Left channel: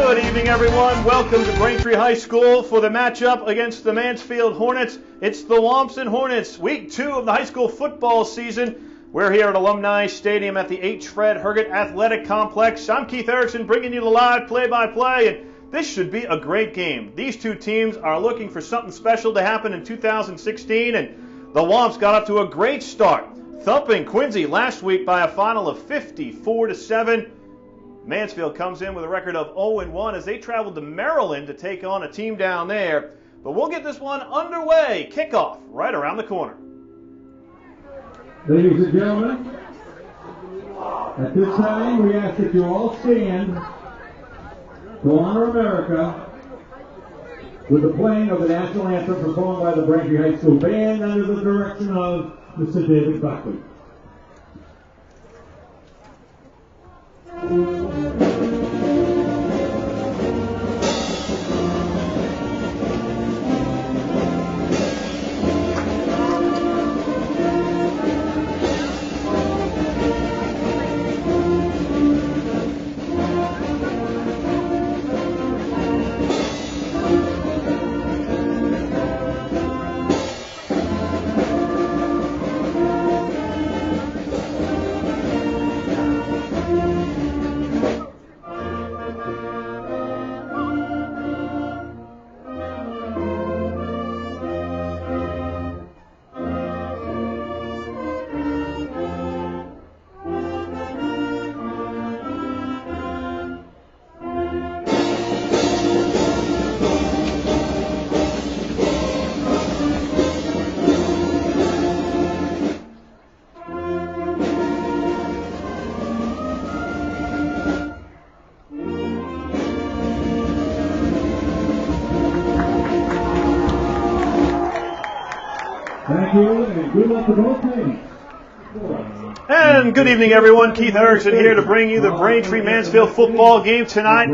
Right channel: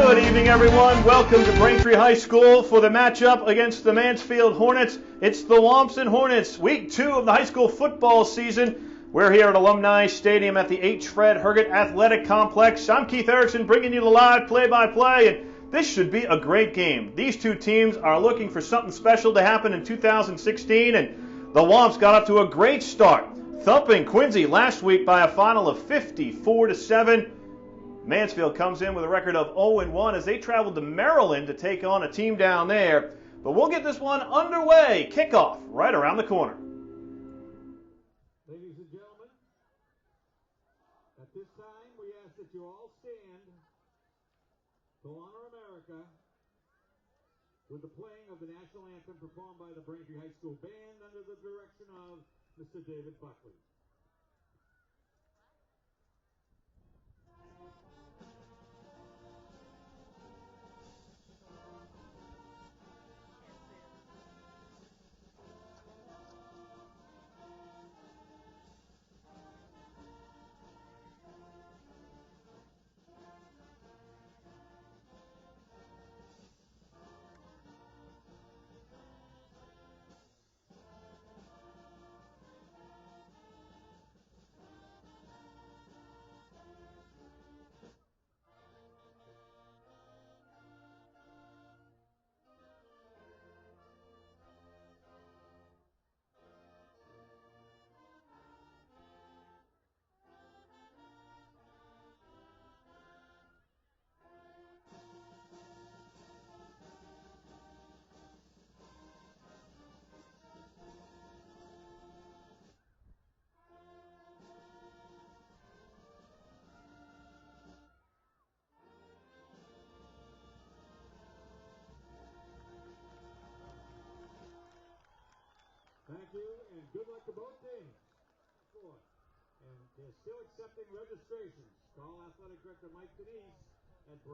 Good evening, everyone. Welcome to Braintree High School for the matchup against the Mansfield Hornets. It's the Womps and Hornets, week 2 of the high school football season. We're here at Alumni Stadium at the H. Fred Herget Athletic Complex. I'm Keith Erickson bringing you the live play-by-play, and this should be a great game. These two teams are looking for something special to happen in 2016, and the Womps got up to a great start, thumping Quincy last week by a final of 54-7. Mansfield comes in with a record of 0-1 as they traveled to Maryland to take on a team down there. But we'll get this one underway. Kickoff right around the corner. Ladies and gentlemen, at this time we ask that you all stand to honor America with the playing of the national anthem performed by the Braintree High School Band under the direction of Mr. David Buckley. Thank you, and good luck to both teams. And good evening, everyone. Keith Erickson here to bring you the Braintree-Mansfield football game tonight.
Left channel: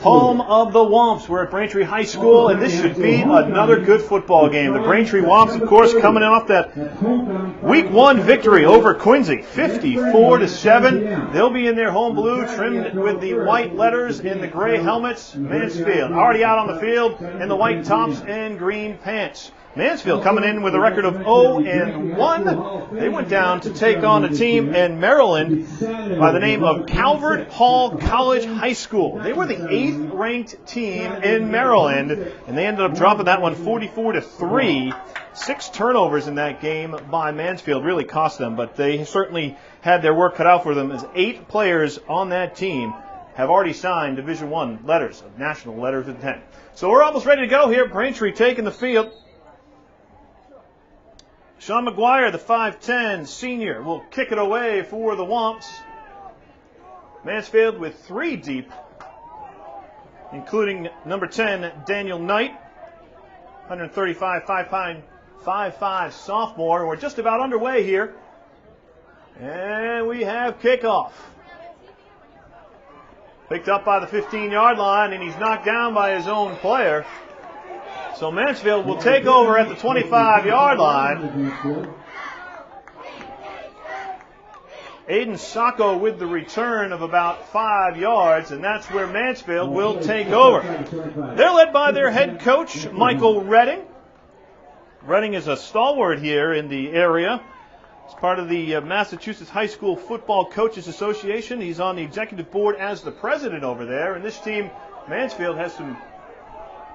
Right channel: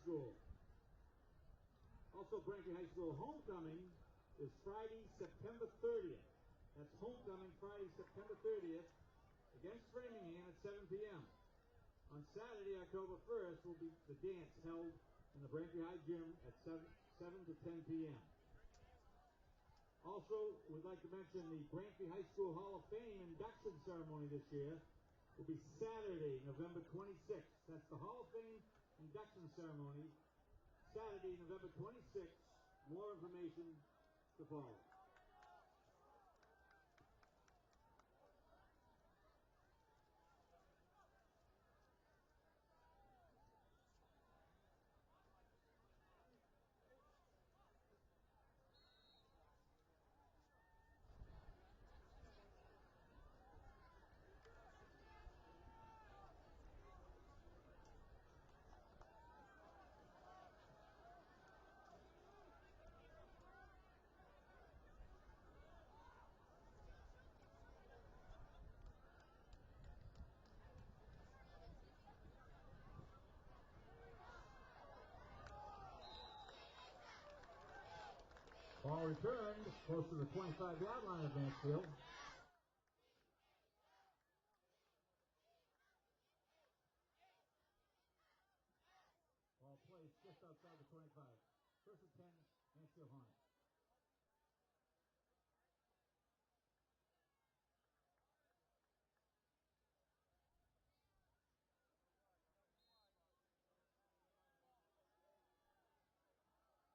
Home of the Womps. We're at Braintree High School, and this should be another good football game. The Braintree Womps, of course, coming off that Week 1 victory over Quincy, 54-7. They'll be in their home blue, trimmed with the white letters and the gray helmets. Mansfield already out on the field in the white tops and green pants. Mansfield coming in with a record of 0-1. They went down to take on a team in Maryland by the name of Calvert Hall College High School. They were the 8th ranked team in Maryland, and they ended up dropping that one 44-3. 6 turnovers in that game by Mansfield really cost them, but they certainly had their work cut out for them, as 8 players on that team have already signed Division I letters of national letters of intent. So we're almost ready to go here. Braintree taking the field. Sean McGuire, the 5'10 senior, will kick it away for the Womps. Mansfield with 3 deep, including number 10, Daniel Knight, 135, 5'5 sophomore. We're just about underway here. And we have kickoff. Picked up by the 15-yard line, and he's knocked down by his own player. So Mansfield will take over at the 25-yard line. Aiden Sacco with the return of about 5 yards, and that's where Mansfield will take over. They're led by their head coach, Michael Redding. Redding is a stalwart here in the area. He's part of the Massachusetts High School Football Coaches Association. He's on the executive board as the president over there, and this team, Mansfield, has some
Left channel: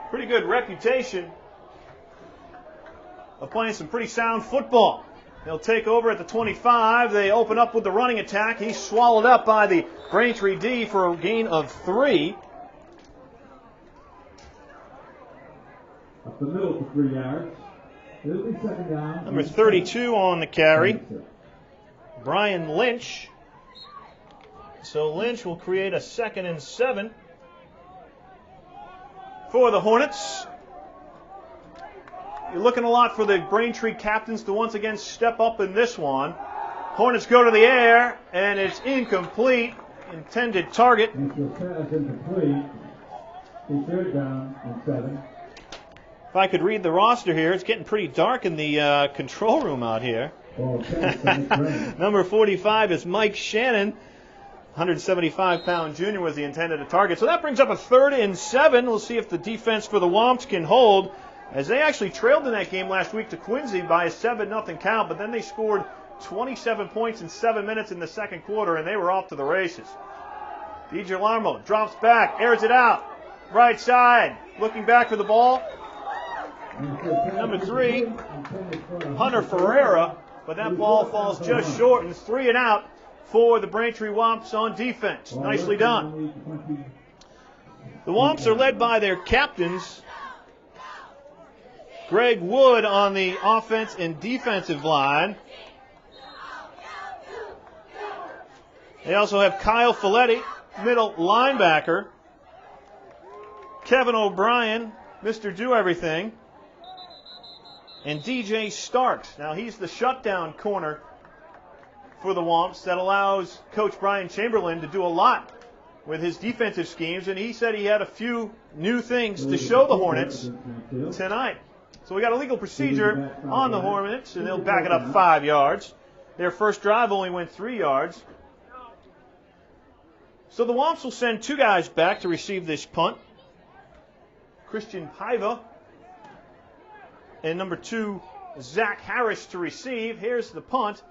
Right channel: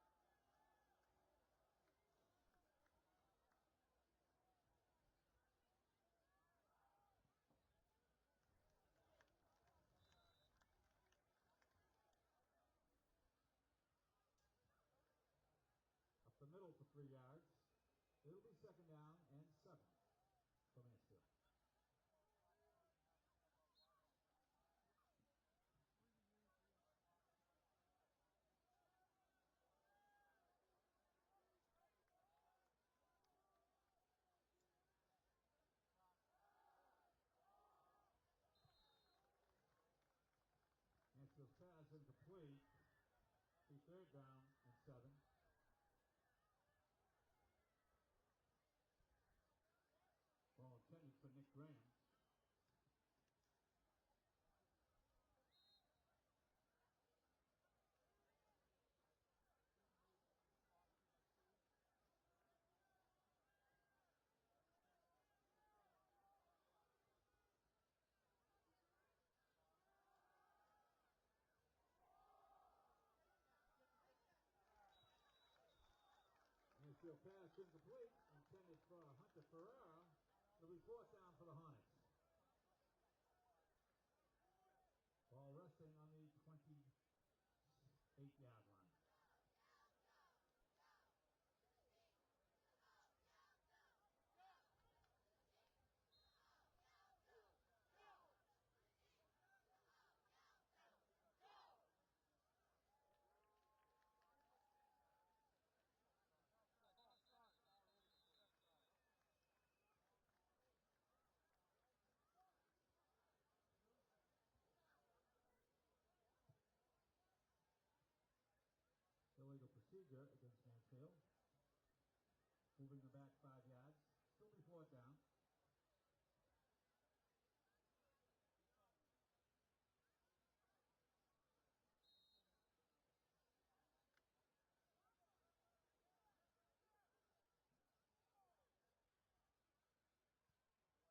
pretty good reputation of playing some pretty sound football. They'll take over at the 25. They open up with the running attack. He's swallowed up by the Braintree D for a gain of 3. Up the middle for 3 yards. It'll be second down. Number 32 on the carry, Brian Lynch. So Lynch will create a 2nd and 7. For the Hornets. You're looking a lot for the Braintree captains to once again step up in this one. Hornets go to the air, and it's incomplete. Intended target. Pass incomplete. Third down and 7. If I could read the roster here, it's getting pretty dark in the control room out here. Number 45 is Mike Shannon. 175-pound junior was the intended target. So that brings up a 3rd and 7. We'll see if the defense for the Womps can hold, as they actually trailed in that game last week to Quincy by a 7-0 count, but then they scored 27 points in 7 minutes in the second quarter, and they were off to the races. DiGilarmo drops back, airs it out, right side, looking back for the ball. Number 3, Hunter Ferreira, but that ball falls just short, and it's 3 and out for the Braintree Womps on defense. Nicely done. The Womps are led by their captains, Greg Wood on the offense and defensive line. They also have Kyle Folletti, middle linebacker. Kevin O'Brien, Mr. Do-Everything. And DJ Starks. Now he's the shutdown corner for the Womps that allows Coach Brian Chamberlain to do a lot with his defensive schemes, and he said he had a few new things to show the Hornets tonight. So we got a legal procedure on the Hornets, and they'll back it up 5 yards. Their first drive only went 3 yards. So the Womps will send 2 guys back to receive this punt. Christian Paiva and number 2, Zach Harris to receive. Here's the punt.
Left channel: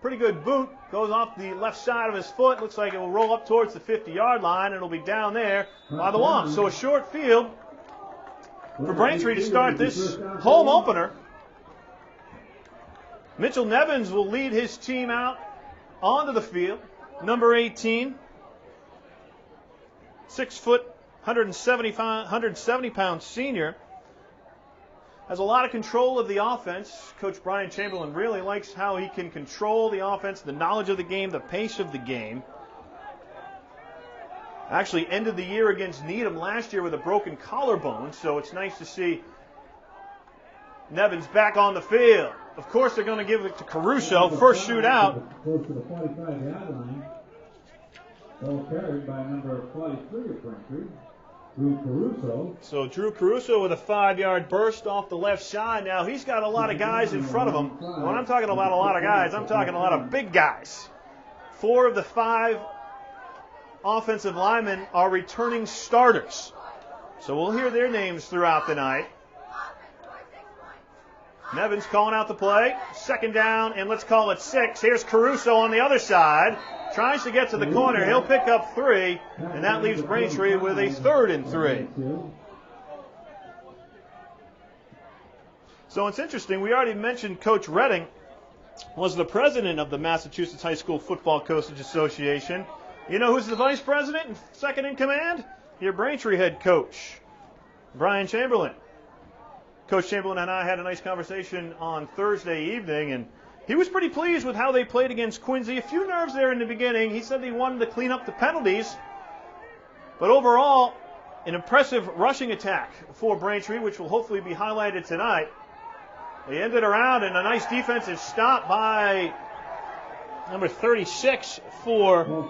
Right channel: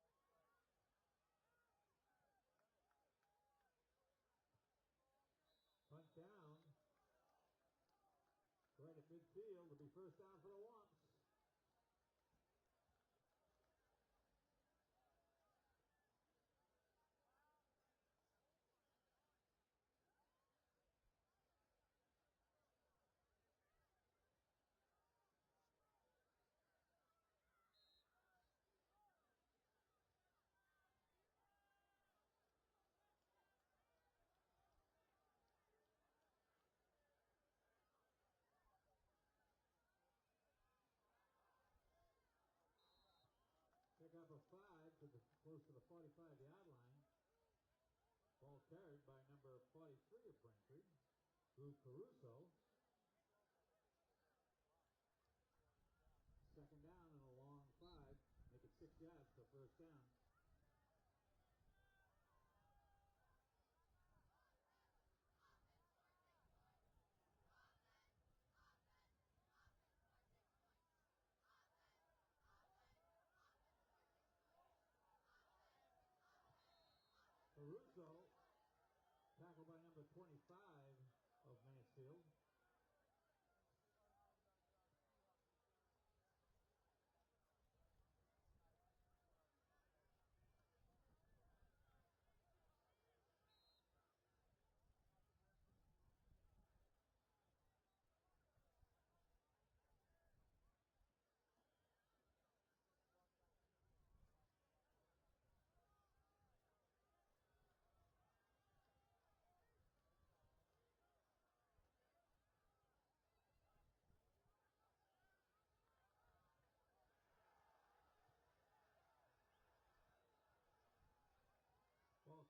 Pretty good boot. Goes off the left side of his foot. Looks like it will roll up towards the 50-yard line. It'll be down there by the Womps. So a short field for Braintree to start this home opener. Mitchell Nevins will lead his team out onto the field. Number 18, 6 foot, 170-pound senior. Has a lot of control of the offense. Coach Brian Chamberlain really likes how he can control the offense, the knowledge of the game, the pace of the game. Actually ended the year against Needham last year with a broken collarbone, so it's nice to see Nevins back on the field. Of course, they're going to give it to Caruso. First shootout. Close to the 45-yard line. Ball carried by number 43 of Braintree, Drew Caruso. So Drew Caruso with a 5-yard burst off the left side. Now he's got a lot of guys in front of him. When I'm talking about a lot of guys, I'm talking a lot of big guys. 4 of the 5 offensive linemen are returning starters. So we'll hear their names throughout the night. Nevins calling out the play. 2nd down, and let's call it 6. Here's Caruso on the other side. Tries to get to the corner. He'll pick up 3, and that leaves Braintree with a 3rd and 3. So it's interesting. We already mentioned Coach Redding was the president of the Massachusetts High School Football Coaches Association. You know who's the vice president and second in command? Your Braintree head coach, Brian Chamberlain. Coach Chamberlain and I had a nice conversation on Thursday evening, and he was pretty pleased with how they played against Quincy. A few nerves there in the beginning. He said they wanted to clean up the penalties. But overall, an impressive rushing attack for Braintree, which will hopefully be highlighted tonight. They ended around, and a nice defensive stop by number 36 for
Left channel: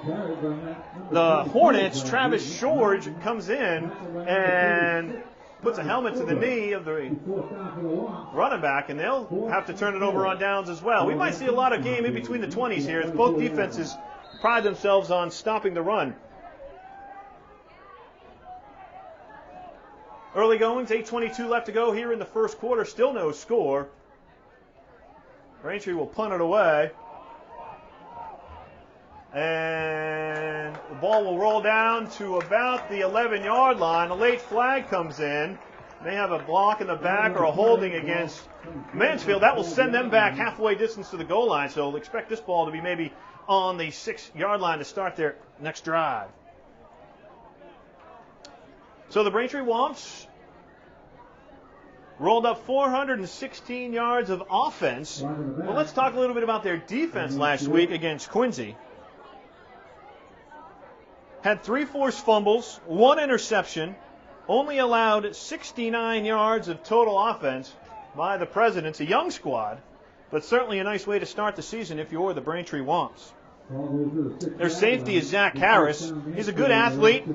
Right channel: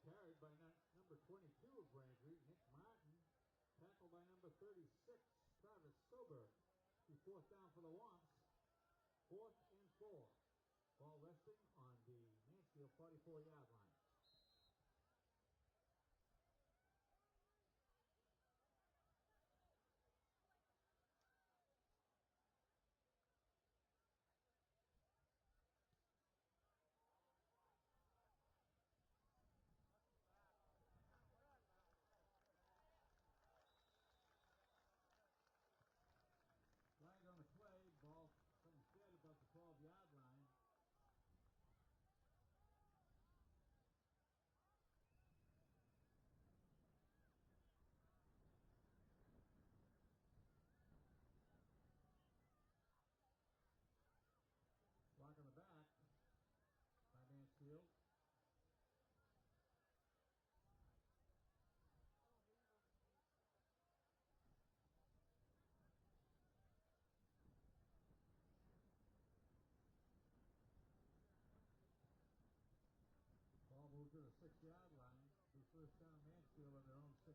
the Hornets. Travis George comes in and puts a helmet to the knee of the running back, and they'll have to turn it over on downs as well. We might see a lot of game in between the 20s here as both defenses pride themselves on stopping the run. Early goings, 8:22 left to go here in the first quarter. Still no score. Braintree will punt it away. And the ball will roll down to about the 11-yard line. A late flag comes in. They have a block in the back or a holding against Mansfield. That will send them back halfway distance to the goal line. So expect this ball to be maybe on the 6-yard line to start their next drive. So the Braintree Womps rolled up 416 yards of offense. Well, let's talk a little bit about their defense last week against Quincy. Had 3 forced fumbles, 1 interception, only allowed 69 yards of total offense by the Presidents. A young squad, but certainly a nice way to start the season if you're the Braintree Womps. Their safety is Zach Harris. He's a good athlete.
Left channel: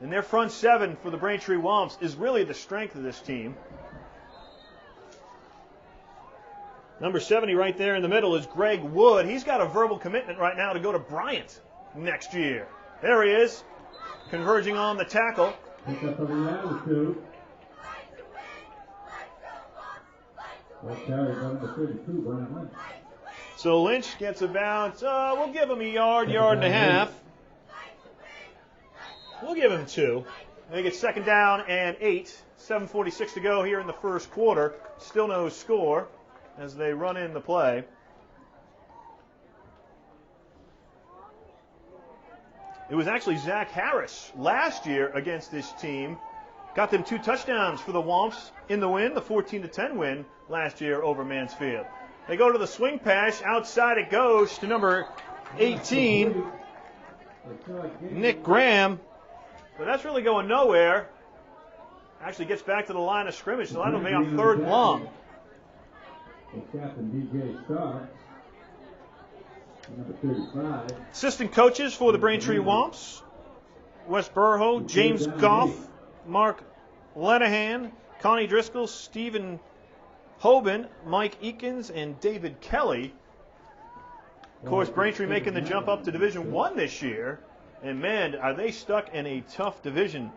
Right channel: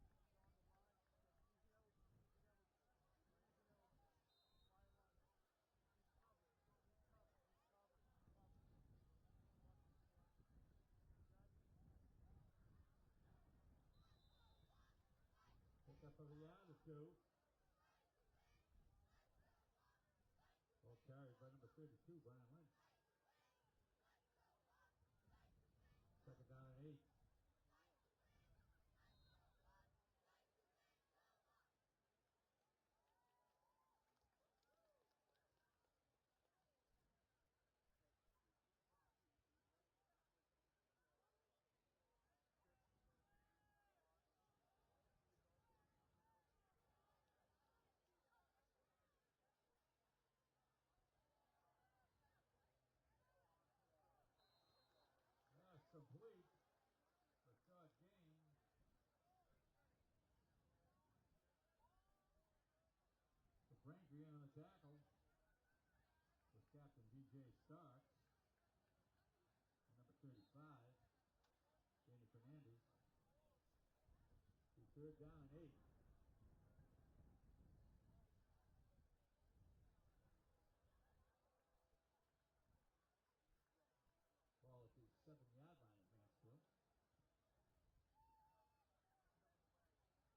And their front 7 for the Braintree Womps is really the strength of this team. Number 70 right there in the middle is Greg Wood. He's got a verbal commitment right now to go to Bryant next year. There he is, converging on the tackle. Pick up of the attitude. Well, carry number 32, Brian Lynch. So Lynch gets about, we'll give him a yard and a half. We'll give him 2. They get second down and 8. 7:46 to go here in the first quarter. Still no score as they run in the play. It was actually Zach Harris last year against this team. Got them 2 touchdowns for the Womps in the win, the 14-10 win last year over Mansfield. They go to the swing pass. Outside it goes to number 18, Nick Graham. But that's really going nowhere. Actually gets back to the line of scrimmage, so that'll be on 3rd and long. Captain DJ Stark, number 35. Assistant coaches for the Braintree Womps: Wes Burho, James Goff, Mark Lenahan, Connie Driscoll, Stephen Hoban, Mike Eakins, and David Kelly. Of course, Braintree making the jump up to Division I this year. And man, are they stuck in a tough division.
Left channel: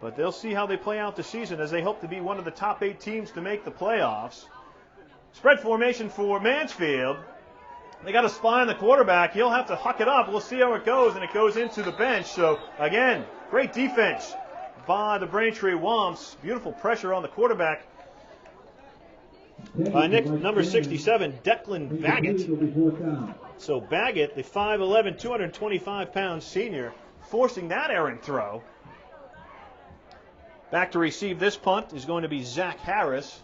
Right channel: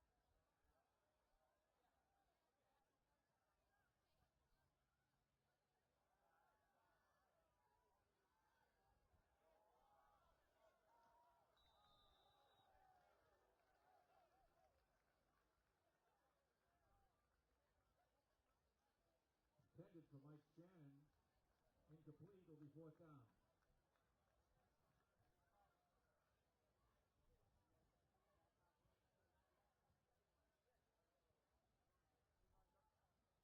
But they'll see how they play out the season as they hope to be one of the top 8 teams to make the playoffs. Spread formation for Mansfield. They got a spy on the quarterback. He'll have to huck it up. We'll see how it goes, and it goes into the bench. So, again, great defense by the Braintree Womps. Beautiful pressure on the quarterback by number 67, Declan Baggett. So Baggett, the 5'11", 225-pound senior, forcing that errant throw. Back to receive this punt is going to be Zach Harris.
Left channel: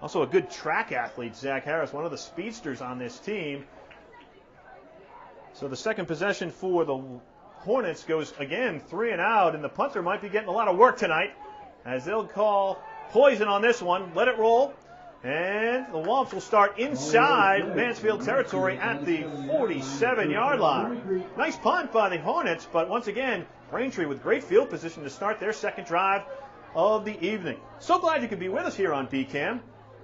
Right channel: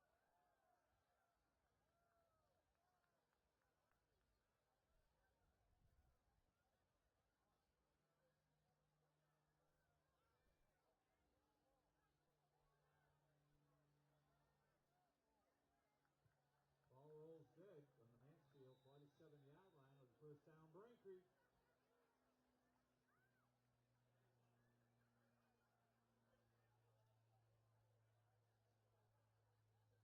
Also a good track athlete, Zach Harris, one of the speedsters on this team. So the second possession for the Hornets goes, again, 3 and out, and the punter might be getting a lot of work tonight as they'll call poison on this one. Let it roll. And the Womps will start inside Mansfield territory at the 47-yard line. Nice punt by the Hornets, but once again, Braintree with great field position to start their second drive of the evening. So glad you could be with us here on BCAM.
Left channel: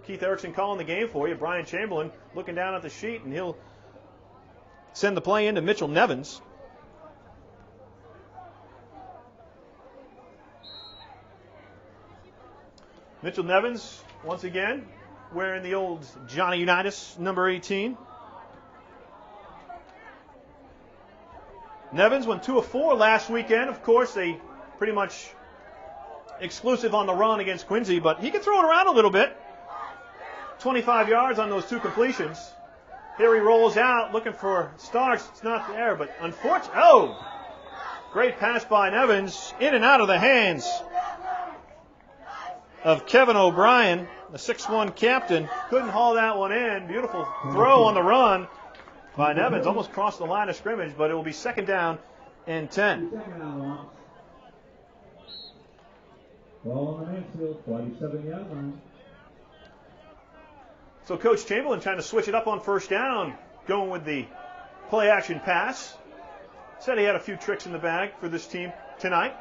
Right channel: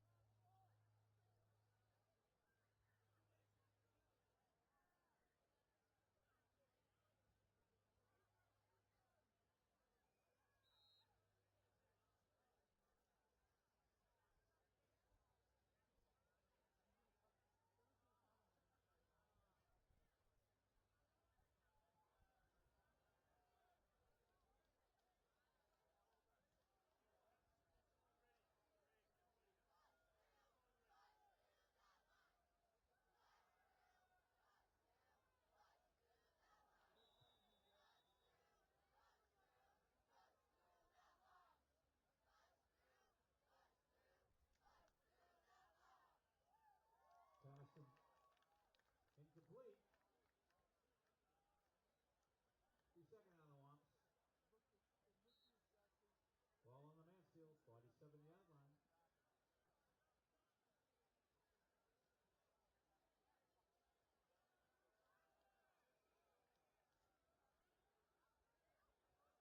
Keith Erickson calling the game for you. Brian Chamberlain looking down at the sheet, and he'll send the play into Mitchell Nevins. Mitchell Nevins, once again, wearing the old Johnny Unitas, number 18. Nevins went 2 of 4 last weekend. Of course, they pretty much exclusive on the run against Quincy, but he can throw it around a little bit. 25 yards on those 2 completions. Here he rolls out, looking for Starks. It's not there, but unfortunately, great pass by Nevins, in and out of the hands of Kevin O'Brien, the 6'1 captain. Couldn't haul that one in. Beautiful throw on the run by Nevins. Almost crossed the line of scrimmage, but it will be second down and 10. Ball on the Mansfield, 47-yard line. So Coach Chamberlain trying to switch it up on first down, going with the play-action pass. Said he had a few tricks in the bag for this team tonight.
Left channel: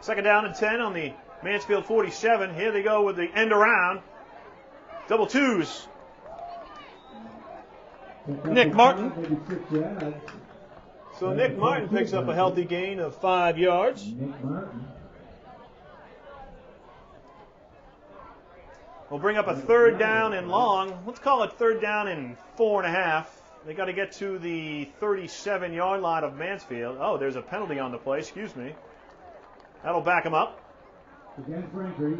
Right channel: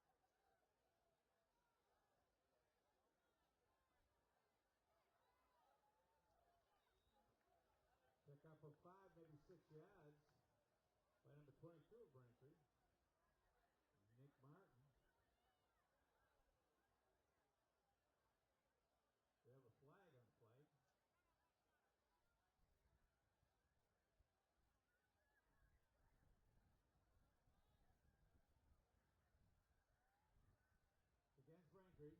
Second down and 10 on the Mansfield 47. Here they go with the end around. Double twos. Nick Martin. So Nick Martin picks up a healthy gain of 5 yards. Nick Martin. We'll bring up a third down and long. Let's call it third down and 4.5. They got to get to the 37-yard line of Mansfield. Oh, there's a penalty on the play. Excuse me. That'll back him up. Against Braintree.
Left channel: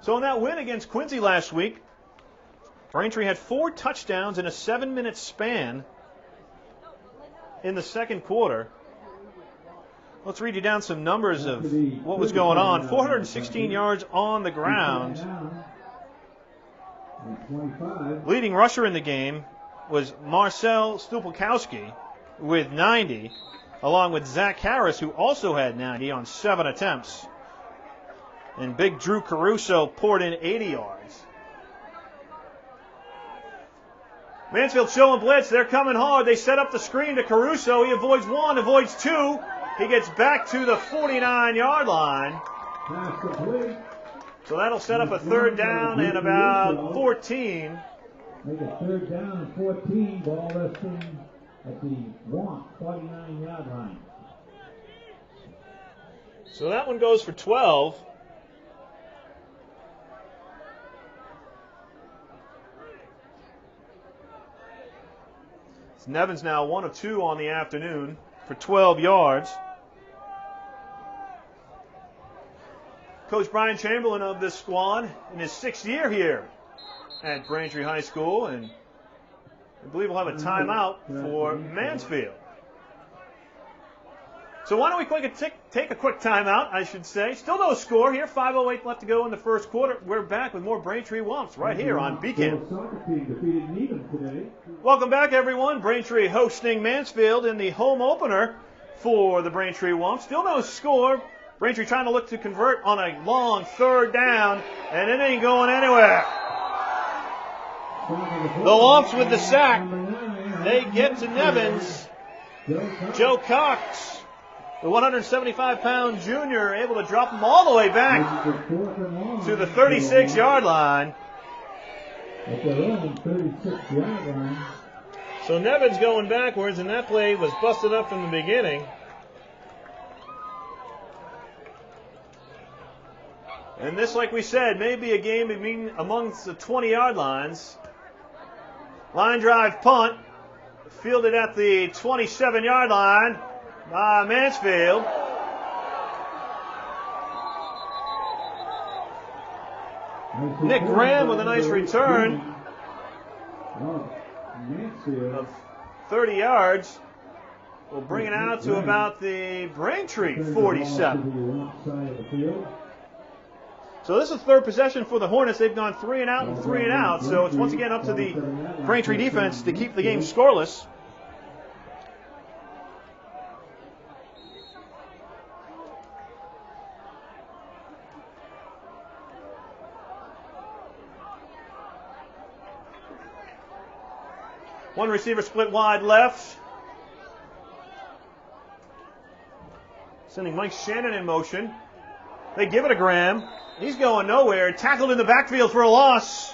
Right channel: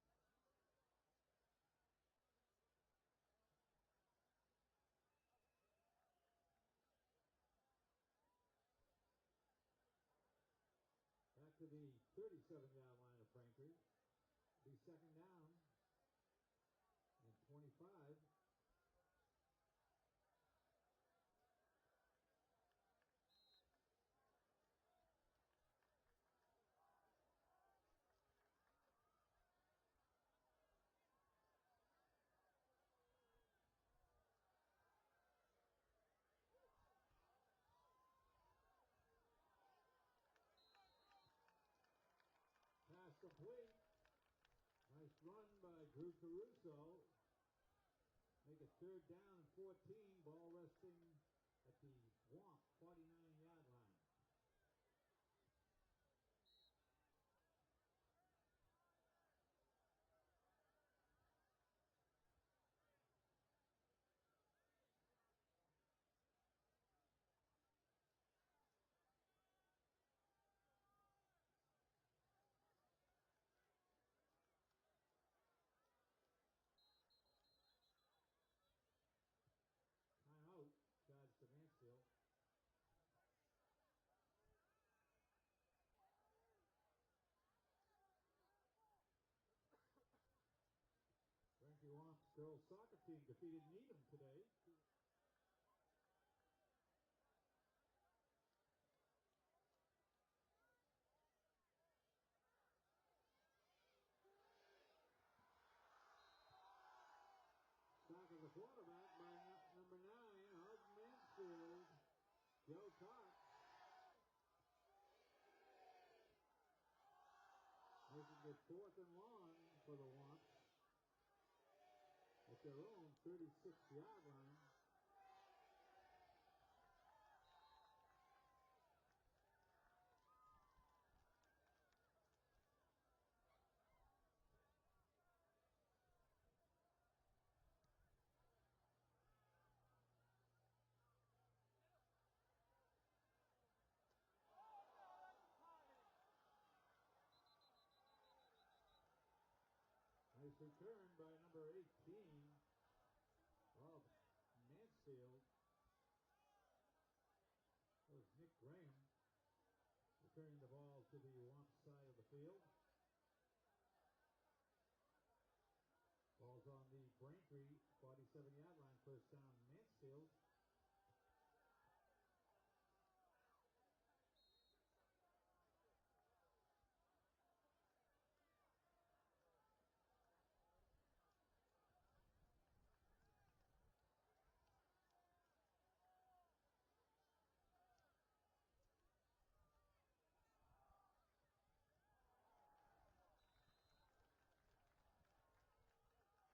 So in that win against Quincy last week, Braintree had 4 touchdowns in a 7-minute span in the second quarter. Let's read you down some numbers of what was going on. 416 yards on the ground. Leading rusher in the game was Marcel Stupelkowski with 90, along with Zach Harris, who also had 90 on 7 attempts. And big Drew Caruso poured in 80 yards. Mansfield showing blitz. They're coming hard. They set up the screen to Caruso. He avoids one, avoids two. He gets back to the 49-yard line. So that'll set up a third down and about 14. Make a third down and 14. Ball resting at the 49-yard line. So that one goes for 12. Nevins now 1 of 2 on the afternoon for 12 yards. Coach Brian Chamberlain of this squad in his 6th year here at Braintree High School, and I believe we'll have a timeout for Mansfield. So why don't we take a quick timeout, I should say. Still no score here. 5:08 left to go in the first quarter. We're back with more Braintree Wumps right here on BCAM. Welcome back, everyone. Braintree hosting Mansfield in the home opener for the Braintree Wumps. Still no score. Braintree trying to look to convert on a long third down, and it ain't going anywhere. The Wumps with the sack. They get to Nevins. Joe Cox, the 175-pound junior, able to drop them all the way back to the 36-yard line. So Nevins going backwards, and that play was busted up from the beginning. And this, like we said, may be a game amongst the 20-yard lines. Line drive punt, fielded at the 27-yard line by Mansfield. Nick Graham with a nice return of 30 yards. Will bring it out to about the Braintree 47. So this is third possession for the Hornets. They've gone 3 and out and 3 and out. So it's once again up to the Braintree defense to keep the game scoreless. One receiver split wide left. Sending Mike Shannon in motion. They give it to Graham. He's going nowhere. Tackled in the backfield for a loss.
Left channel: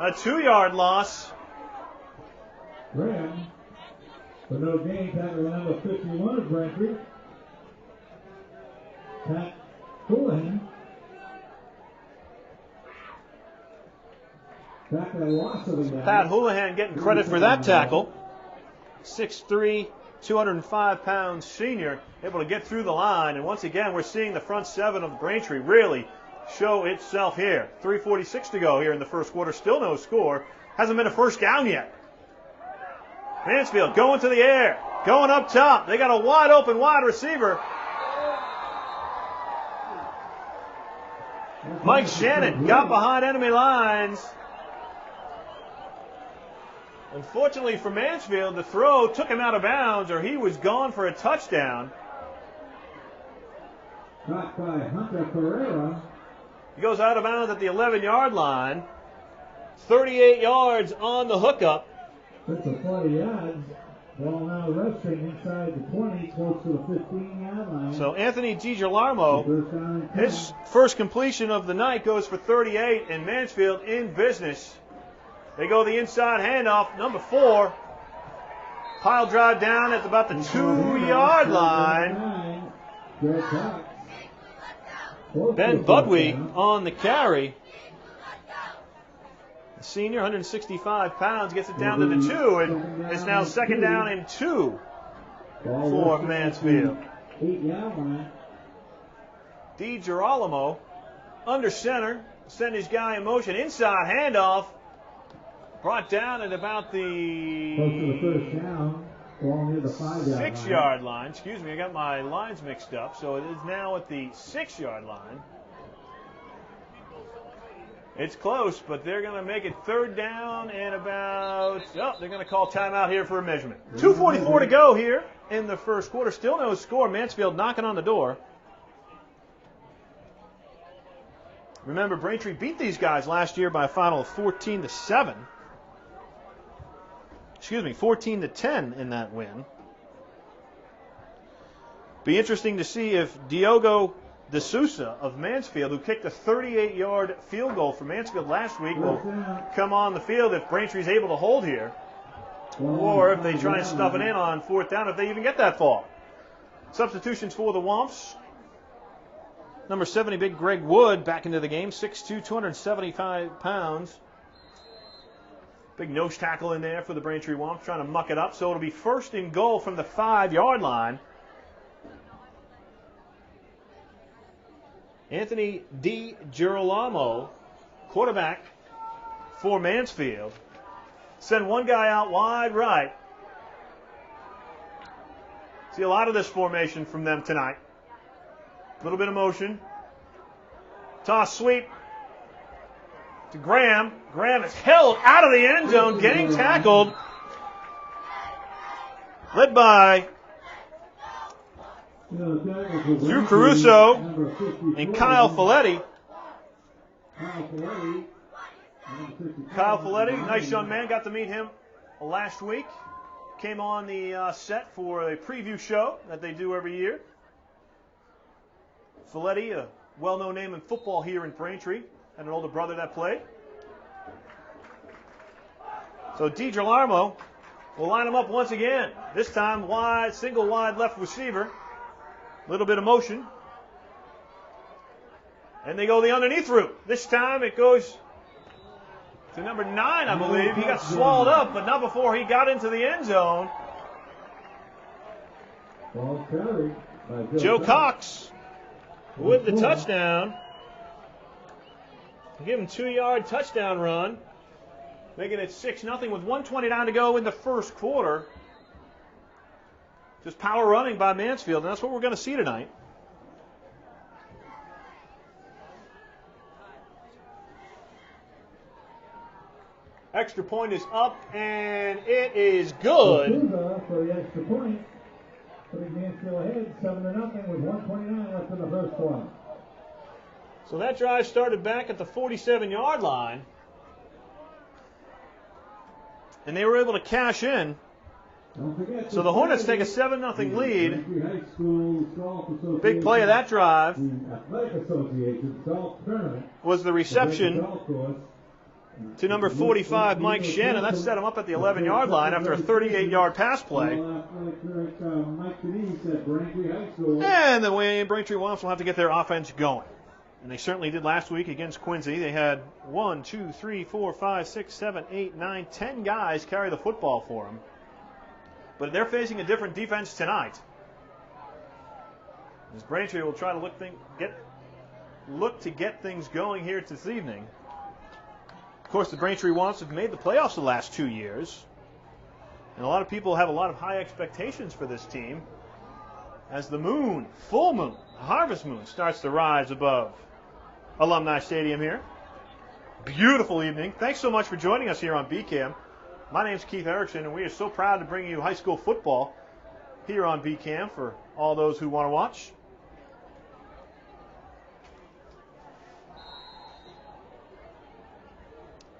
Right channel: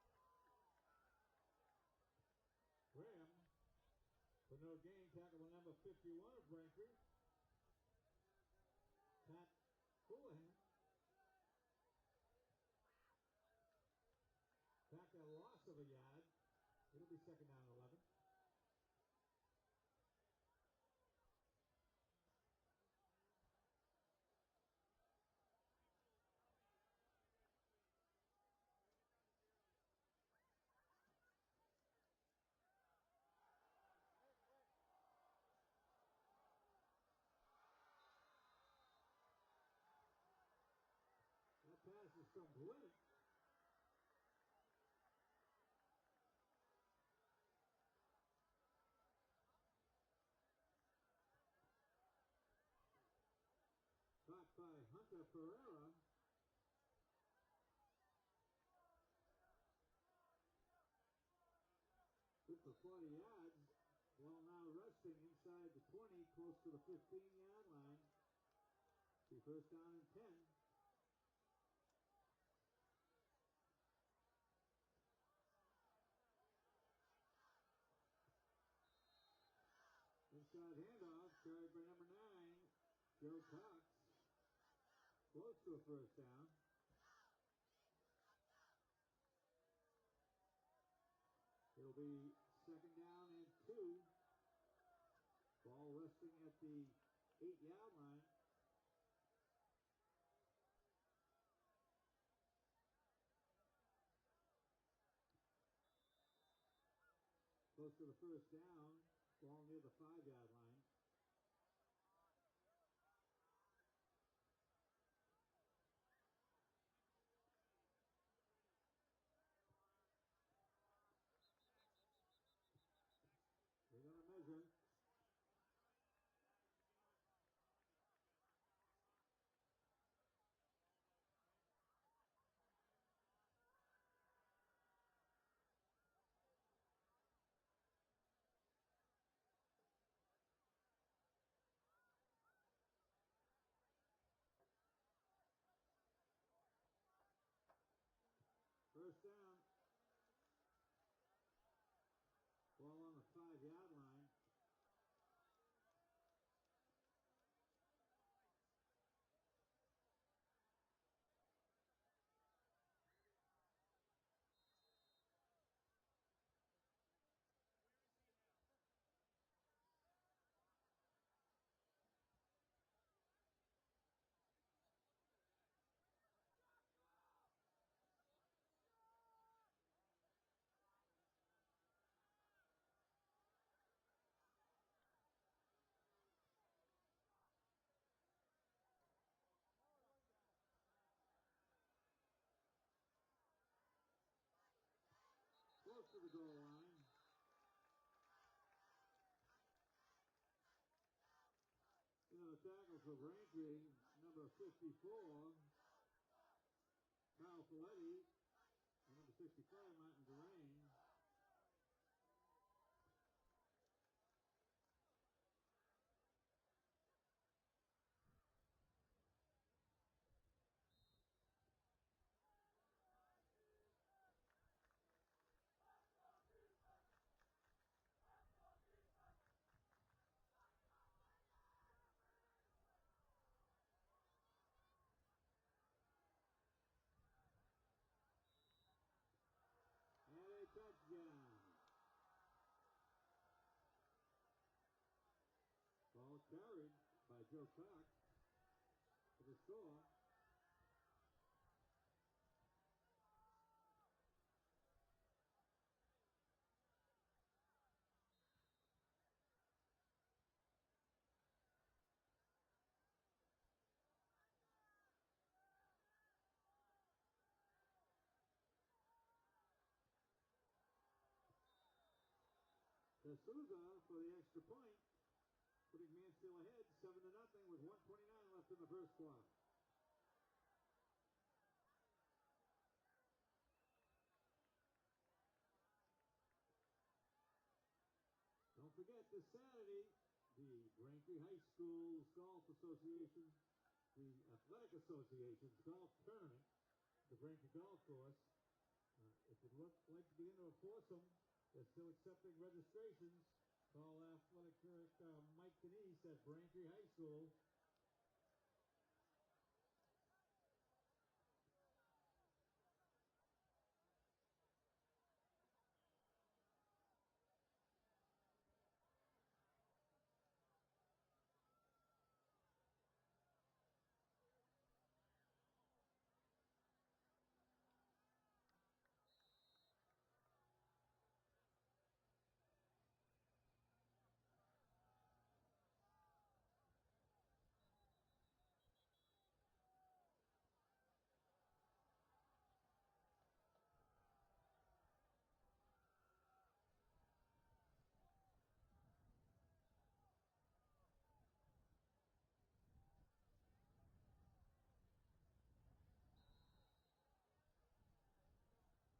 A 2-yard loss. Graham, for no gain, tackle number 51 of Braintree. Pat Houlihan. Pat Houlihan getting credit for that tackle. 6'3", 205-pound senior, able to get through the line. And once again, we're seeing the front seven of Braintree really show itself here. 3:46 to go here in the first quarter. Still no score. Hasn't been a first down yet. Mansfield going to the air, going up top. They got a wide open wide receiver. Mike Shannon got behind enemy lines. Unfortunately for Mansfield, the throw took him out of bounds, or he was gone for a touchdown. Caught by Hunter Pereira. He goes out of bounds at the 11-yard line. 38 yards on the hookup. That's a 40 yards. Ball now resting inside the 20, close to the 15-yard line. So Anthony DiGirolamo, his first completion of the night goes for 38, and Mansfield in business. They go the inside handoff, number 4. Pile drive down at about the 2-yard line. Ben Budwig on the carry. The senior, 165 pounds, gets it down to the 2, and it's now second down and 2 for Mansfield. DiGirolamo under center, send his guy in motion, inside handoff. Brought down at about the 6-yard line. Excuse me, I got my lines mixed up. So it is now at the 6-yard line. It's close, but they're going to make it third down and about, they're going to call timeout here for a measurement. 2:44 to go here in the first quarter. Still no score. Mansfield knocking on the door. Remember, Braintree beat these guys last year by a final of 14-7. 14-10 in that win. Be interesting to see if Diogo De Sousa of Mansfield, who kicked a 38-yard field goal for Mansfield last week, will come on the field if Braintree's able to hold here, or if they try and stuff it in on fourth down, if they even get that far. Substitutions for the Womps. Number 70, big Greg Wood back into the game, 6'2", 275 pounds. Big nose tackle in there for the Braintree Womps, trying to muck it up. So it'll be first and goal from the 5-yard line. Anthony DiGirolamo, quarterback for Mansfield. Send one guy out wide right. See a lot of this formation from them tonight. A little bit of motion. Toss sweep to Graham. Graham is held out of the end zone, getting tackled. Led by Drew Caruso and Kyle Folletti. Kyle Folletti, nice young man. Got to meet him last week. Came on the set for a preview show that they do every year. Folletti, a well-known name in football here in Braintree. Had an older brother that played. So DiGirolamo will line him up once again. This time wide, single wide left receiver. A little bit of motion. And they go the underneath route. This time it goes to number 9, I believe. He got swallowed up, but not before he got into the end zone. Joe Cox with the touchdown. Give him 2-yard touchdown run. Making it 6-0 with 1:29 to go in the first quarter. Just power running by Mansfield, and that's what we're going to see tonight. Extra point is up, and it is good. For the extra point, putting Mansfield ahead 7-0 with 1:29 left in the first quarter. So that drive started back at the 47-yard line, and they were able to cash in. So the Hornets take a 7-0 lead. Big play of that drive was the reception to number 45, Mike Shannon. That set him up at the 11-yard line after a 38-yard pass play. And the Braintree Womps will have to get their offense going. And they certainly did last week against Quincy. They had 1, 2, 3, 4, 5, 6, 7, 8, 9, 10 guys carry the football for them. But they're facing a different defense tonight. As Braintree will try to look to get things going here this evening. Of course, the Braintree Womps have made the playoffs the last 2 years. And a lot of people have a lot of high expectations for this team as the moon, full moon, harvest moon, starts to rise above Alumni Stadium here. Beautiful evening. Thanks so much for joining us here on BCAM. My name's Keith Erickson, and we are so proud to bring you high school football here on BCAM for all those who want to watch.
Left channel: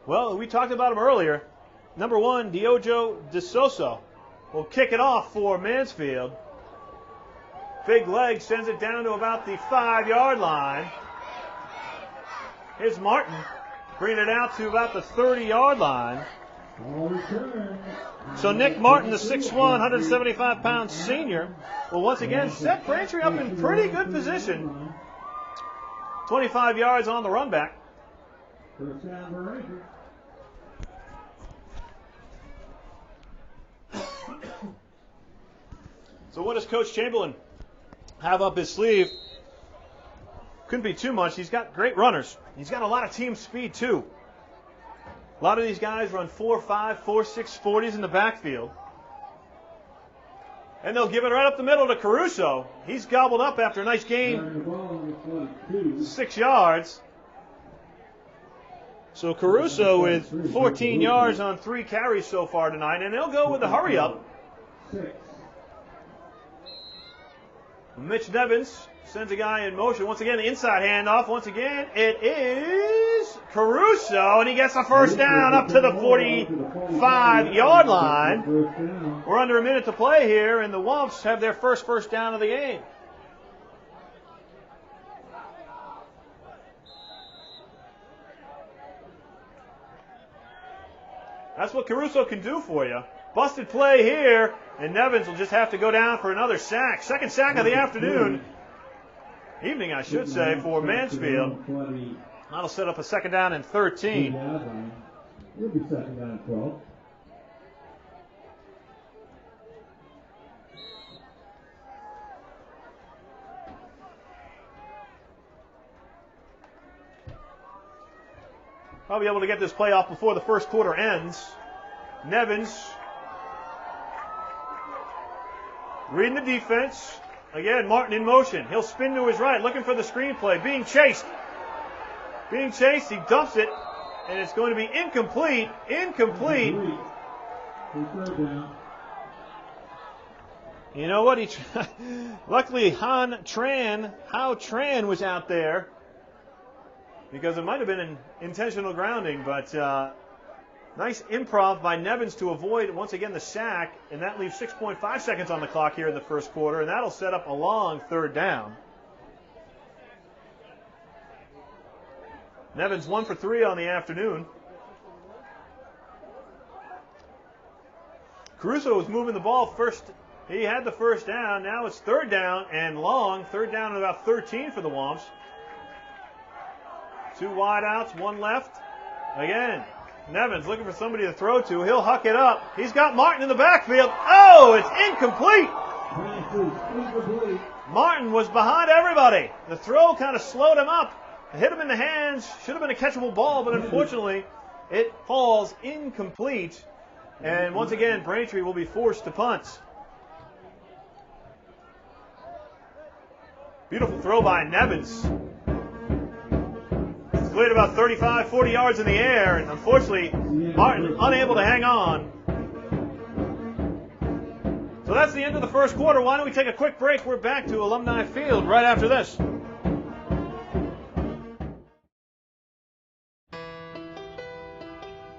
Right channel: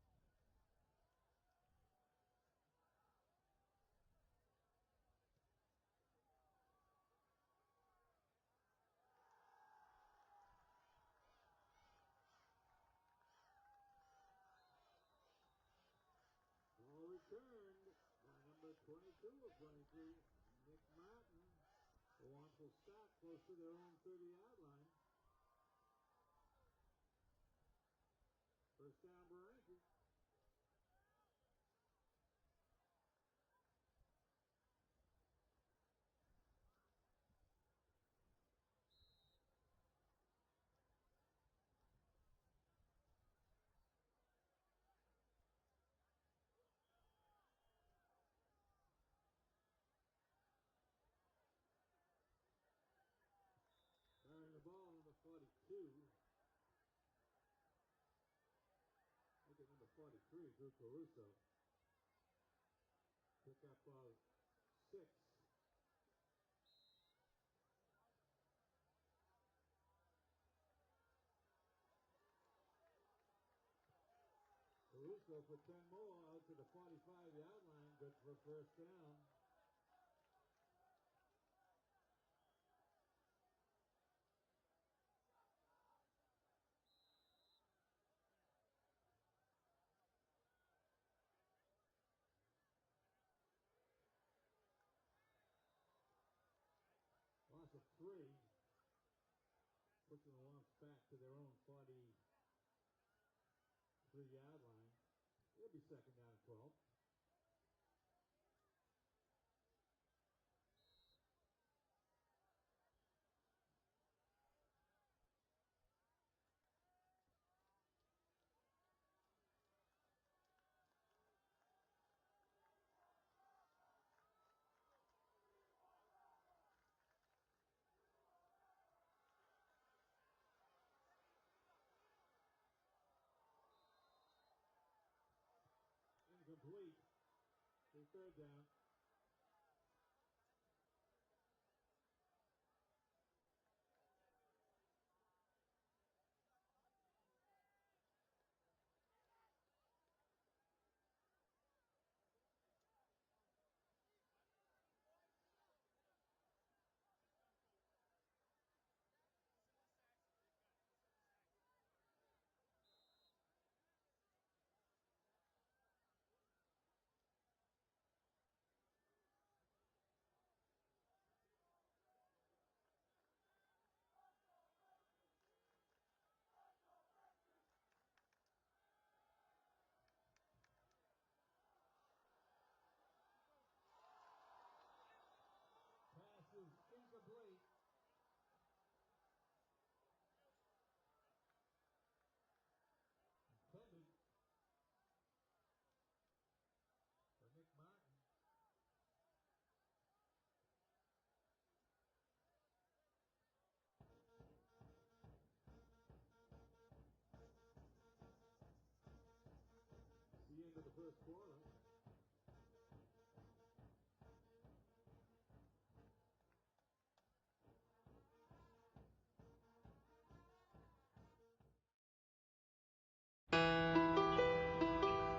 Well, we talked about him earlier. Number 1, Diogo De Sousa will kick it off for Mansfield. Big leg sends it down to about the 5-yard line. Here's Martin bringing it out to about the 30-yard line. So Nick Martin, the 6'1", 175-pound senior, will once again set Braintree up in pretty good position. 25 yards on the run back. So what does Coach Chamberlain have up his sleeve? Couldn't be too much. He's got great runners. He's got a lot of team speed, too. A lot of these guys run 4.5, 4.6 40s in the backfield. And they'll give it right up the middle to Caruso. He's gobbled up after a nice gain. 6 yards. So Caruso with 14 yards on 3 carries so far tonight. And they'll go with the hurry up. Mitch Nevins Sends a guy in motion. Once again, the inside handoff. Once again, it is Caruso, and he gets the first down up to the 45-yard line. We're under a minute to play here, and the Wumps have their first down of the game. That's what Caruso can do for you. Busted play here, and Nevins will just have to go down for another sack. Second sack of the afternoon. Evening, I should say, for Mansfield. That'll set up a second down and 13. It'll be second down and 12. Probably able to get this play off before the first quarter ends. Nevins reading the defense. Again, Martin in motion. He'll spin to his right, looking for the screenplay. Being chased. He dumps it, and it's going to be incomplete. You know what? Luckily, Hao Tran was out there, because it might have been an intentional grounding, but nice improv by Nevins to avoid, once again, the sack, and that leaves 6.5 seconds on the clock here in the first quarter, and that'll set up a long third down. Nevins 1 for 3 on the afternoon. Caruso was moving the ball first. He had the first down. Now it's third down and long. Third down and about 13 for the Womps. 2 wideouts, 1 left. Again, Nevins looking for somebody to throw to. He'll huck it up. He's got Martin in the backfield. Oh, it's incomplete. Martin was behind everybody. The throw kind of slowed him up. Hit him in the hands. Should have been a catchable ball, but unfortunately, it falls incomplete. And once again, Braintree will be forced to punt. Beautiful throw by Nevins. Cleared about 35, 40 yards in the air, and unfortunately, Martin unable to hang on. So that's the end of the first quarter. Why don't we take a quick break? We're back to Alumni Field right after this.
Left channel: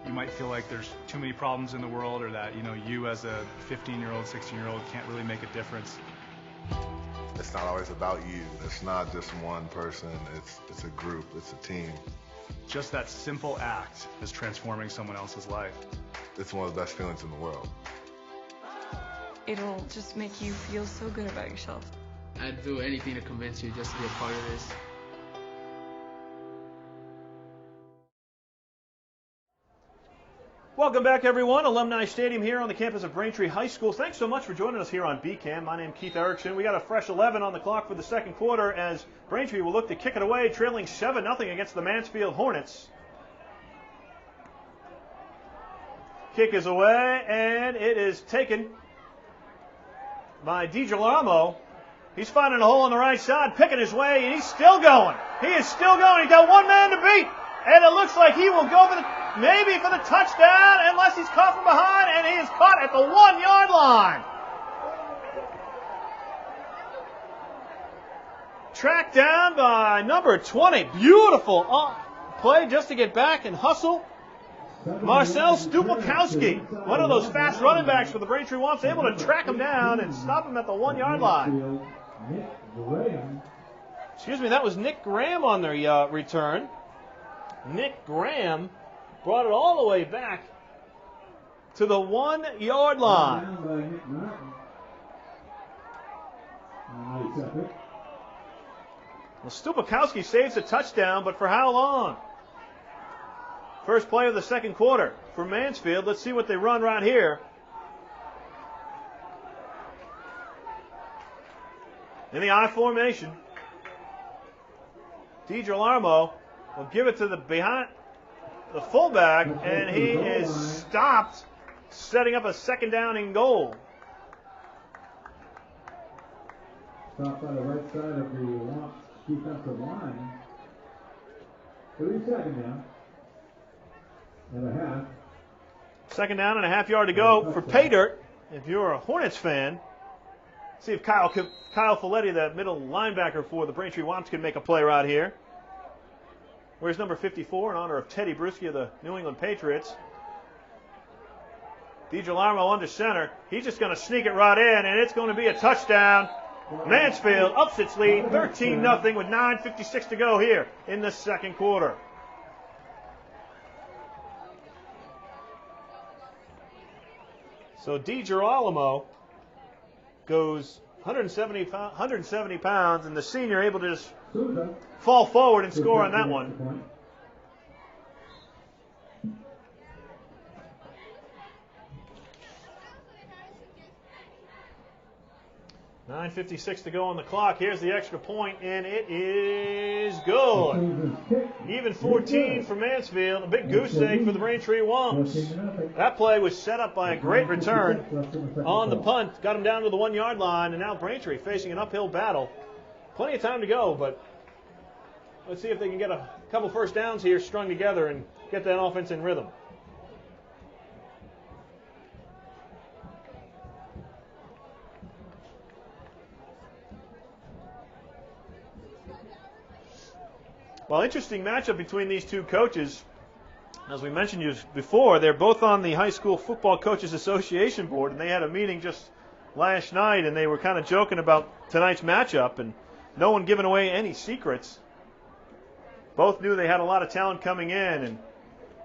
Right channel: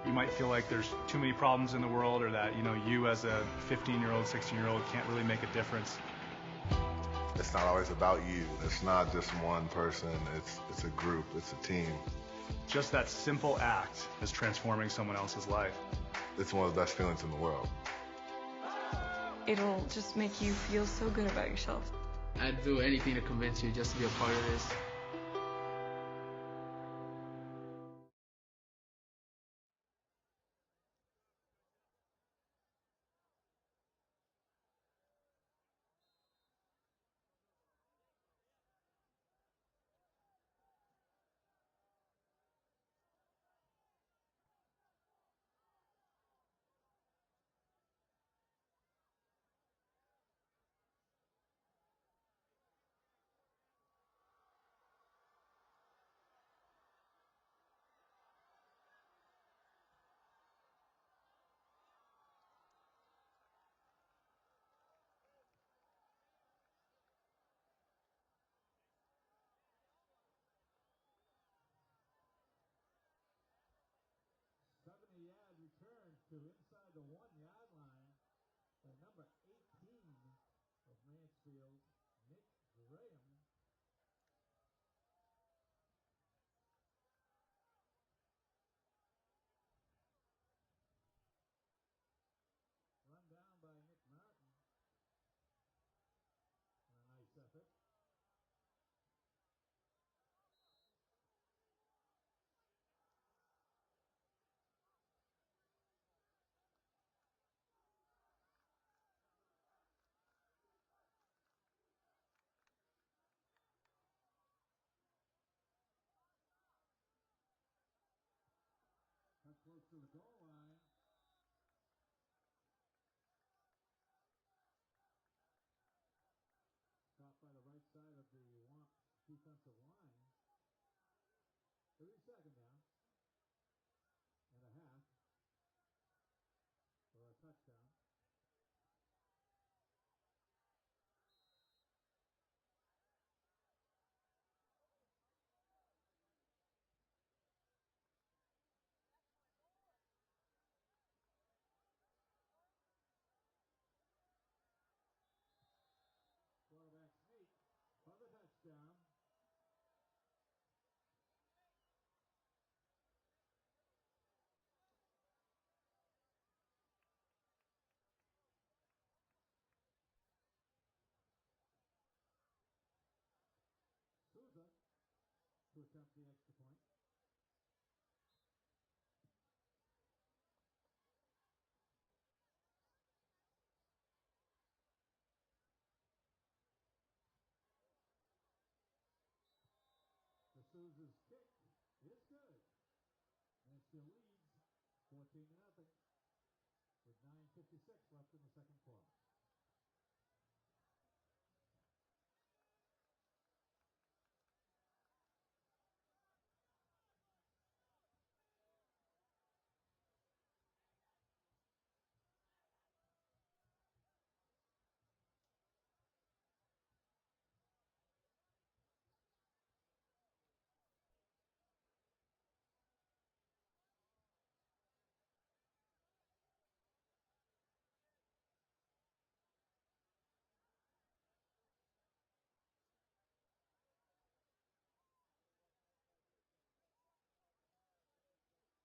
You might feel like there's too many problems in the world, or that, you as a 15-year-old, 16-year-old can't really make a difference. It's not always about you. It's not just one person. It's a group. It's a team. Just that simple act is transforming someone else's life. It's one of the best feelings in the world. It'll just make you feel so good about yourself. I'd do anything to convince you just to be a part of this. Welcome back, everyone. Alumni Stadium here on the campus of Braintree High School. Thanks so much for joining us here on BCAM. My name's Keith Erickson. We got a fresh 11 on the clock for the second quarter as Braintree will look to kick it away, trailing 7-0 against the Mansfield Hornets. Kick is away, and it is taken by DiGirolamo. He's finding a hole on the right side, picking his way, and he's still going. He is still going. He's got one man to beat, and it looks like he will go for maybe for the touchdown, unless he's caught from behind, and he is caught at the 1-yard line. Tracked down by number 20. Beautiful play just to get back and hustle. Marcel Stupakowski, one of those fast running backs for the Braintree Womps, able to track him down and stop him at the 1-yard line. Excuse me, that was Nick Graham on their return. Nick Graham brought it all the way back to the 1-yard line. Well, Stupakowski saves a touchdown, but for how long? First play of the second quarter for Mansfield. Let's see what they run right here. In the I formation, DiGirolamo will give it to the fullback, and he is stopped, setting up a second down and goal. Stopped by the right side of the Womps defensive line. 3 second down and a half. Second down and a half yard to go for pay dirt. If you're a Hornets fan, See if Kyle Folletti, the middle linebacker for the Braintree Womps, can make a play right here. Where's number 54 in honor of Teddy Bruschi of the New England Patriots? DiGilarmo under center. He's just going to sneak it right in, and it's going to be a touchdown. Mansfield ups its lead 13-0 with 9:56 to go here in the second quarter. So DiGilarmo goes 170 pounds, and the senior able to just fall forward and score on that one. 9:56 to go on the clock. Here's the extra point, and it is good. Even 14 for Mansfield. A big goose egg for the Braintree Womps. That play was set up by a great return on the punt. Got him down to the 1-yard line, and now Braintree facing an uphill battle. Plenty of time to go, but let's see if they can get a couple first downs here strung together and get that offense in rhythm. Well, interesting matchup between these two coaches. As we mentioned you before, they're both on the High School Football Coaches Association board, and they had a meeting just last night, and they were kind of joking about tonight's matchup, and no one giving away any secrets. Both knew they had a lot of talent coming in, and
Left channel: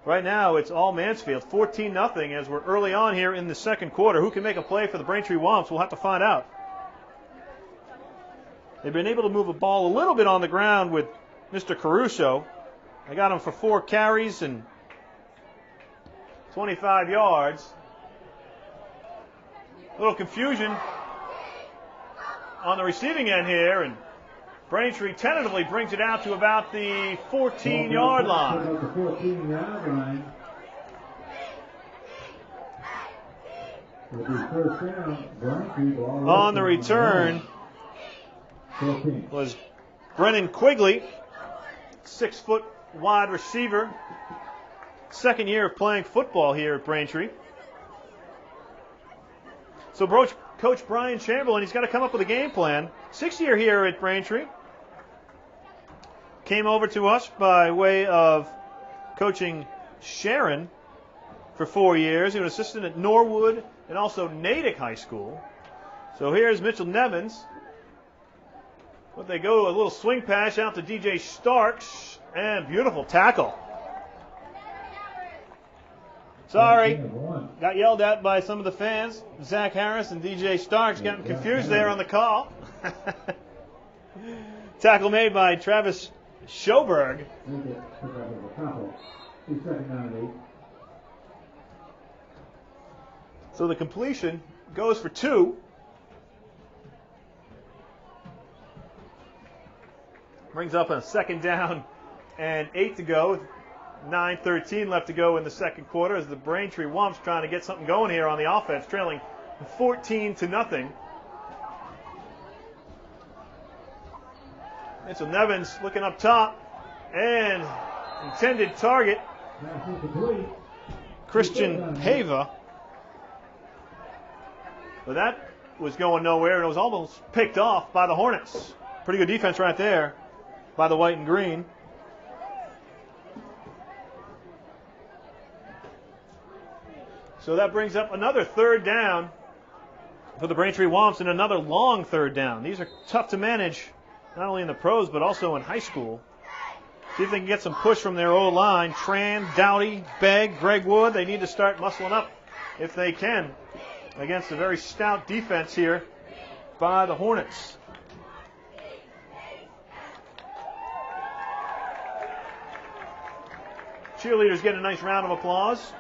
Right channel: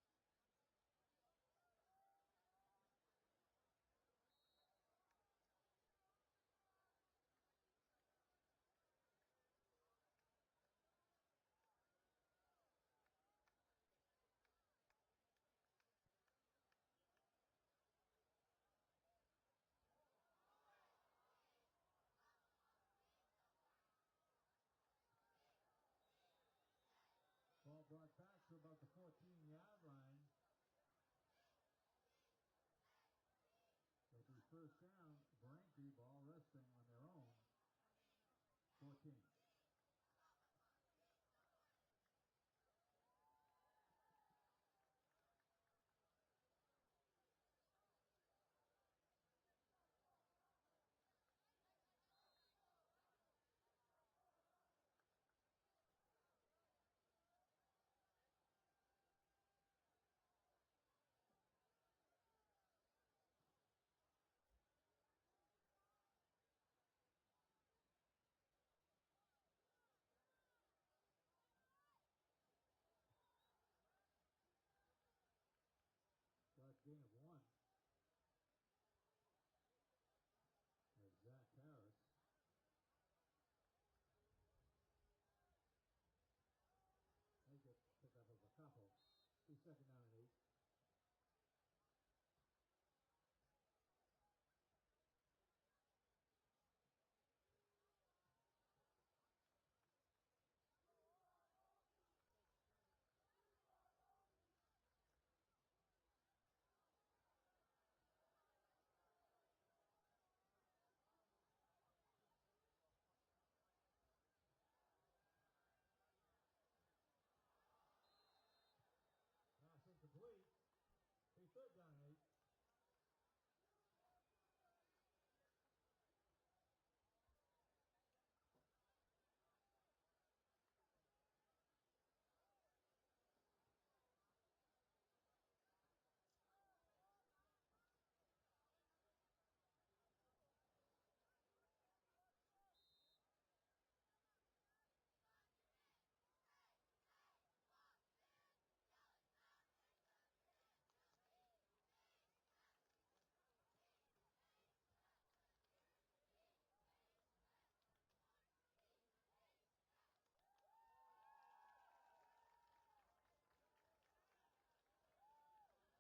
right now it's all Mansfield, 14-0 as we're early on here in the second quarter. Who can make a play for the Braintree Womps? We'll have to find out. They've been able to move the ball a little bit on the ground with Mr. Caruso. I got him for 4 carries and 25 yards. A little confusion on the receiving end here, and Braintree tentatively brings it out to about the 14-yard line. On the return was Brennan Quigley, 6-foot wide receiver. Second year of playing football here at Braintree. So Coach Brian Chamberlain, he's got to come up with a game plan. 6th year here at Braintree. Came over to us by way of coaching Sharon for 4 years. He was assistant at Norwood and also Natick High School. So here's Mitchell Nevins. But they go a little swing pass out to DJ Starks, and beautiful tackle. Sorry, got yelled at by some of the fans. Zach Harris and DJ Starks getting confused there on the call. Tackle made by Travis Schoberg. So the completion goes for 2. Brings up a 2nd down and 8 to go. 9:13 left to go in the second quarter as the Braintree Womps trying to get something going here on the offense, trailing 14-0. Mitchell Nevins looking up top, and intended target, Christian Pava. But that was going nowhere, and it was almost picked off by the Hornets. Pretty good defense right there by the white and green. So that brings up another 3rd down for the Braintree Womps, and another long 3rd down. These are tough to manage, not only in the pros, but also in high school. See if they can get some push from their O-line. Tran, Dowdy, Begg, Greg Wood. They need to start muscling up if they can against a very stout defense here by the Hornets. Cheerleaders get a nice round of applause.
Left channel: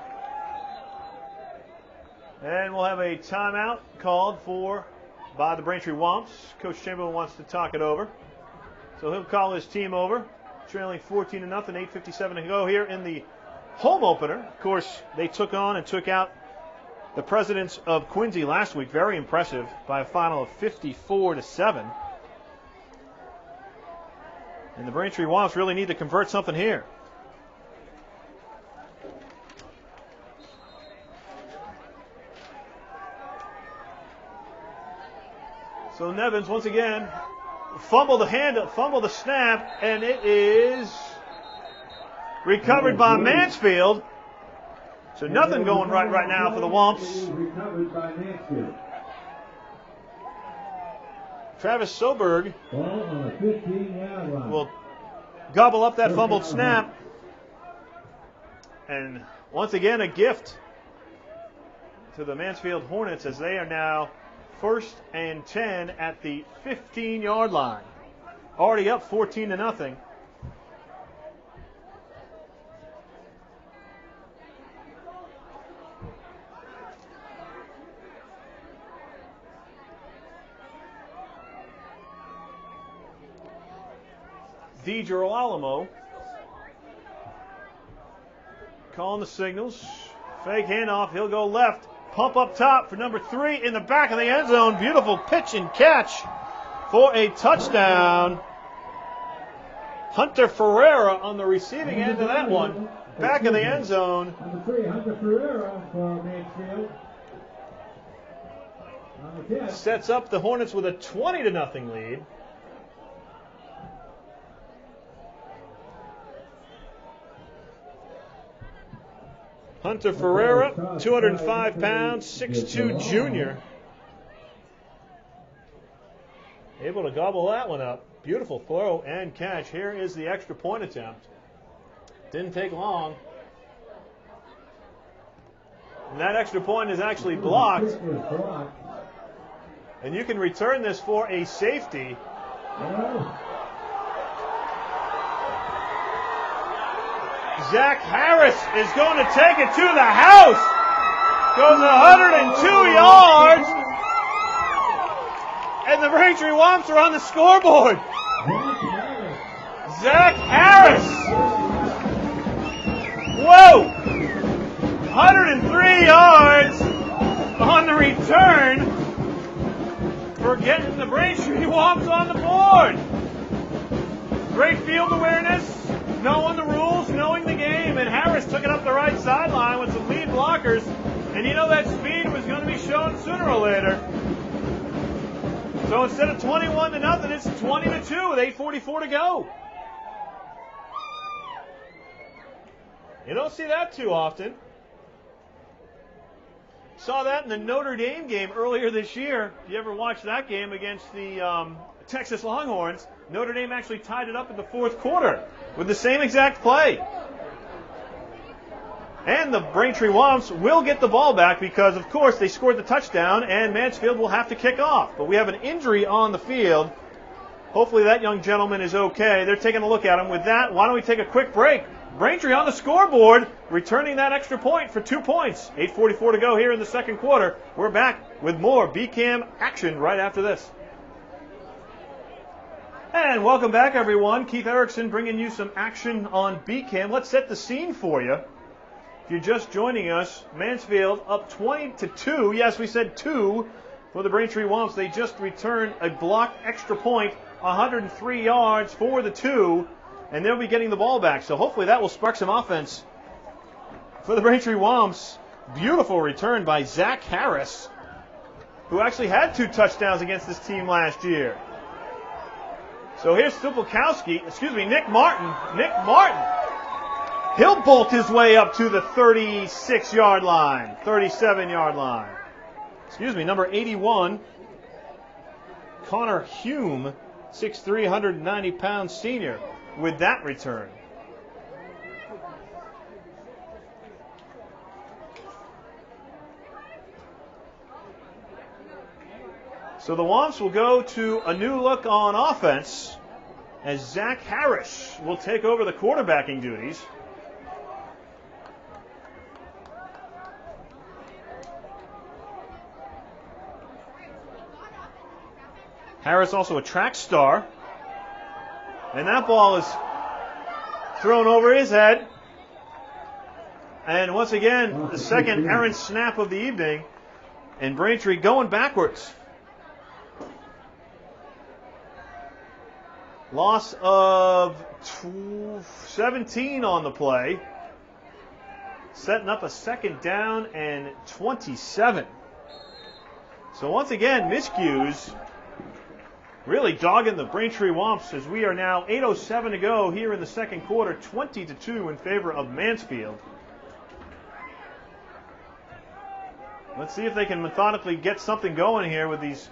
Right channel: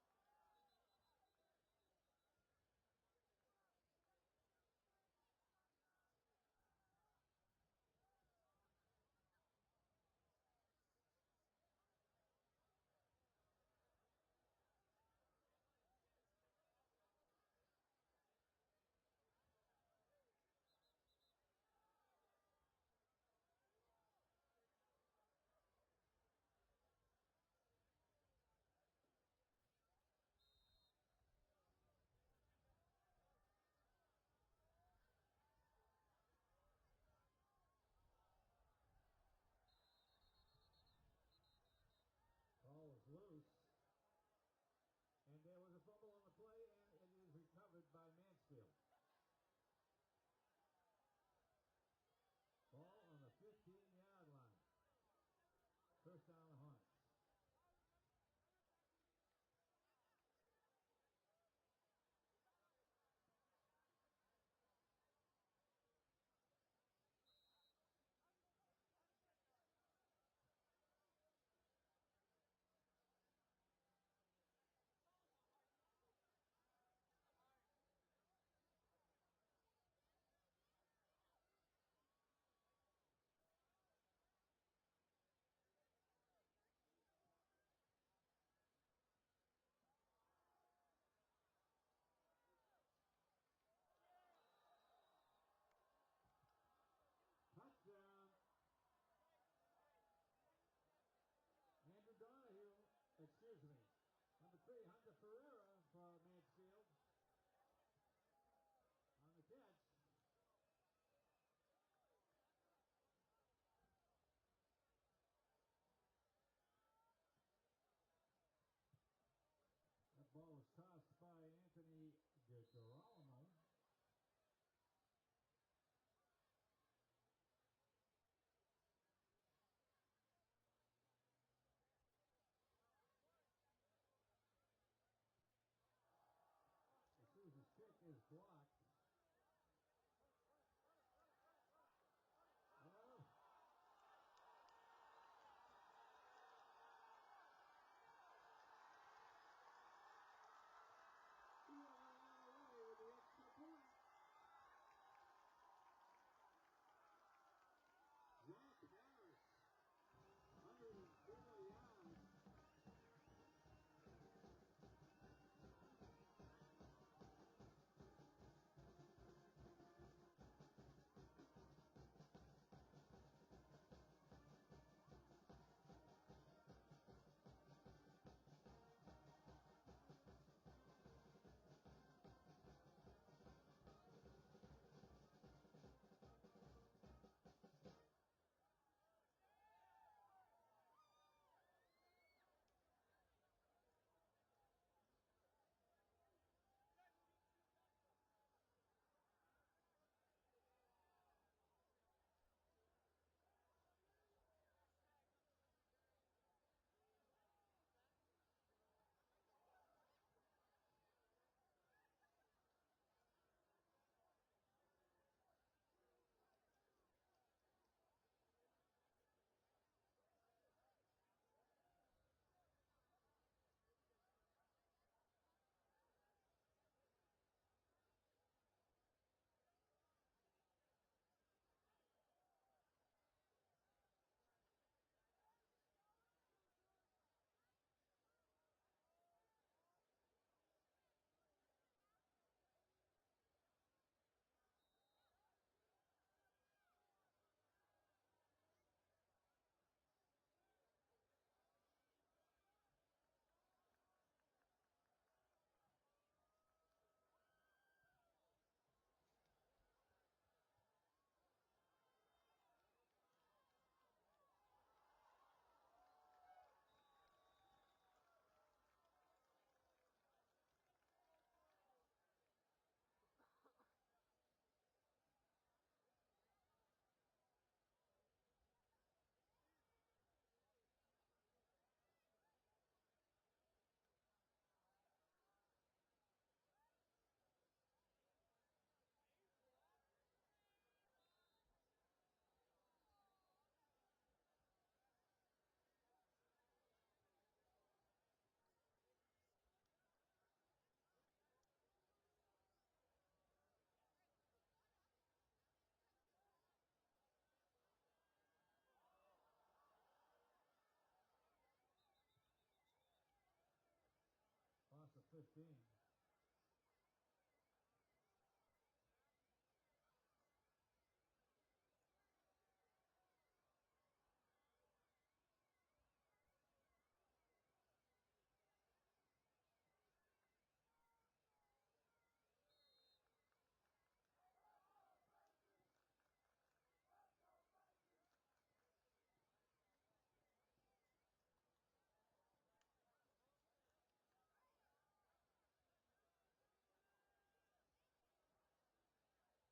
And we'll have a timeout called for by the Braintree Womps. Coach Chamberlain wants to talk it over. So he'll call his team over. Trailing 14-0, 8:57 to go here in the home opener. Of course, they took on and took out the Presidents of Quincy last week. Very impressive by a final of 54-7. And the Braintree Womps really need to convert something here. So Nevins once again fumble the snap, and it is recovered by Mansfield. So nothing going right now for the Womps. Recovered by Mansfield. Travis Soberg Ball on the 15-yard line. will gobble up that fumbled snap. And once again, a gift to the Mansfield Hornets as they are now 1st and 10 at the 15-yard line. Already up 14-0. DeGirolamo calling the signals. Fake handoff. He'll go left. Pump up top for number 3 in the back of the end zone. Beautiful pitch and catch for a touchdown. Hunter Ferreira on the receiving end of that one. Back of the end zone. Number 3, Hunter Ferreira for Mansfield. On the 10. Sets up the Hornets with a 20-0 lead. Hunter Ferreira, 205 pounds, 6'2" junior. Able to gobble that one up. Beautiful throw and catch. Here is the extra point attempt. Didn't take long. And that extra point is actually blocked. And you can return this for a safety. Zach Harris is going to take it to the house. Goes 102 yards. And the Braintree Womps are on the scoreboard. Zach Harris. Whoa. 103 yards on the return for getting the Braintree Womps on the board. Great field awareness, knowing the rules, knowing the game, and Harris took it up the right sideline with some lead blockers, and you know that speed was going to be shown sooner or later. So instead of 21-0, it's 20-2 with 8:44 to go. You don't see that too often. Saw that in the Notre Dame game earlier this year. If you ever watched that game against the Texas Longhorns, Notre Dame actually tied it up in the 4th quarter with the same exact play. And the Braintree Womps will get the ball back because, of course, they scored the touchdown and Mansfield will have to kick off. But we have an injury on the field. Hopefully that young gentleman is okay. They're taking a look at him. With that, why don't we take a quick break? Braintree on the scoreboard, returning that extra point for 2 points. 8:44 to go here in the 2nd quarter. We're back with more BCAM action right after this. And welcome back, everyone. Keith Erickson bringing you some action on BCAM. Let's set the scene for you. If you're just joining us, Mansfield up 20-2. Yes, we said 2 for the Braintree Womps. They just returned a blocked extra point, 103 yards for the 2, and they'll be getting the ball back. So hopefully that will spark some offense for the Braintree Womps. Beautiful return by Zach Harris, who actually had 2 touchdowns against this team last year. So here's Nick Martin. Nick Martin. He'll bolt his way up to the 36-yard line, 37-yard line. Number 81, Connor Hume, 6'3", 190-pound senior, with that return. So the Womps will go to a new look on offense as Zach Harris will take over the quarterbacking duties. Harris also a track star. And that ball is thrown over his head. And once again, the second errant snap of the evening. And Braintree going backwards. Loss of 17 on the play. Setting up a 2nd down and 27. So once again, miscues really dogging the Braintree Womps as we are now 8:07 to go here in the second quarter, 20-2 in favor of Mansfield. Let's see if they can methodically get something going here with these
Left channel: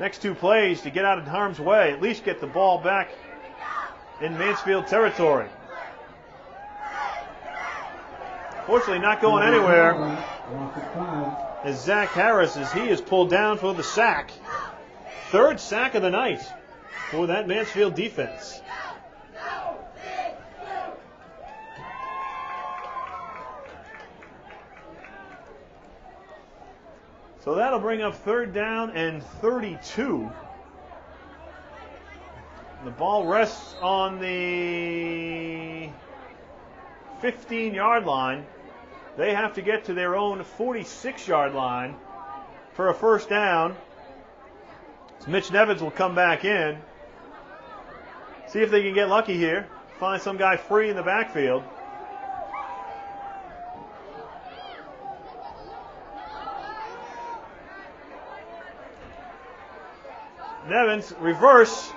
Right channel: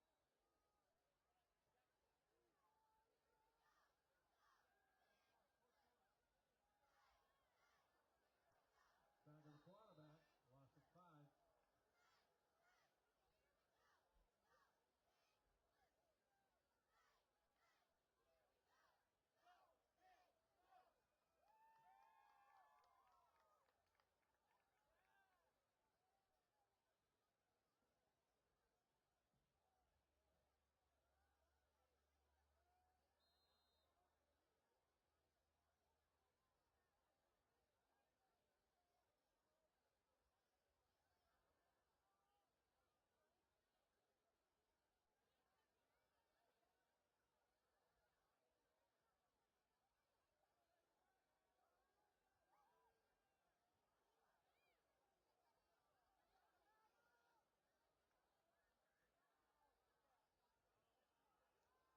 next two plays to get out of harm's way, at least get the ball back in Mansfield territory. Fortunately, not going anywhere is Zach Harris as he is pulled down for the sack. Third sack of the night for that Mansfield defense. So that'll bring up third down and 32. The ball rests on the 15-yard line. They have to get to their own 46-yard line for a first down. So Mitch Nevins will come back in. See if they can get lucky here. Find some guy free in the backfield. Nevins, reverse.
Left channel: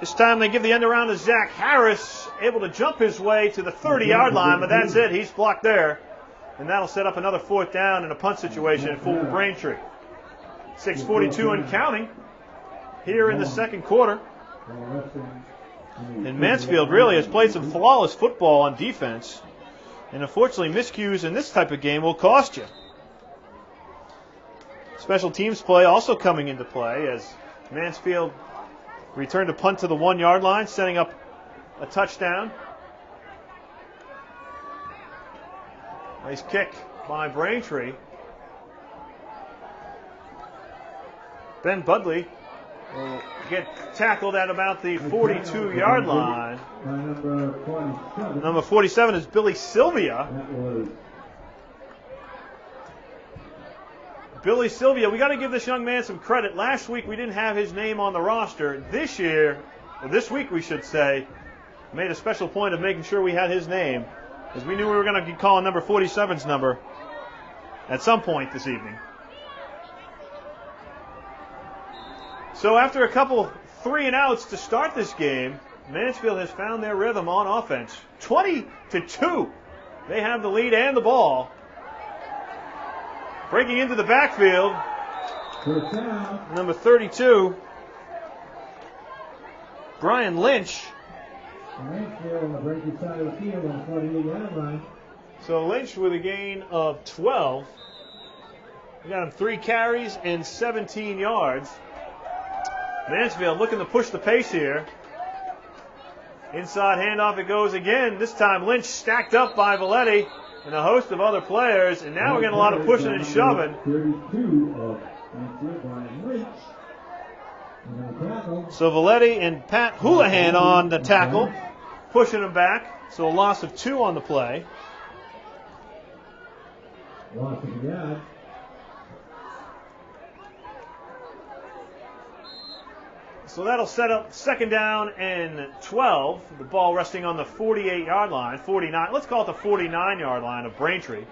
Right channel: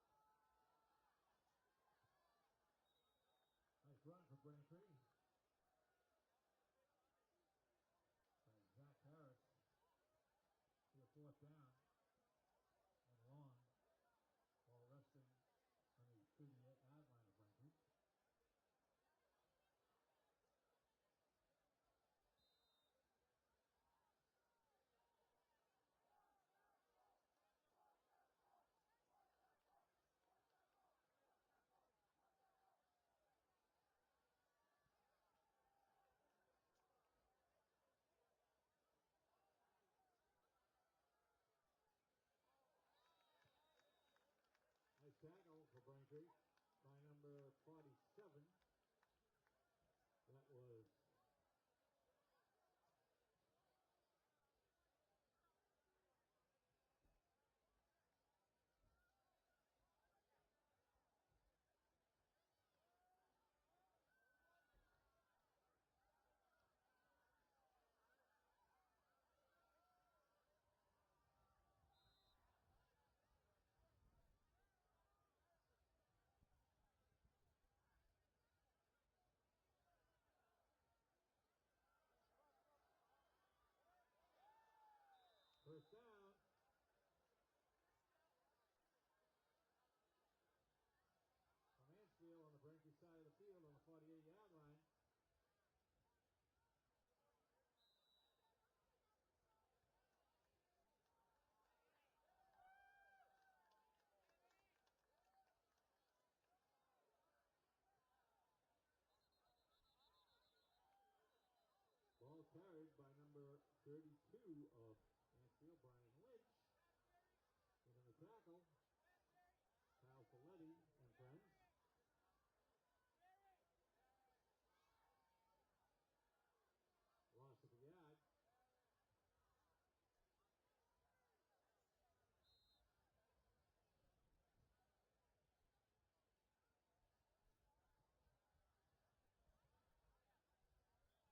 This time they give the end around to Zach Harris, able to jump his way to the 30-yard line, but that's it. He's blocked there. And that'll set up another fourth down in a punt situation for Braintree. 6:42 and counting here in the second quarter. And Mansfield really has played some flawless football on defense. And unfortunately, miscues in this type of game will cost you. Special teams play also coming into play as Mansfield returned a punt to the 1-yard line, setting up a touchdown. Nice kick by Braintree. Ben Budley will get tackled at about the 42-yard line. Number 47 is Billy Sylvia. Billy Sylvia, we got to give this young man some credit. Last week we didn't have his name on the roster. This week we should say, made a special point of making sure we had his name, because we knew we were going to be calling number 47's number at some point this evening. So after a couple 3-and-outs to start this game, Mansfield has found their rhythm on offense. 20-2. They have the lead and the ball. Breaking into the backfield, number 32, Brian Lynch. So Lynch with a gain of 12. We got him 3 carries and 17 yards. Mansfield looking to push the pace here. Inside handoff it goes again. This time Lynch stacked up by Valetti and a host of other players, and now we're getting a lot of pushing and shoving. So Valetti and Pat Houlihan on the tackle, pushing him back. So a loss of 2 on the play. So that'll set up second down and 12. The ball resting on the 48-yard line, 49. Let's call it the 49-yard line of Braintree.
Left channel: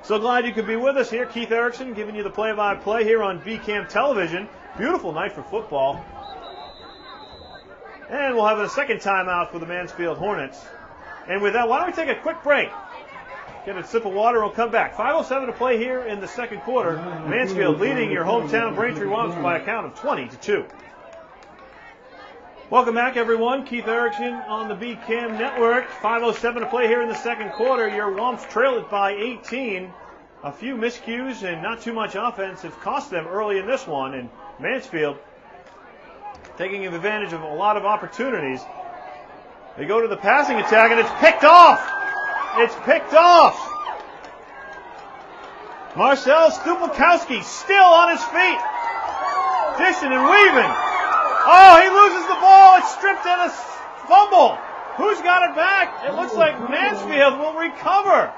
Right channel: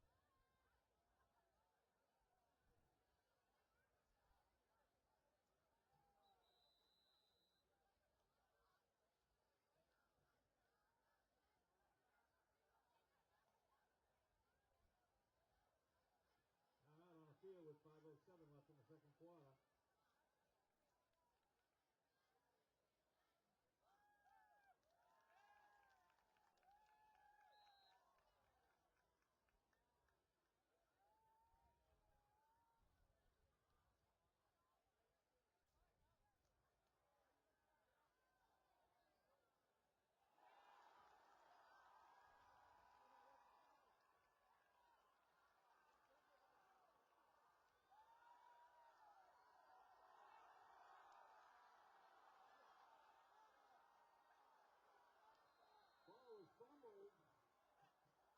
So glad you could be with us here. Keith Erickson giving you the play-by-play here on BCAM Television. Beautiful night for football. And we'll have a second timeout for the Mansfield Hornets. And with that, why don't we take a quick break? Get a sip of water, we'll come back. 5:07 to play here in the second quarter. Mansfield leading your hometown Braintree Womps by a count of 20-2. Welcome back, everyone. Keith Erickson on the BCAM Network. 5:07 to play here in the second quarter. Your Womps trail it by 18. A few miscues and not too much offense have cost them early in this one. And Mansfield taking advantage of a lot of opportunities. They go to the passing attack, and it's picked off. It's picked off. Marcel Stupakowski still on his feet. Dishing and weaving. Oh, he loses the ball. It's stripped and a fumble. Who's got it back? It looks like Mansfield will recover.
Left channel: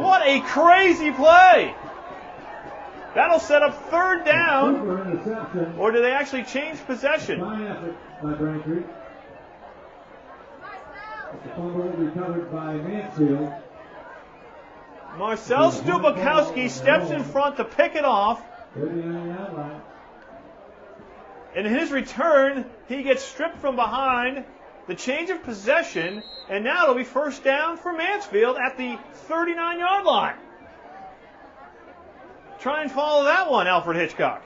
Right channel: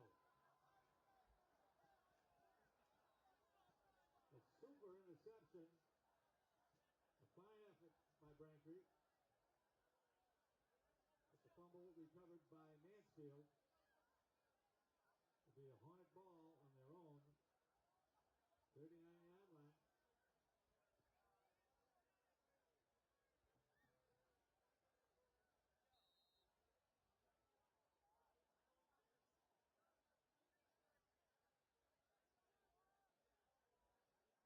What a crazy play. That'll set up third down. Or do they actually change possession? The fumble recovered by Mansfield. Marcel Stupakowski steps in front to pick it off. 39-yard line. In his return, he gets stripped from behind. The change of possession, and now it'll be first down for Mansfield at the 39-yard line. Try and follow that one, Alfred Hitchcock.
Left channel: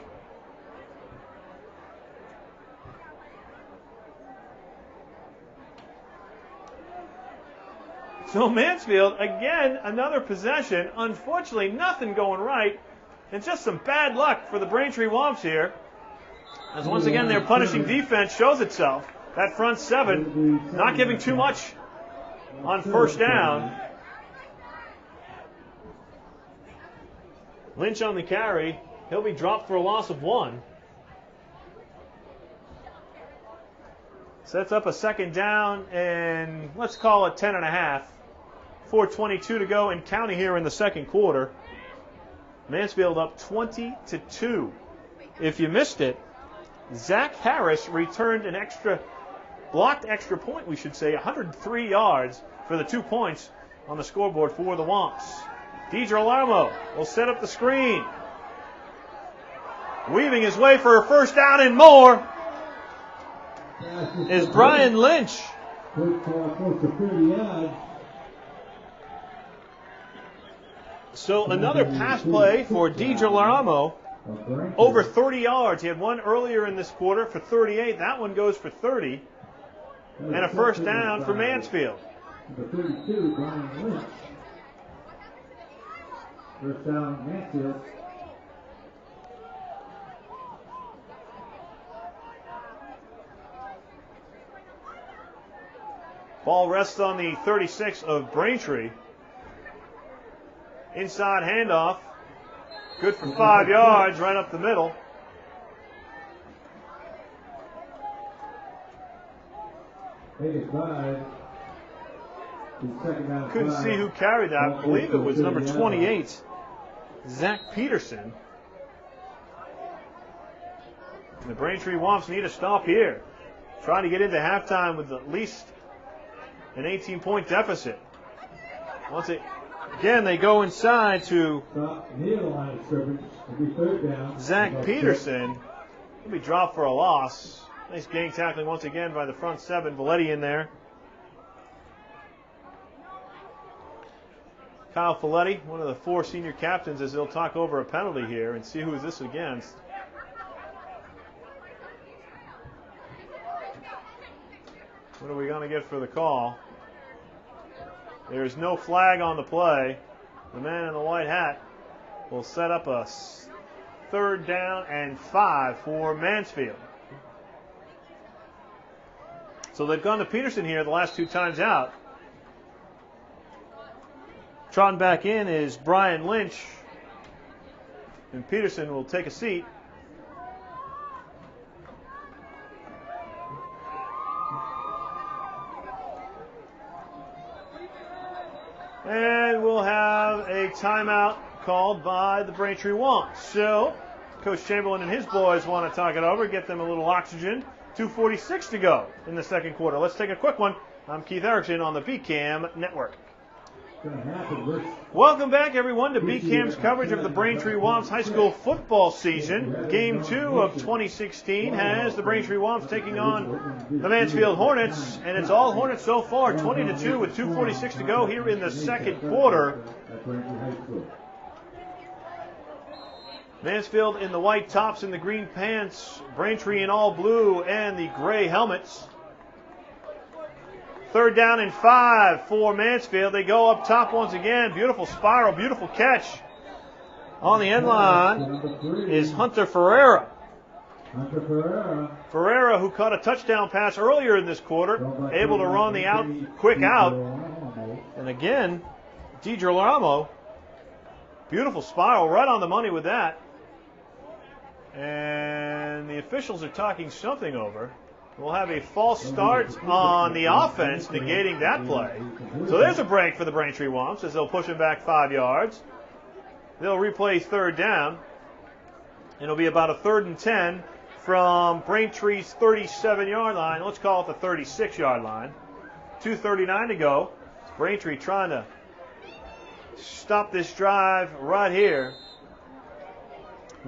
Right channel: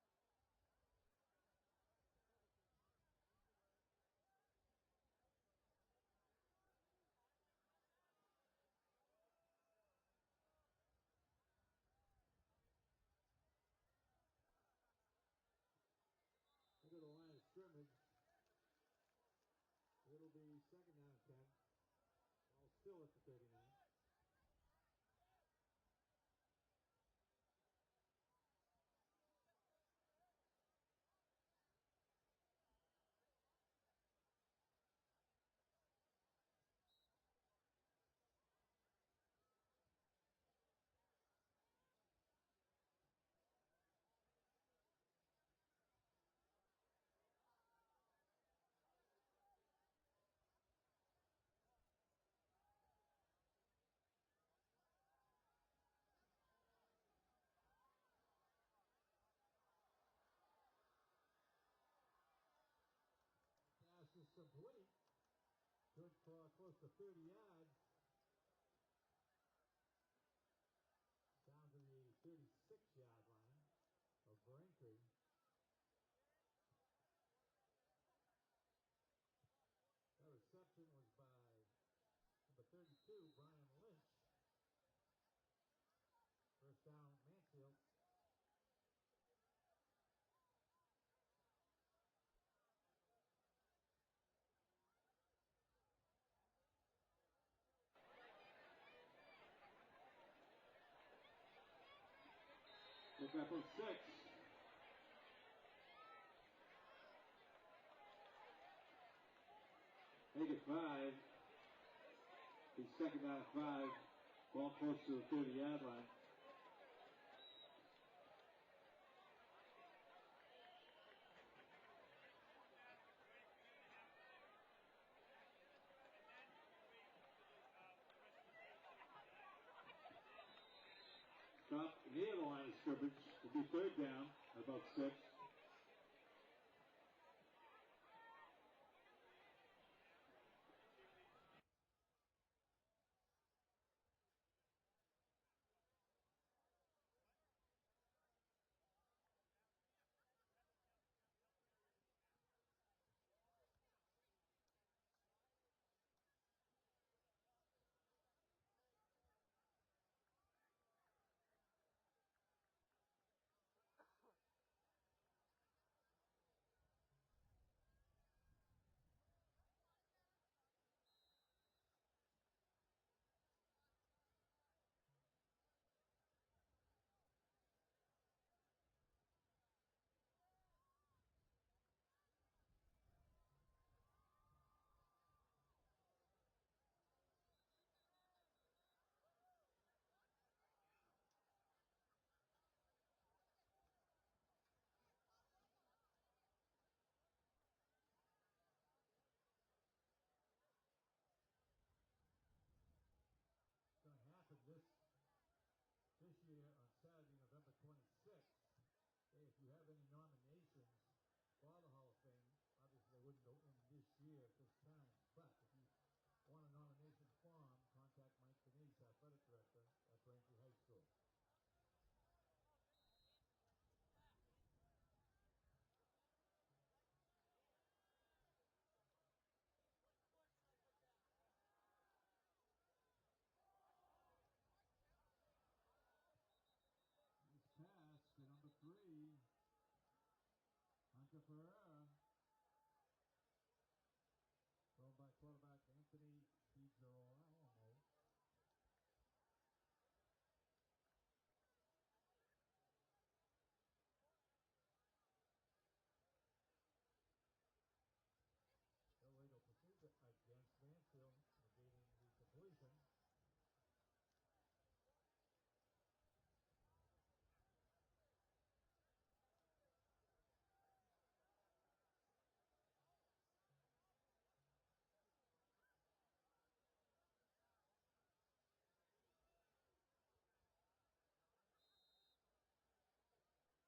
So Mansfield, again, another possession. Unfortunately, nothing going right. And just some bad luck for the Braintree Womps here. As once again, their punishing defense shows itself. That front seven not giving too much on first down. Lynch on the carry. He'll be dropped for a loss of 1. Sets up a second down, and let's call it 10.5. 4:22 to go in county here in the second quarter. Mansfield up 20-2. If you missed it, Zach Harris returned an blocked extra point, we should say, 103 yards for the 2 points on the scoreboard for the Womps. DiGirolamo will set up the screen. Weaving his way for a first down and more is Brian Lynch. Close to 30 yards. So another pass play for DiGirolamo. Over 30 yards. He had one earlier in this quarter for 38. That one goes for 30. And a first down for Mansfield. The 32, Brian Lynch. First down, Mansfield. Ball rests on the 36 of Braintree. Inside handoff. Good for 5 yards right up the middle. Couldn't see who carried that. I believe it was number 28, Zach Peterson. And the Braintree Womps need a stop here. Trying to get into halftime with at least an 18-point deficit. Again, they go inside to Zach Peterson. He'll be dropped for a loss. Nice gang tackling once again by the front seven. Valetti in there. Kyle Folletti, one of the 4 senior captains, as they'll talk over a penalty here and see who is this against. What are we going to get for the call? There's no flag on the play. The man in the white hat will set up a 3rd down and 5 for Mansfield. So they've gone to Peterson here the last 2 times out. Trotting back in is Brian Lynch. And Peterson will take a seat. And we'll have a timeout called by the Braintree Womps. So, Coach Chamberlain and his boys want to talk it over, get them a little oxygen. 2:46 to go in the second quarter. Let's take a quick one. I'm Keith Erickson on the BCAM Network. Welcome back, everyone, to BCAM's coverage of the Braintree Womps High School football season. Game 2 of 2016 has the Braintree Womps taking on the Mansfield Hornets, and it's all Hornets so far, 20-2 with 2:46 to go here in the second quarter. Mansfield in the white tops and the green pants, Braintree in all blue and the gray helmets. 3rd down and 5 for Mansfield. They go up top once again. Beautiful spiral, beautiful catch. On the end line is Hunter Ferreira. Ferreira, who caught a touchdown pass earlier in this quarter, able to run the quick out. And again, DiGirolamo, beautiful spiral, right on the money with that. And the officials are talking something over. We'll have a false start on the offense, negating that play. So there's a break for the Braintree Womps as they'll push him back 5 yards. They'll replay 3rd down. It'll be about a 3rd and 10 from Braintree's 37-yard line. Let's call it the 36-yard line. 2:39 to go. Braintree trying to stop this drive right here,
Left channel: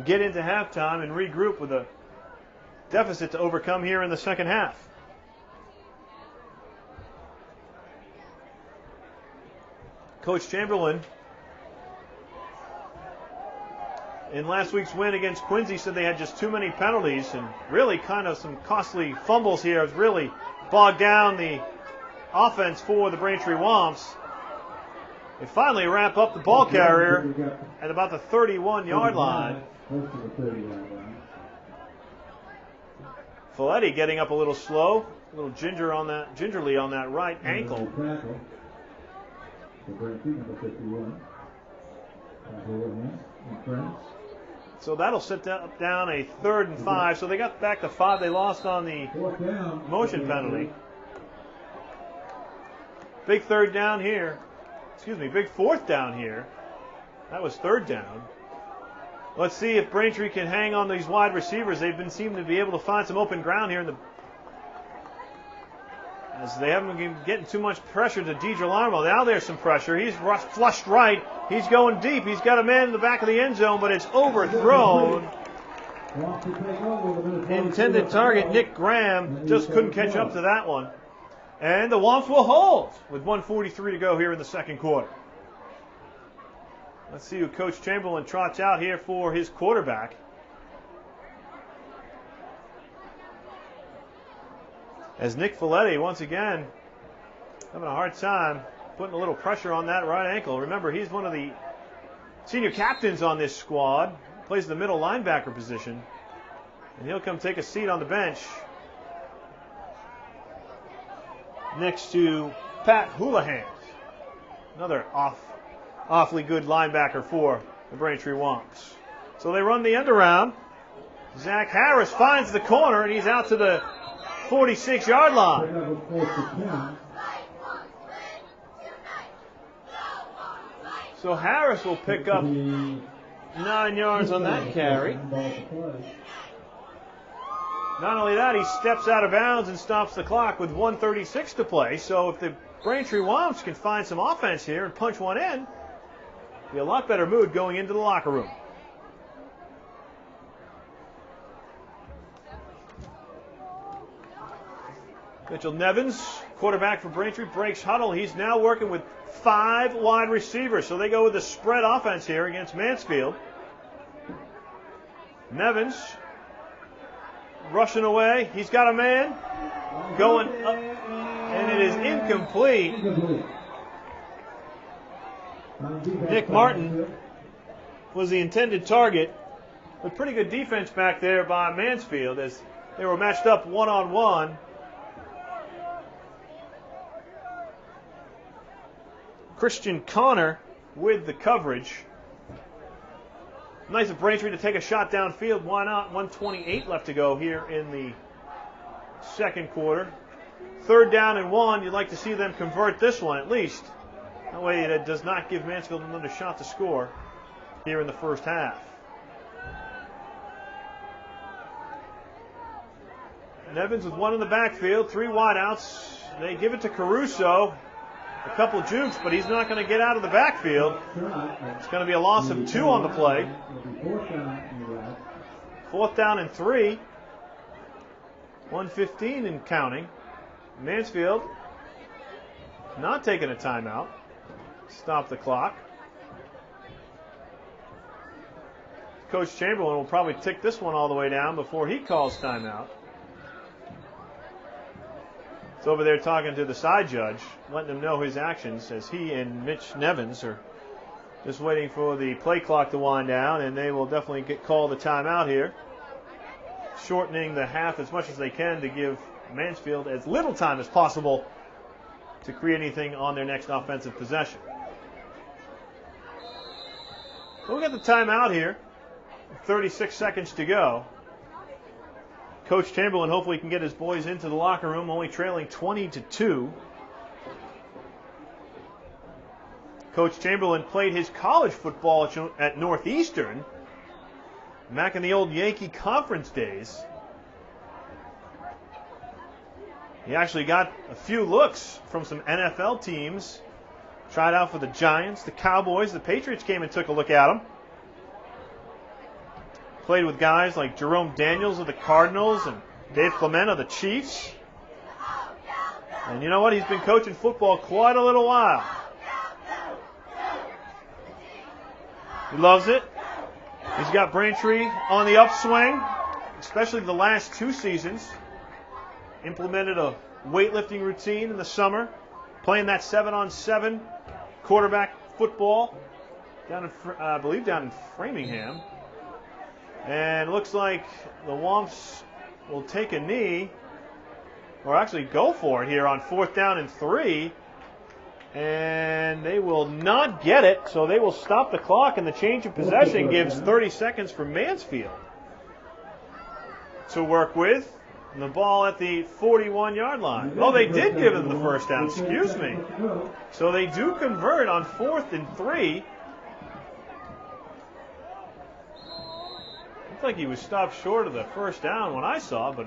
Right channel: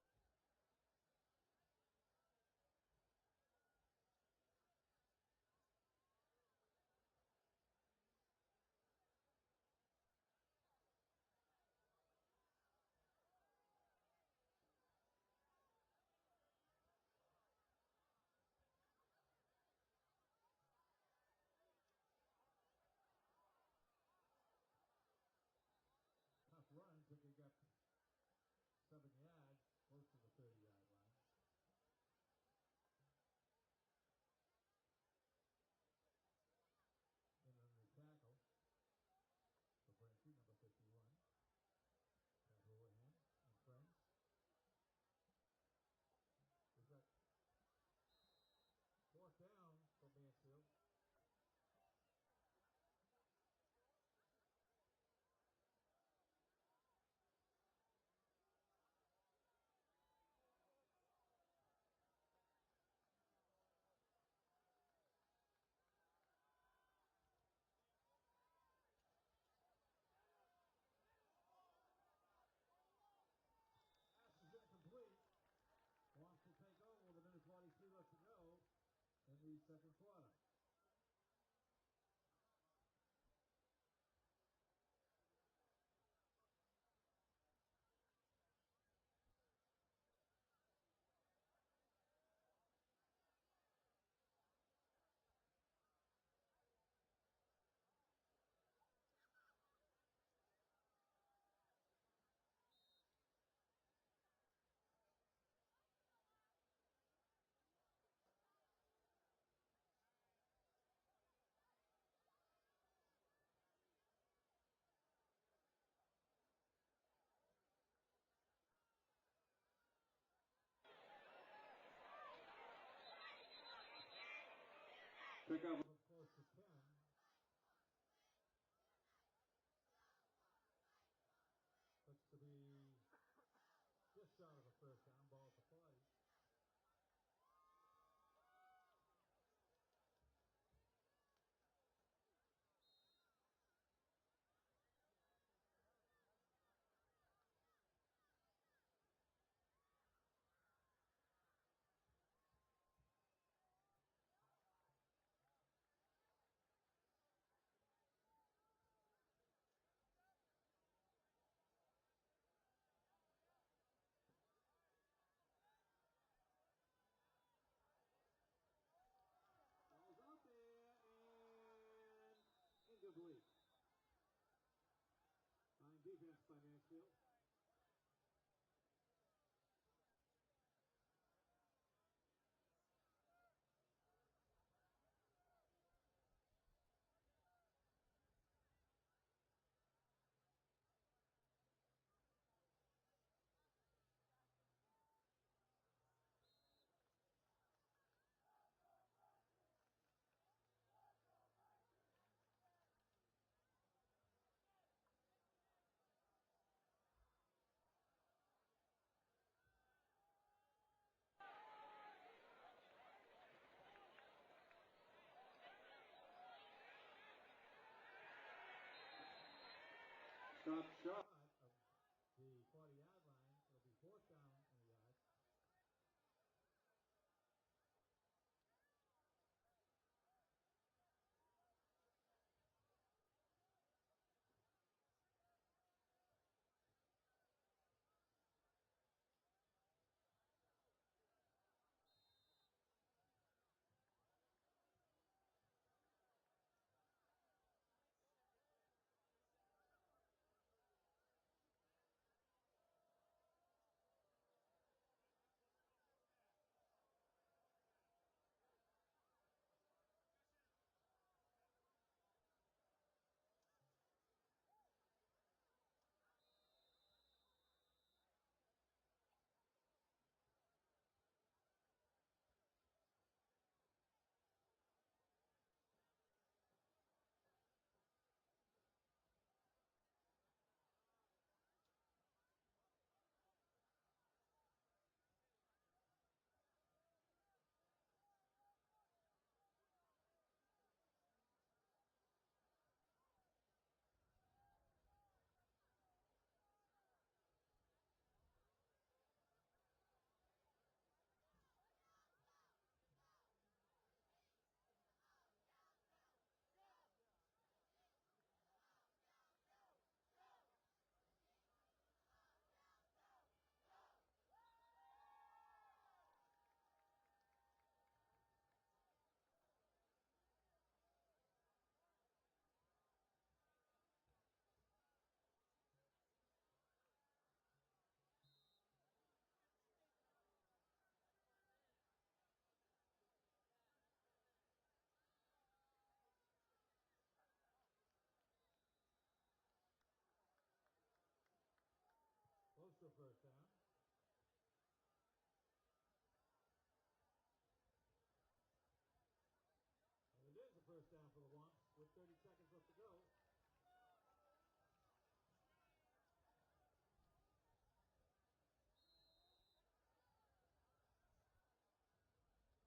get into halftime, and regroup with a deficit to overcome here in the second half. Coach Chamberlain, in last week's win against Quincy, said they had just too many penalties and really kind of some costly fumbles here. It's really bogged down the offense for the Braintree Womps. They finally wrap up the ball carrier at about the 31-yard line. Folletti getting up a little slow, a little gingerly on that right ankle. So that'll set down a 3rd and 5. So they got back to 5. They lost on the motion penalty. Big 4th down here. That was 3rd down. Let's see if Braintree can hang on these wide receivers. They've been seeming to be able to find some open ground here as they haven't been getting too much pressure to DeGirolamo. Now there's some pressure. He's flushed right. He's going deep. He's got a man in the back of the end zone, but it's overthrown. Intended target, Nick Graham, just couldn't catch up to that one. And the Womps will hold with 1:43 to go here in the second quarter. Let's see who Coach Chamberlain trots out here for his quarterback. As Nick Folletti, once again, having a hard time putting a little pressure on that right ankle. Remember, he's one of the senior captains on this squad, plays the middle linebacker position, and he'll come take a seat on the bench next to Pat Houlihan, another awfully good linebacker for the Braintree Womps. So they run the end around. Zach Harris finds the corner, and he's out to the 46-yard line. So Harris will pick up 9 yards on that carry. Not only that, he steps out of bounds and stops the clock with 1:36 to play. So if the Braintree Womps can find some offense here and punch one in, be a lot better mood going into the locker room. Mitchell Nevins, quarterback for Braintree, breaks huddle. He's now working with 5 wide receivers. So they go with the spread offense here against Mansfield. Nevins rushing away. He's got a man going up, and it is incomplete. Nick Martin was the intended target. With pretty good defense back there by Mansfield as they were matched up one-on-one. Christian Connor with the coverage. Nice of Braintree to take a shot downfield. Why not? 1:28 left to go here in the second quarter. 3rd down and 1. You'd like to see them convert this one at least. That way it does not give Mansfield another shot to score here in the first half. And Evans with 1 in the backfield, 3 wideouts. They give it to Caruso. A couple jukes, but he's not going to get out of the backfield. It's going to be a loss of 2 on the play. 4th down and 3. 1:15 and counting. Mansfield not taking a timeout. Stop the clock. Coach Chamberlain will probably tick this one all the way down before he calls timeout. He's over there talking to the side judge, letting him know his actions as he and Mitch Nevins are just waiting for the play clock to wind down, and they will definitely call the timeout here, shortening the half as much as they can to give Mansfield as little time as possible to create anything on their next offensive possession. We'll get the timeout here. 36 seconds to go. Coach Chamberlain hopefully can get his boys into the locker room, only trailing 20-2. Coach Chamberlain played his college football at Northeastern back in the old Yankee Conference days. He actually got a few looks from some NFL teams Tried out for the Giants, the Cowboys, the Patriots came and took a look at him. Played with guys like Jerome Daniels of the Cardinals and Dave Clement of the Chiefs. And you know what? He's been coaching football quite a little while. He loves it. He's got Braintree on the upswing, especially the last 2 seasons. Implemented a weightlifting routine in the summer, playing that 7-on-7 quarterback football down in, I believe, down in Framingham. And it looks like the Womps will take a knee, or actually go for it here on 4th down and 3. And they will not get it, so they will stop the clock, and the change of possession gives 30 seconds for Mansfield to work with. And the ball at the 41-yard line. Oh, they did give them the first down, excuse me. So they do convert on 4th and 3. Looks like he was stopped short of the first down when I saw, but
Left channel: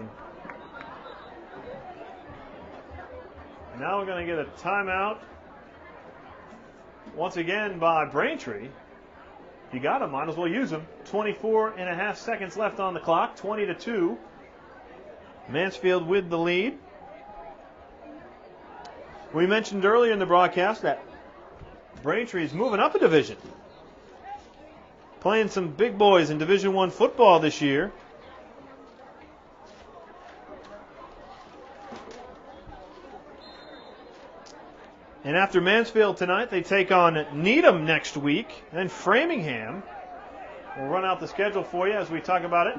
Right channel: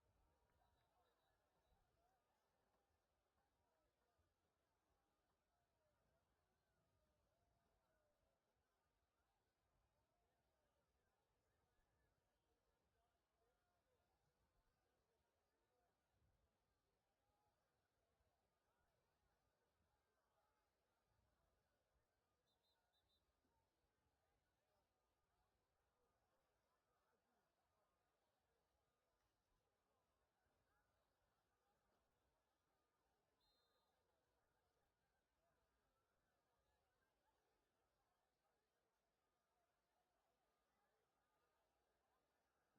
now we're going to get a timeout once again by Braintree. You got him, might as well use him. 24.5 seconds left on the clock, 20-2. Mansfield with the lead. We mentioned earlier in the broadcast that Braintree is moving up a division. Playing some big boys in Division I football this year. And after Mansfield tonight, they take on Needham next week. Then Framingham. We'll run out the schedule for you as we talk about it.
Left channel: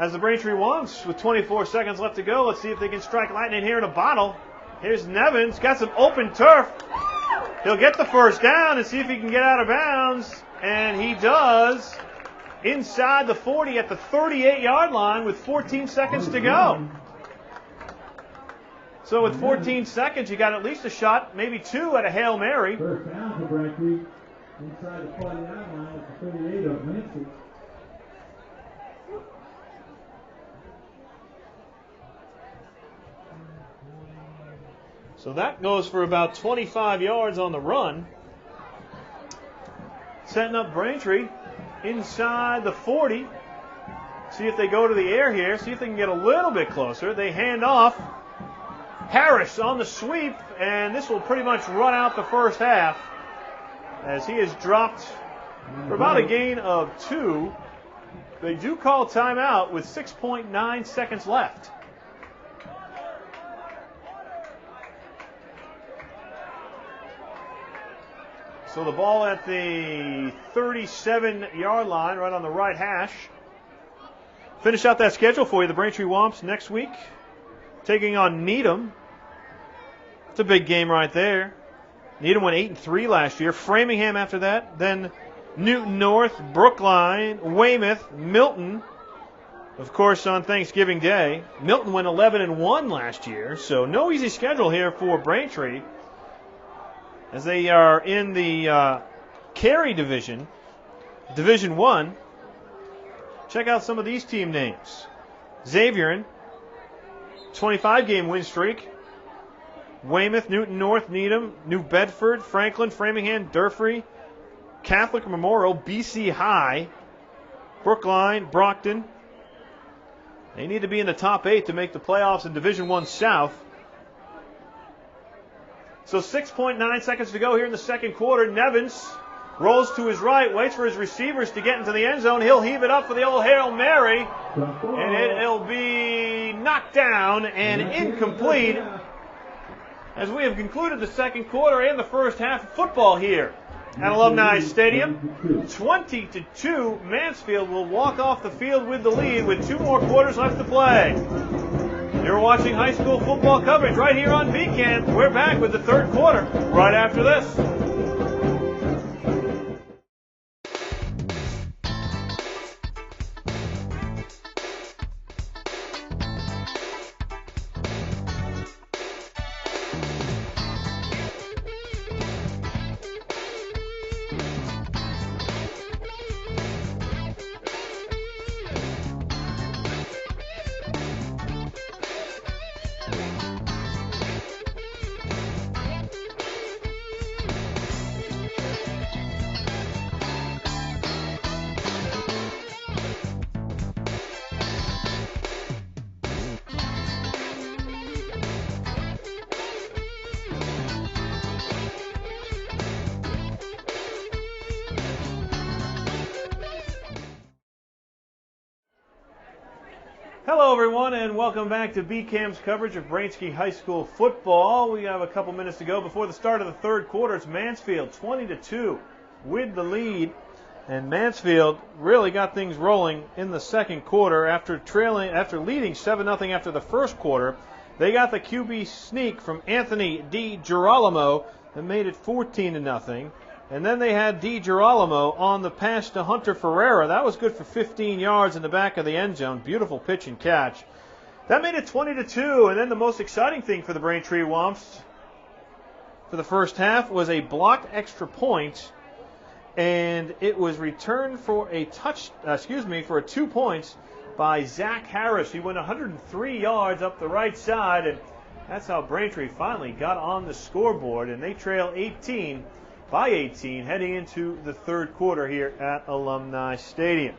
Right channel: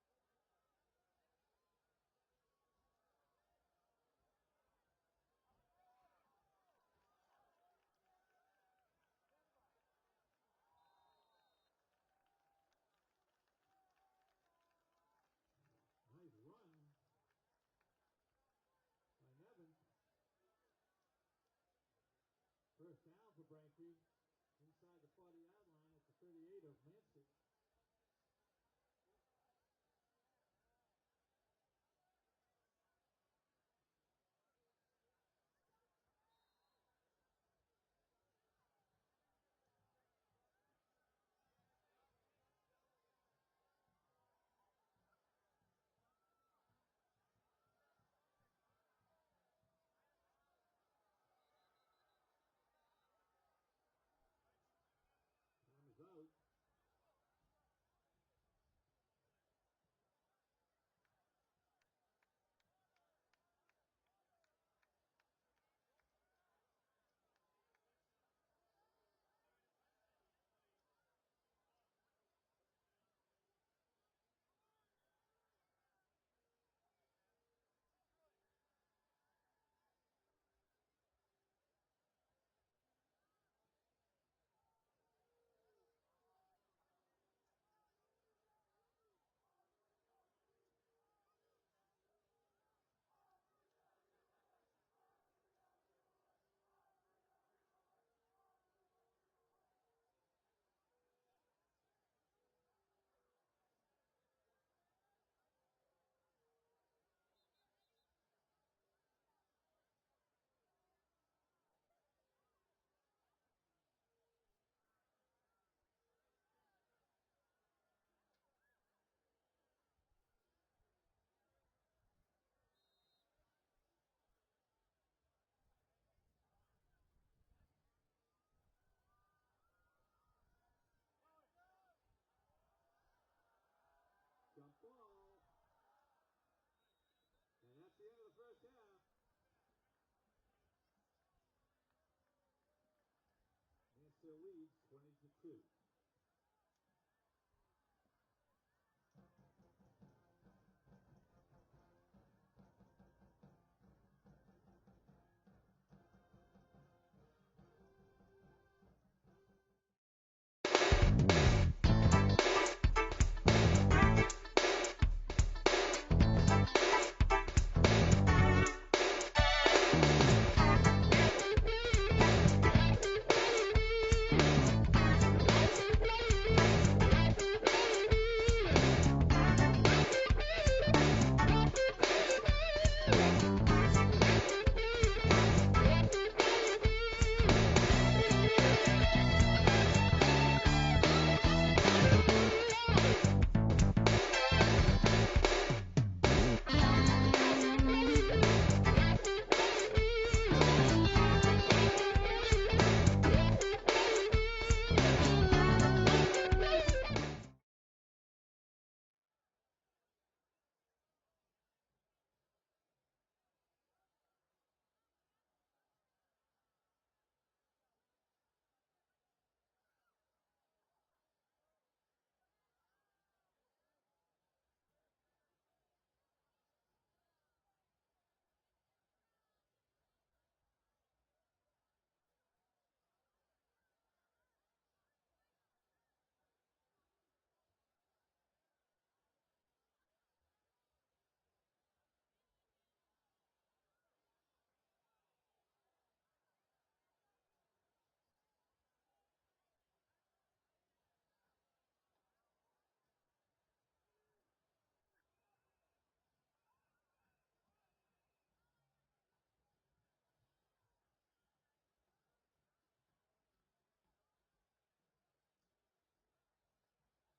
As the Braintree Womps with 24 seconds left to go, let's see if they can strike lightning here in a bottle. Here's Nevins, got some open turf. He'll get the first down and see if he can get out of bounds. And he does inside the 40 at the 38-yard line with 14 seconds to go. So with 14 seconds, you got at least a shot, maybe 2 at a Hail Mary. First down for Braintree inside the 40-yard line at the 38 of Mansfield. So that goes for about 25 yards on the run. Setting up Braintree inside the 40. See if they go to the air here. See if they can get a little bit closer. They hand off. Harris on the sweep, and this will pretty much run out the first half as he has dropped for about a gain of 2. They do call timeout with 6.9 seconds left. So the ball at the 37-yard line, right on the right hash. Finish out that schedule for you. The Braintree Womps next week taking on Needham. It's a big game right there. Needham went 8-3 last year. Framingham after that. Then Newton North, Brookline, Weymouth, Milton. Of course, on Thanksgiving Day. Milton went 11-1 last year. So no easy schedule here for Braintree, as they are in the Cary division, Division I. Check out some of these team names. Xavierin, 25-game win streak. Weymouth, Newton North, Needham, New Bedford, Franklin, Framingham, Durfee, Catholic Memorial, BC High, Brookline, Brockton. They need to be in the top 8 to make the playoffs in Division I South. So 6.9 seconds to go here in the second quarter. Nevins rolls to his right, waits for his receivers to get into the end zone. He'll heave it up for the old Hail Mary, and it'll be knocked down and incomplete as we have concluded the second quarter and the first half of football here at Alumni Stadium. 20-2, Mansfield will walk off the field with the lead with 2 more quarters left to play. You're watching high school football coverage right here on VCAN. We're back with the third quarter right after this. Hello, everyone, and welcome back to BCAM's coverage of Braintree High School football. We have a couple minutes to go before the start of the third quarter. It's Mansfield 20-2 with the lead, and Mansfield really got things rolling in the second quarter after leading 7-0 after the first quarter. They got the QB sneak from Anthony DiGirolamo that made it 14-0. And then they had DiGirolamo on the pass to Hunter Ferreira. That was good for 15 yards in the back of the end zone. Beautiful pitch and catch. That made it 20-2. And then the most exciting thing for the Braintree Womps for the first half was a blocked extra point, and it was returned for a 2 points by Zach Harris. He went 103 yards up the right side, and that's how Braintree finally got on the scoreboard, and they trail 18 heading into the third quarter here at Alumni Stadium.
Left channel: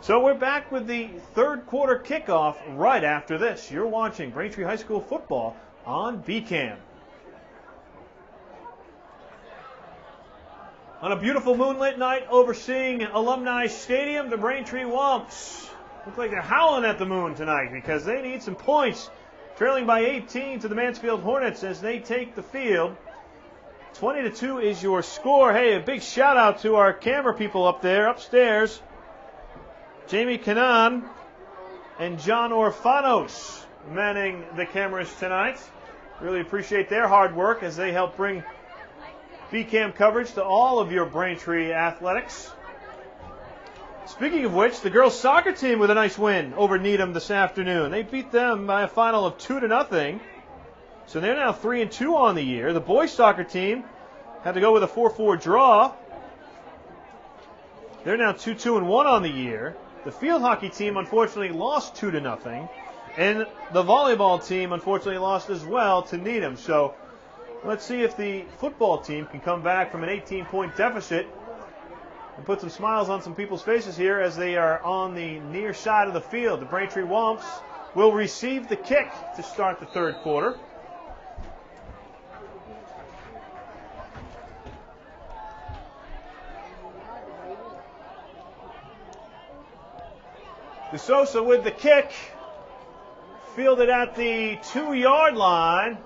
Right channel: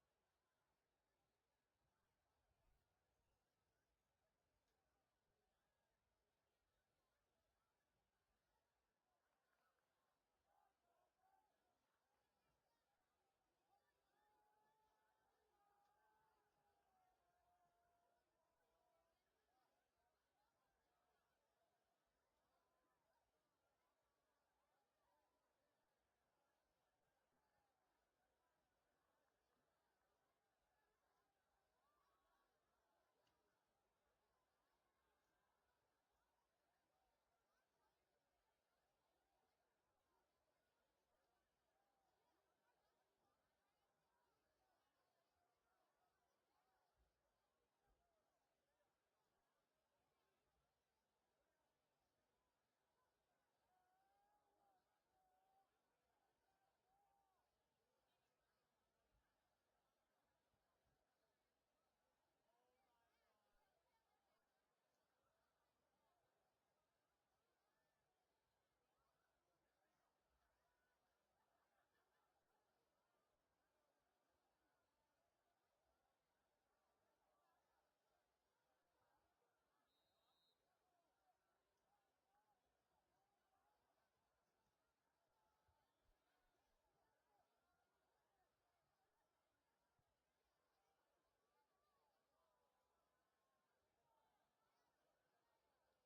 So we're back with the third quarter kickoff right after this. You're watching Braintree High School football on BCAM. On a beautiful moonlit night overseeing Alumni Stadium, the Braintree Womps look like they're howling at the moon tonight because they need some points. Trailing by 18 to the Mansfield Hornets as they take the field. 20-2 is your score. Hey, a big shout out to our camera people up there, upstairs. Jamie Kanan and John Orfanos manning the cameras tonight. Really appreciate their hard work as they help bring BCAM coverage to all of your Braintree athletics. Speaking of which, the girls soccer team with a nice win over Needham this afternoon. They beat them by a final of 2-0. So they're now 3-2 on the year. The boys soccer team had to go with a 4-4 draw. They're now 2-1 on the year. The field hockey team unfortunately lost 2-0. And the volleyball team unfortunately lost as well to Needham. So let's see if the football team can come back from an 18-point deficit and put some smiles on some people's faces here as they are on the near side of the field. The Braintree Womps will receive the kick to start the third quarter. DeSosa with the kick, fielded at the 2-yard line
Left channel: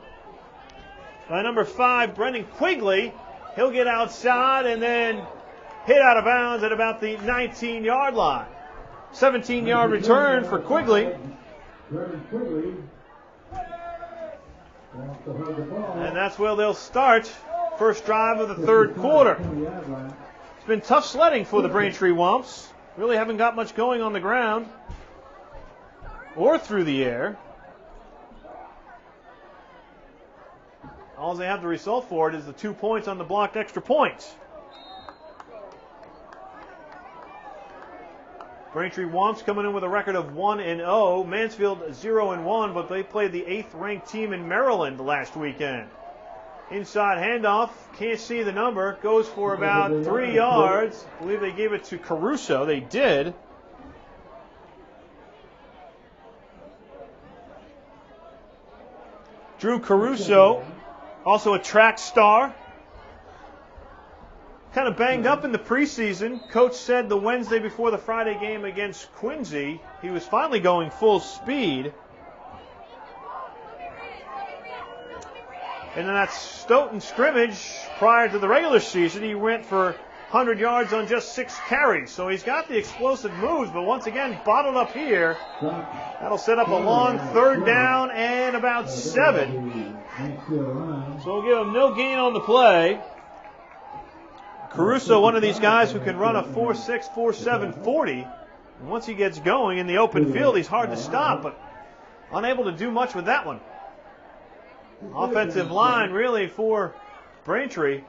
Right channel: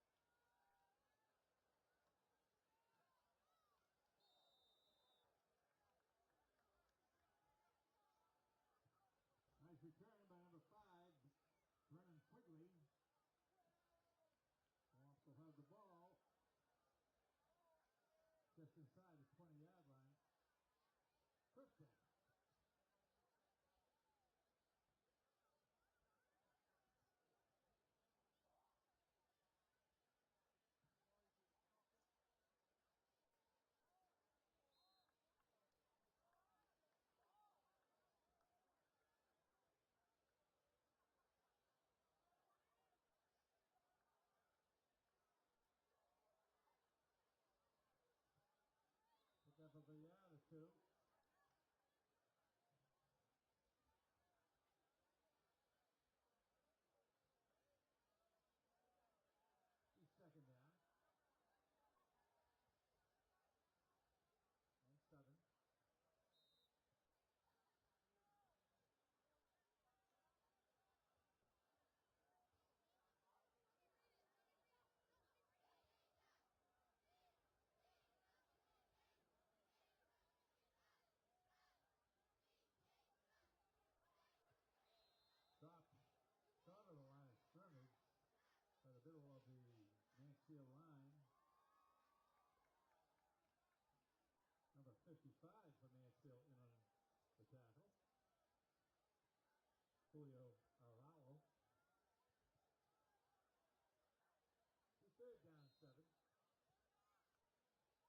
by number 5, Brendan Quigley. He'll get outside and then hit out of bounds at about the 19-yard line. 17-yard return for Quigley. And that's where they'll start first drive of the third quarter. It's been tough sledding for the Braintree Womps. Really haven't got much going on the ground or through the air. All they have the result for it is the 2 points on the blocked extra points. Braintree Womps coming in with a record of 1-0. Mansfield 0-1, but they played the 8th-ranked team in Maryland last weekend. Inside handoff, can't see the number, goes for about 3 yards. I believe they gave it to Caruso. They did. Drew Caruso, also a track star. Kind of banged up in the preseason. Coach said the Wednesday before the Friday game against Quincy, he was finally going full speed. And in that Stoughton scrimmage prior to the regular season, he went for 100 yards on just 6 carries. So he's got the explosive moves, but once again, bottled up here. That'll set up a long third down and about 7. So we'll give him no gain on the play. Caruso, one of these guys who can run a 4.6, 4.7 40. And once he gets going in the open field, he's hard to stop, but unable to do much with that one. Offensive line really for Braintree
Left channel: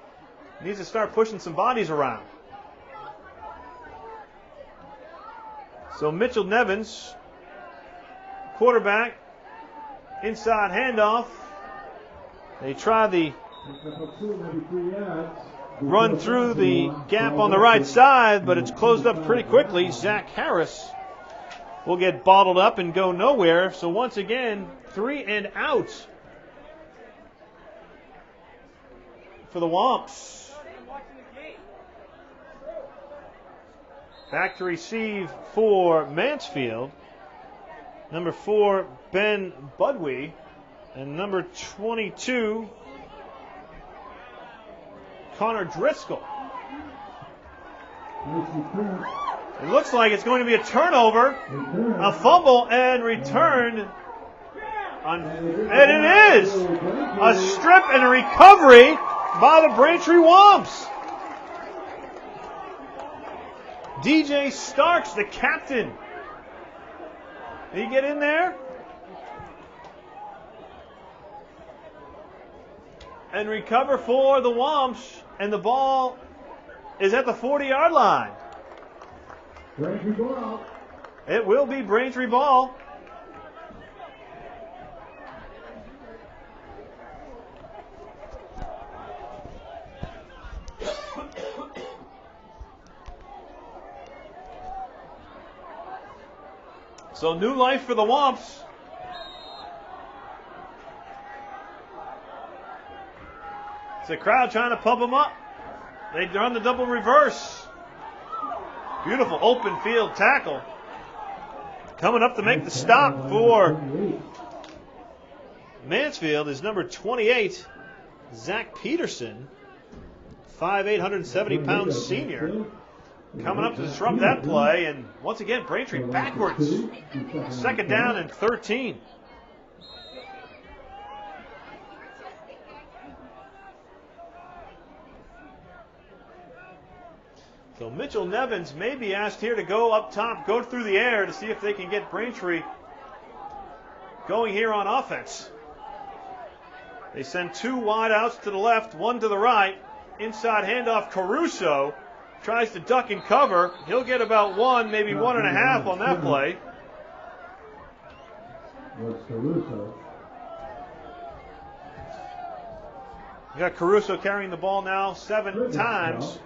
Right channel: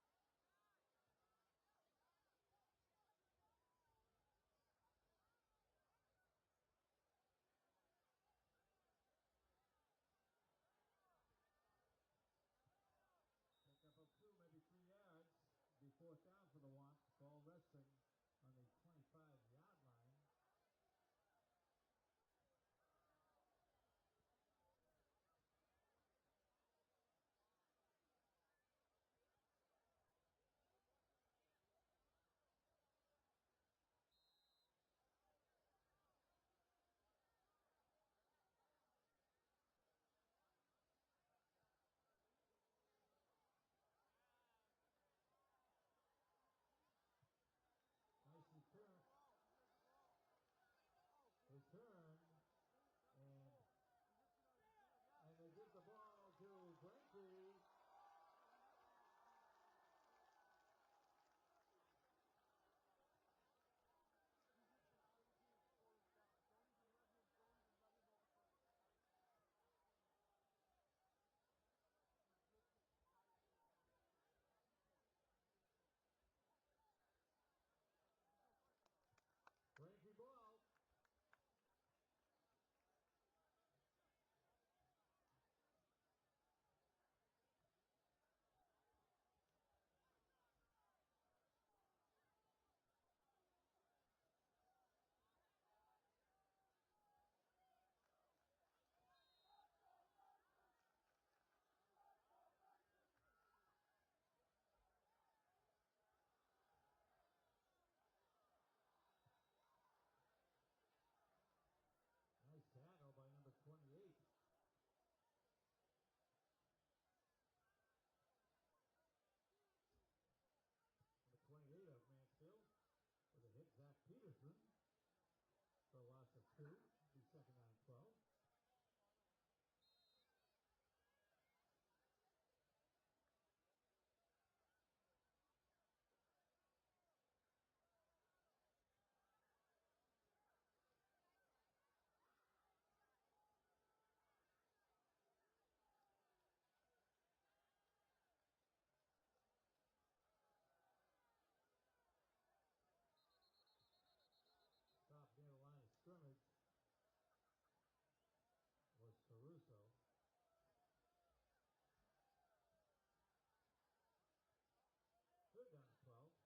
needs to start pushing some bodies around. So Mitchell Nevins, quarterback, inside handoff. They try the run through the gap on the right side, but it's closed up pretty quickly. Zach Harris will get bottled up and go nowhere. So once again, 3 and out for the Womps. Back to receive for Mansfield Number 4, Ben Budwee. And number 22, Connor Driscoll. It looks like it's going to be a turnover, a fumble, and returned. And it is a strip and a recovery by the Braintree Womps. DJ Starks, the captain. Did he get in there? And recover for the Womps, and the ball is at the 40-yard line. Braintree ball. It will be Braintree ball. So new life for the Womps. It's the crowd trying to pump them up. They run the double reverse. Beautiful open field tackle. Coming up to make the stop for Mansfield is number 28, Zach Peterson, 5'8", 170-pound senior. Coming up to disrupt that play, and once again, Braintree backwards. Second down and 13. So Mitchell Nevins may be asked here to go up top, go through the air to see if they can get Braintree going here on offense. They send 2 wide outs to the left, 1 to the right. Inside handoff, Caruso tries to duck and cover. He'll get about 1, maybe 1.5 on that play. Was Caruso. You got Caruso carrying the ball now 7 times.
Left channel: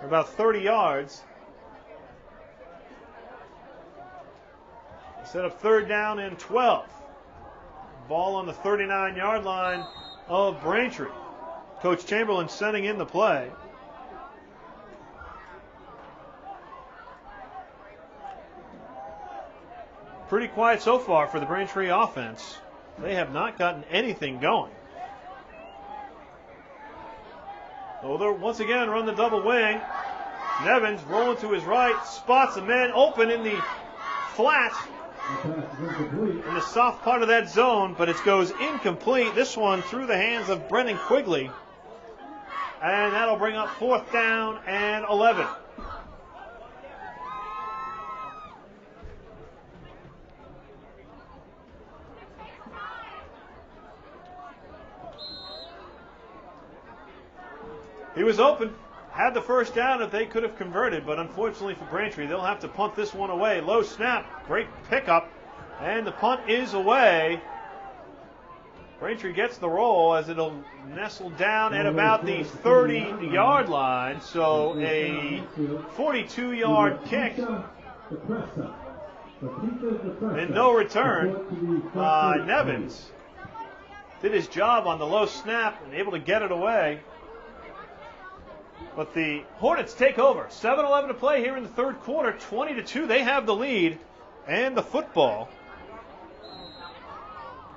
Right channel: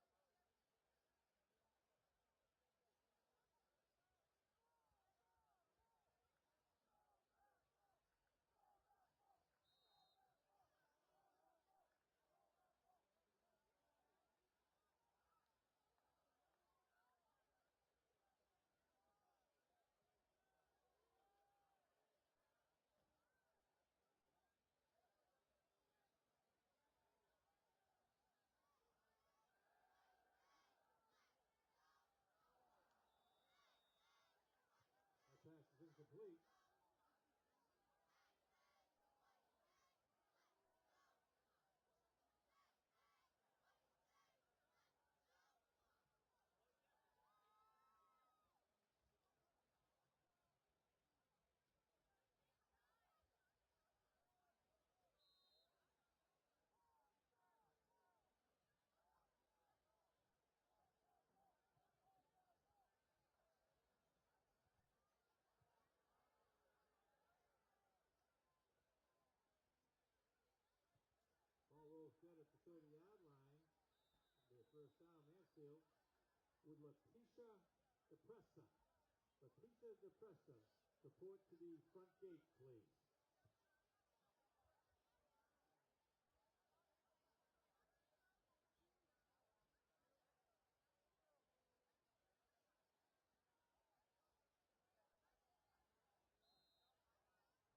For about 30 yards. Set up third down and 12. Ball on the 39-yard line of Braintree. Coach Chamberlain sending in the play. Pretty quiet so far for the Braintree offense. They have not gotten anything going. So they'll once again run the double wing. Nevins rolling to his right, spots a man open in the flat, in the soft part of that zone, but it goes incomplete. This one through the hands of Brennan Quigley. And that'll bring up 4th down and 11. He was open, had the first down if they could have converted, but unfortunately for Braintree, they'll have to punt this one away. Low snap, great pickup, and the punt is away. Braintree gets the roll as it'll nestle down at about the 30-yard line, so a 42-yard kick and no return. Nevins did his job on the low snap and able to get it away. But the Hornets take over. 7:11 to play here in the third quarter. 20-2. They have the lead and the football.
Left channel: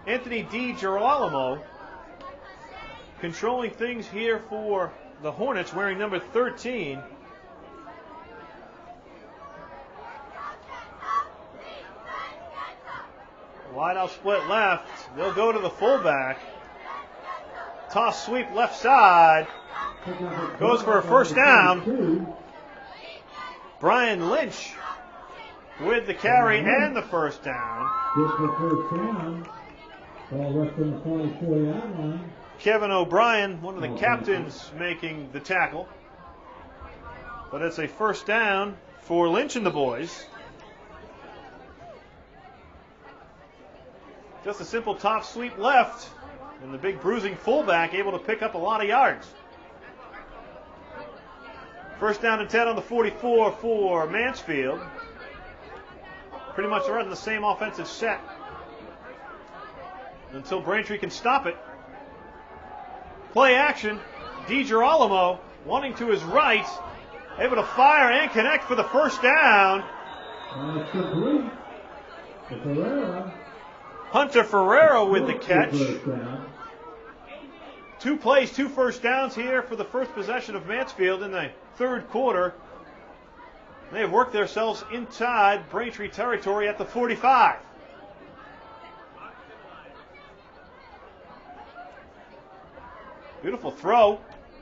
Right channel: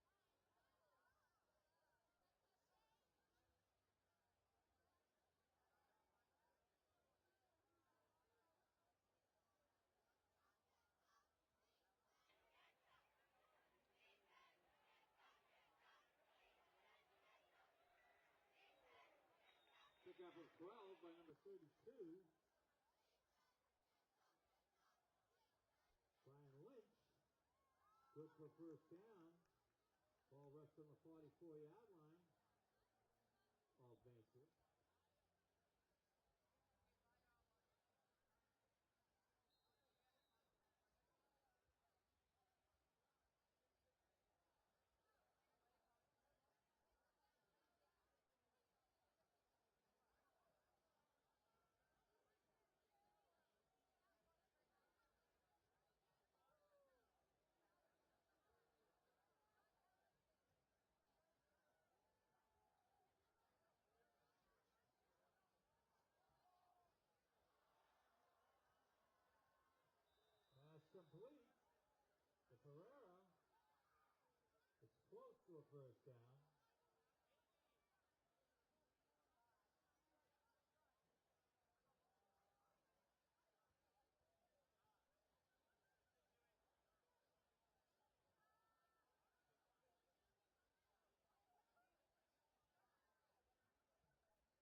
Anthony DiGirolamo controlling things here for the Hornets, wearing number 13. Wide out split left. They'll go to the fullback. Toss sweep left side. Goes for a first down. Brian Lynch with the carry and the first down. Kevin O'Brien, one of the captains, making the tackle. But it's a first down for Lynch and the boys. Just a simple top sweep left, and the big bruising fullback able to pick up a lot of yards. First down and 10 on the 44 for Mansfield. Pretty much running the same offensive set until Braintree can stop it. Play action. DiGirolamo wanting to his right. Able to fire and connect for the first down. Ferreira. Hunter Ferreira with the catch. First down. 2 plays, 2 first downs here for the first possession of Mansfield in the third quarter. They have worked themselves inside Braintree territory at the 45. Beautiful throw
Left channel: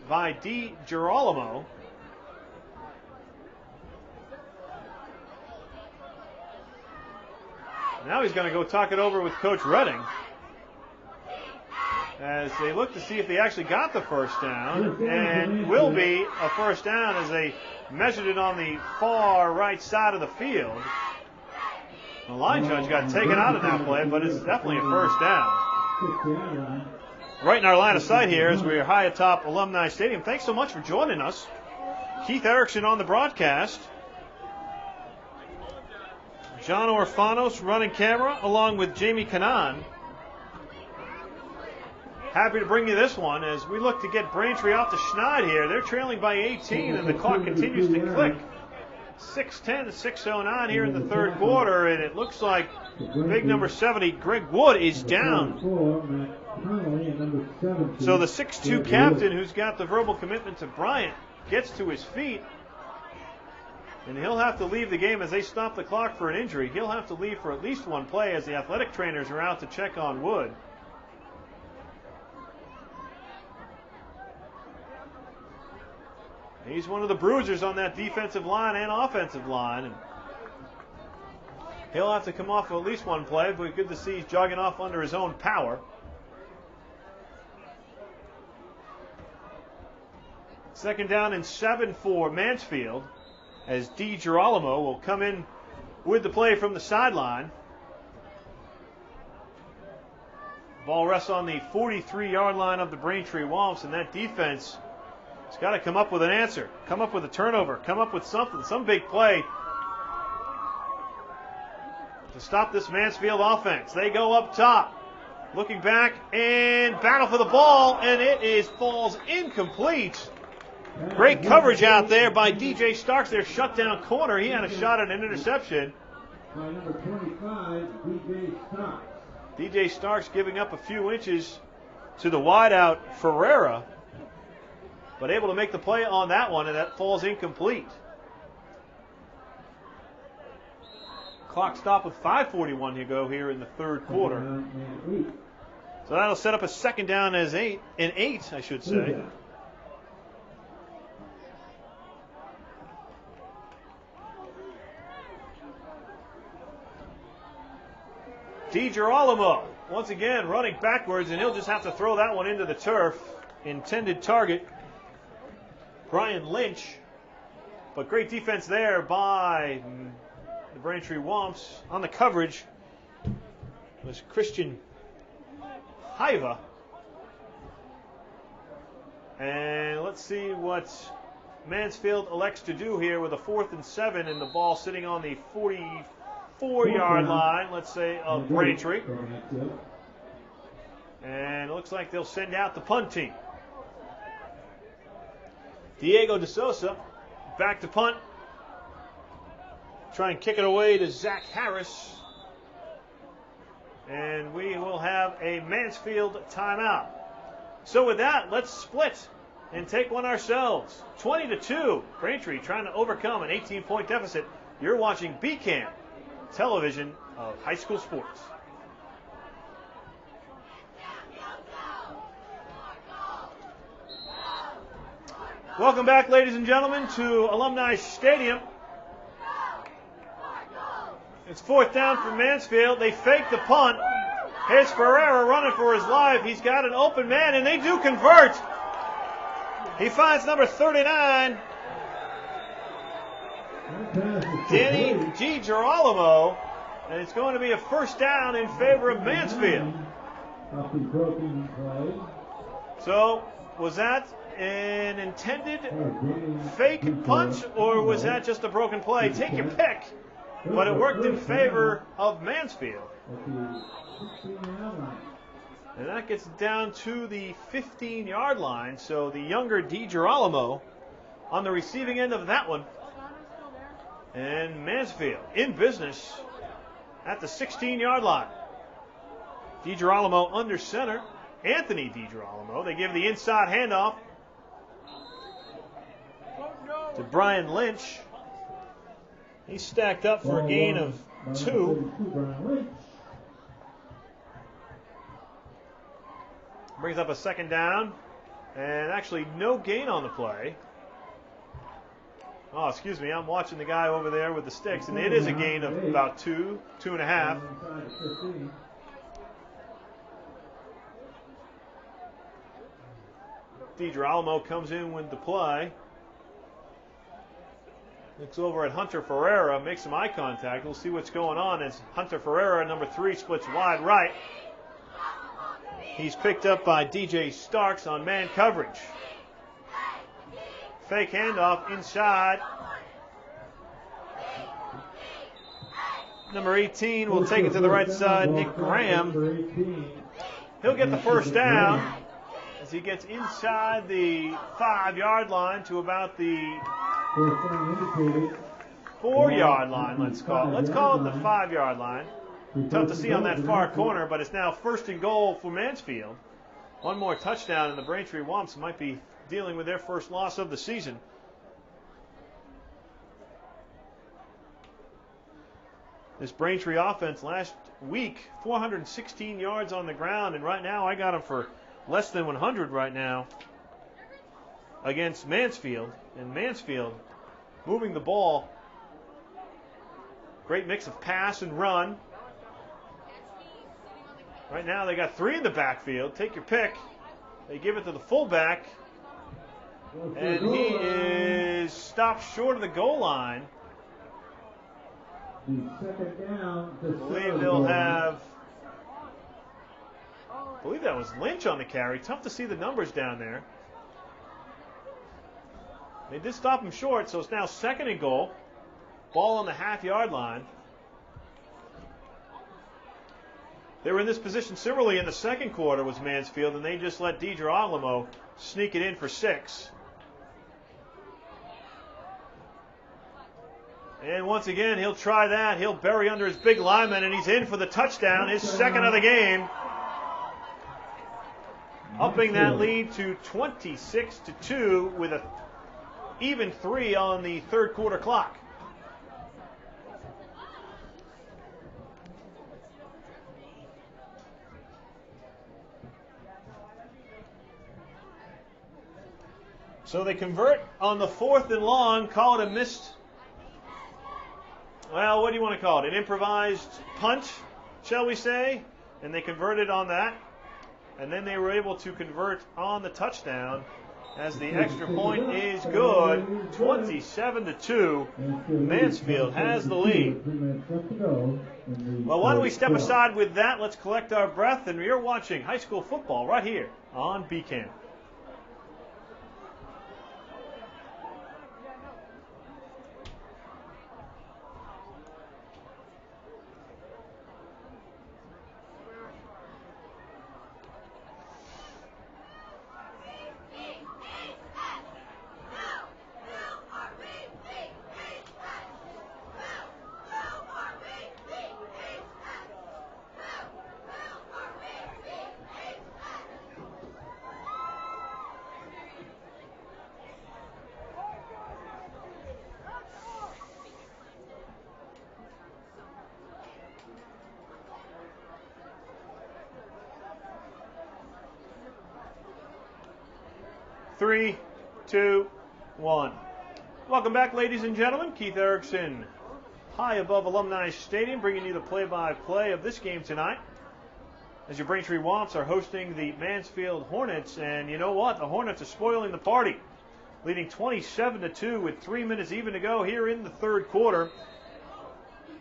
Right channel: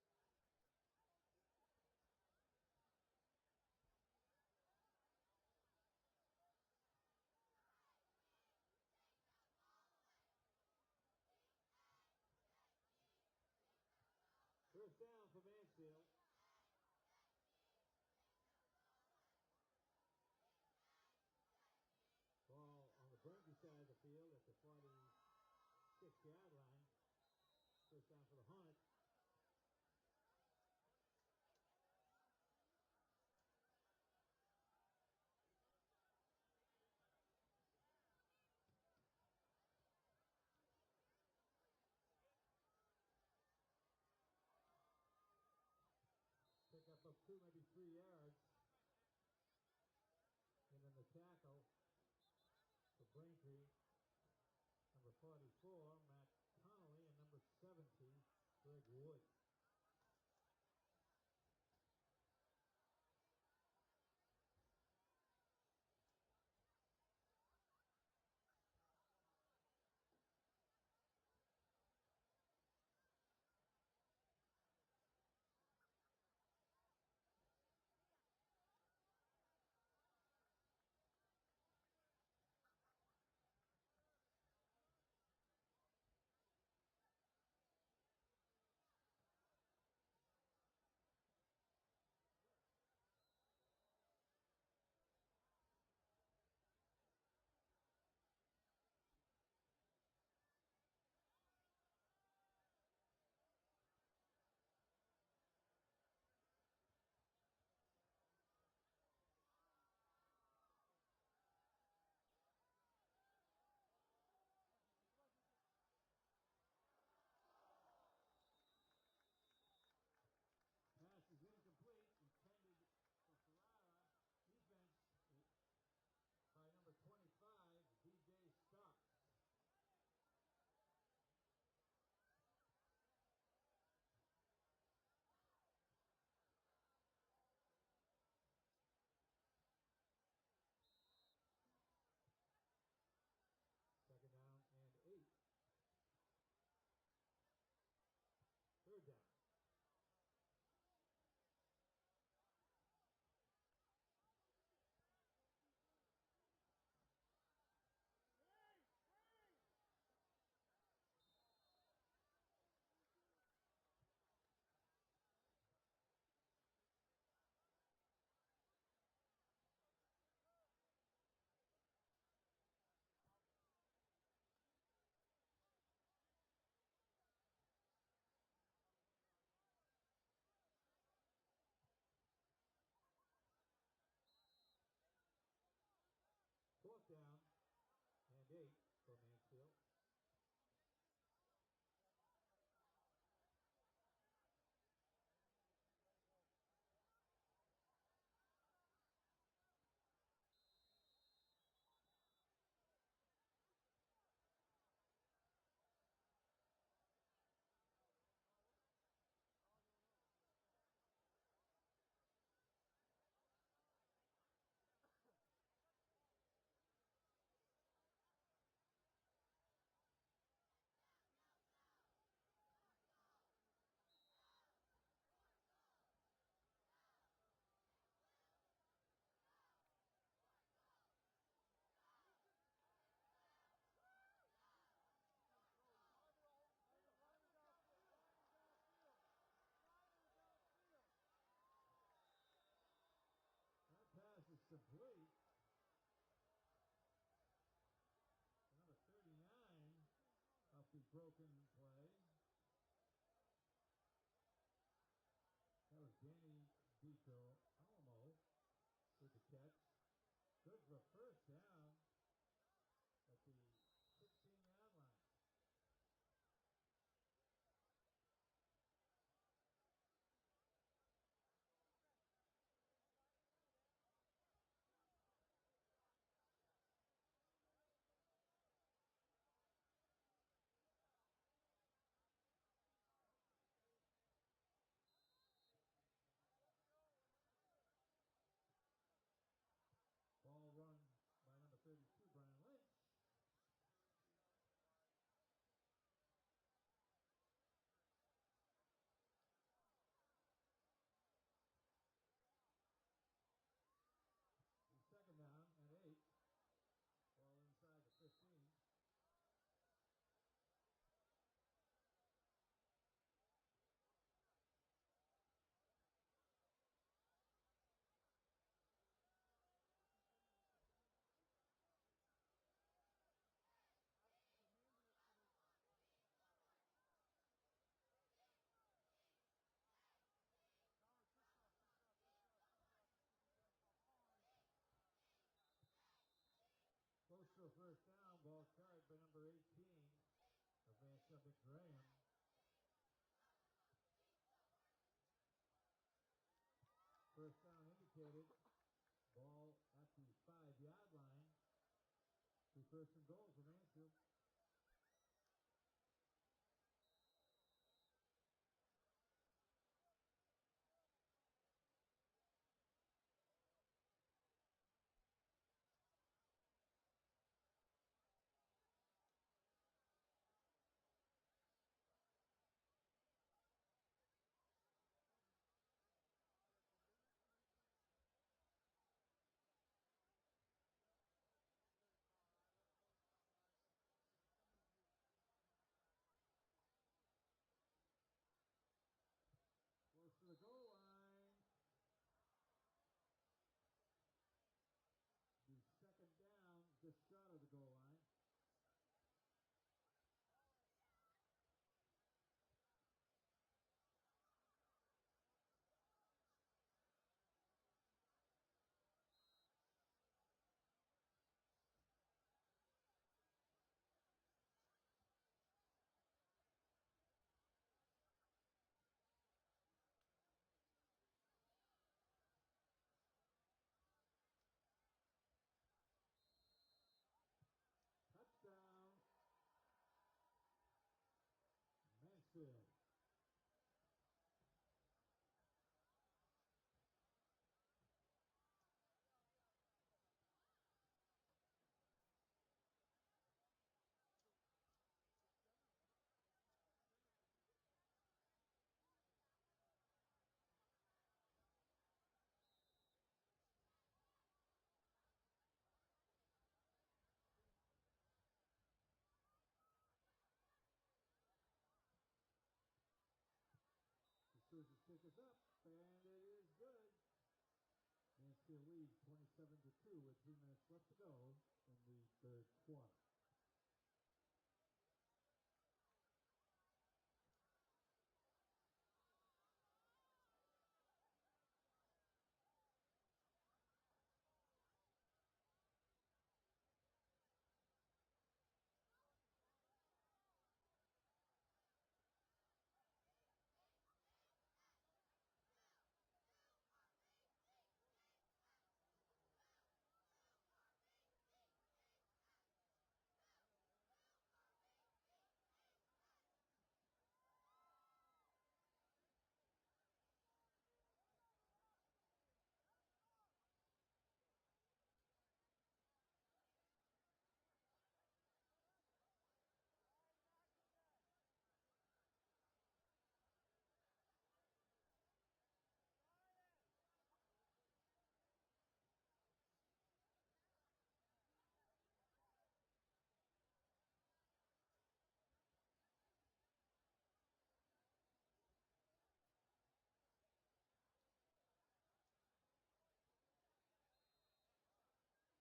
by Di Girolamo. Now he's going to go talk it over with Coach Redding as they look to see if they actually got the first down, and will be a first down as they measured it on the far right side of the field. The line judge got taken out of that play, but it's definitely a first down. Right in our line of sight here as we're high atop Alumni Stadium. Thanks so much for joining us. Keith Erickson on the broadcast. John Orfanos running camera along with Jamie Kanan. Happy to bring you this one as we look to get Braintree off the schneid here. They're trailing by 18 and the clock continues to click. 6:10, 6:09 here in the third quarter, and it looks like big number 70, Greg Wood, is down. So the 6'2 captain who's got the verbal commitment to Bryant gets to his feet, and he'll have to leave the game as they stop the clock for an injury. He'll have to leave for at least one play as the athletic trainers are out to check on Wood. He's one of the bruisers on that defensive line and offensive line. And he'll have to come off for at least one play, but good to see he's jogging off under his own power. Second down and 7 for Mansfield as Di Girolamo will come in with the play from the sideline. Ball rests on the 43-yard line of the Braintree Womps, and that defense has got to come up with an answer, come up with a turnover, come up with something, some big play to stop this Mansfield offense. They go up top, looking back and battle for the ball, and it falls incomplete. Great coverage out there by DJ Starks, their shutdown corner. He had a shot at an interception. By number 25, DJ Starks. DJ Starks giving up a few inches to the wideout Ferreira, but able to make the play on that one, and that falls incomplete. Clock stop with 5:41 to go here in the third quarter. So that'll set up a second down as 8, I should say. Di Girolamo once again running backwards, and he'll just have to throw that one into the turf. Intended target, Brian Lynch, but great defense there by the Braintree Womps. On the coverage was Christian Haiva. And let's see what Mansfield elects to do here with a 4th and 7 and the ball sitting on the 44-yard line, let's say, of Braintree. And it looks like they'll send out the punt team. Diego De Sosa back to punt. Try and kick it away to Zach Harris. And we will have a Mansfield timeout. So with that, let's split and take one ourselves. 20-2. Braintree trying to overcome an 18-point deficit. You're watching BCAM, television of high school sports. Welcome back, ladies and gentlemen, to Alumni Stadium. It's 4th down for Mansfield. They fake the punt. Here's Ferreira running for his life. He's got an open man, and they do convert. He finds number 39, Danny Di Girolamo, and it's going to be a first down in favor of Mansfield. So, was that an intended fake punt, or was that just a broken play? Take your pick, but it worked in favor of Mansfield. And that gets down to the 15-yard line, so the younger Di Girolamo on the receiving end of that one. And Mansfield in business at the 16-yard line. DiGirolamo under center. Anthony DiGirolamo. They give the inside handoff to Brian Lynch. He's stacked up for a gain of 2. Brings up a second down. And actually no gain on the play. Oh, excuse me. I'm watching the guy over there with the sticks. And it is a gain of about 2, 2.5. DiGirolamo comes in with the play. Looks over at Hunter Ferreira, makes some eye contact. We'll see what's going on as Hunter Ferreira, number 3, splits wide right. He's picked up by DJ Starks on man coverage. Fake handoff inside. Number 18 will take it to the right side, Nick Graham. He'll get the first down as he gets inside the 5-yard line to about the 4-yard line, let's call it. Let's call it the 5-yard line. Tough to see on that far corner, but it's now 1st and goal for Mansfield. One more touchdown, and the Braintree Womps might be dealing with their first loss of the season. This Braintree offense last week, 416 yards on the ground, and right now I got them for less than 100 right now against Mansfield. And Mansfield moving the ball. Great mix of pass and run. Right now they got 3 in the backfield. Take your pick. They give it to the fullback. And he is stopped short of the goal line. I believe that was Lynch on the carry. Tough to see the numbers down there. They did stop him short, so it's now 2nd and goal. Ball on the half-yard line. They were in this position similarly in the second quarter was Mansfield, and they just let DiGirolamo sneak it in for 6. And once again, he'll try that. He'll bury under his big lineman, and he's in for the touchdown, his 2nd of the game. Upping that lead to 26-2 with an even 3 on the 3rd quarter clock. So they convert on the 4th and long, call it a missed, well, what do you want to call it? An improvised punt, shall we say? And they converted on that. And then they were able to convert on the touchdown as the extra point is good. 27-2. Mansfield has the lead. Well, why don't we step aside with that? Let's collect our breath. And you're watching high school football right here on BCAM. Three, 2, 1. Welcome back, ladies and gentlemen. Keith Erickson, high above Alumni Stadium, bringing you the play-by-play of this game tonight. As your Braintree Womps are hosting the Mansfield Hornets, and you know what? The Hornets are spoiling the party, leading 27-2 with 3 minutes even to go here in the 3rd quarter.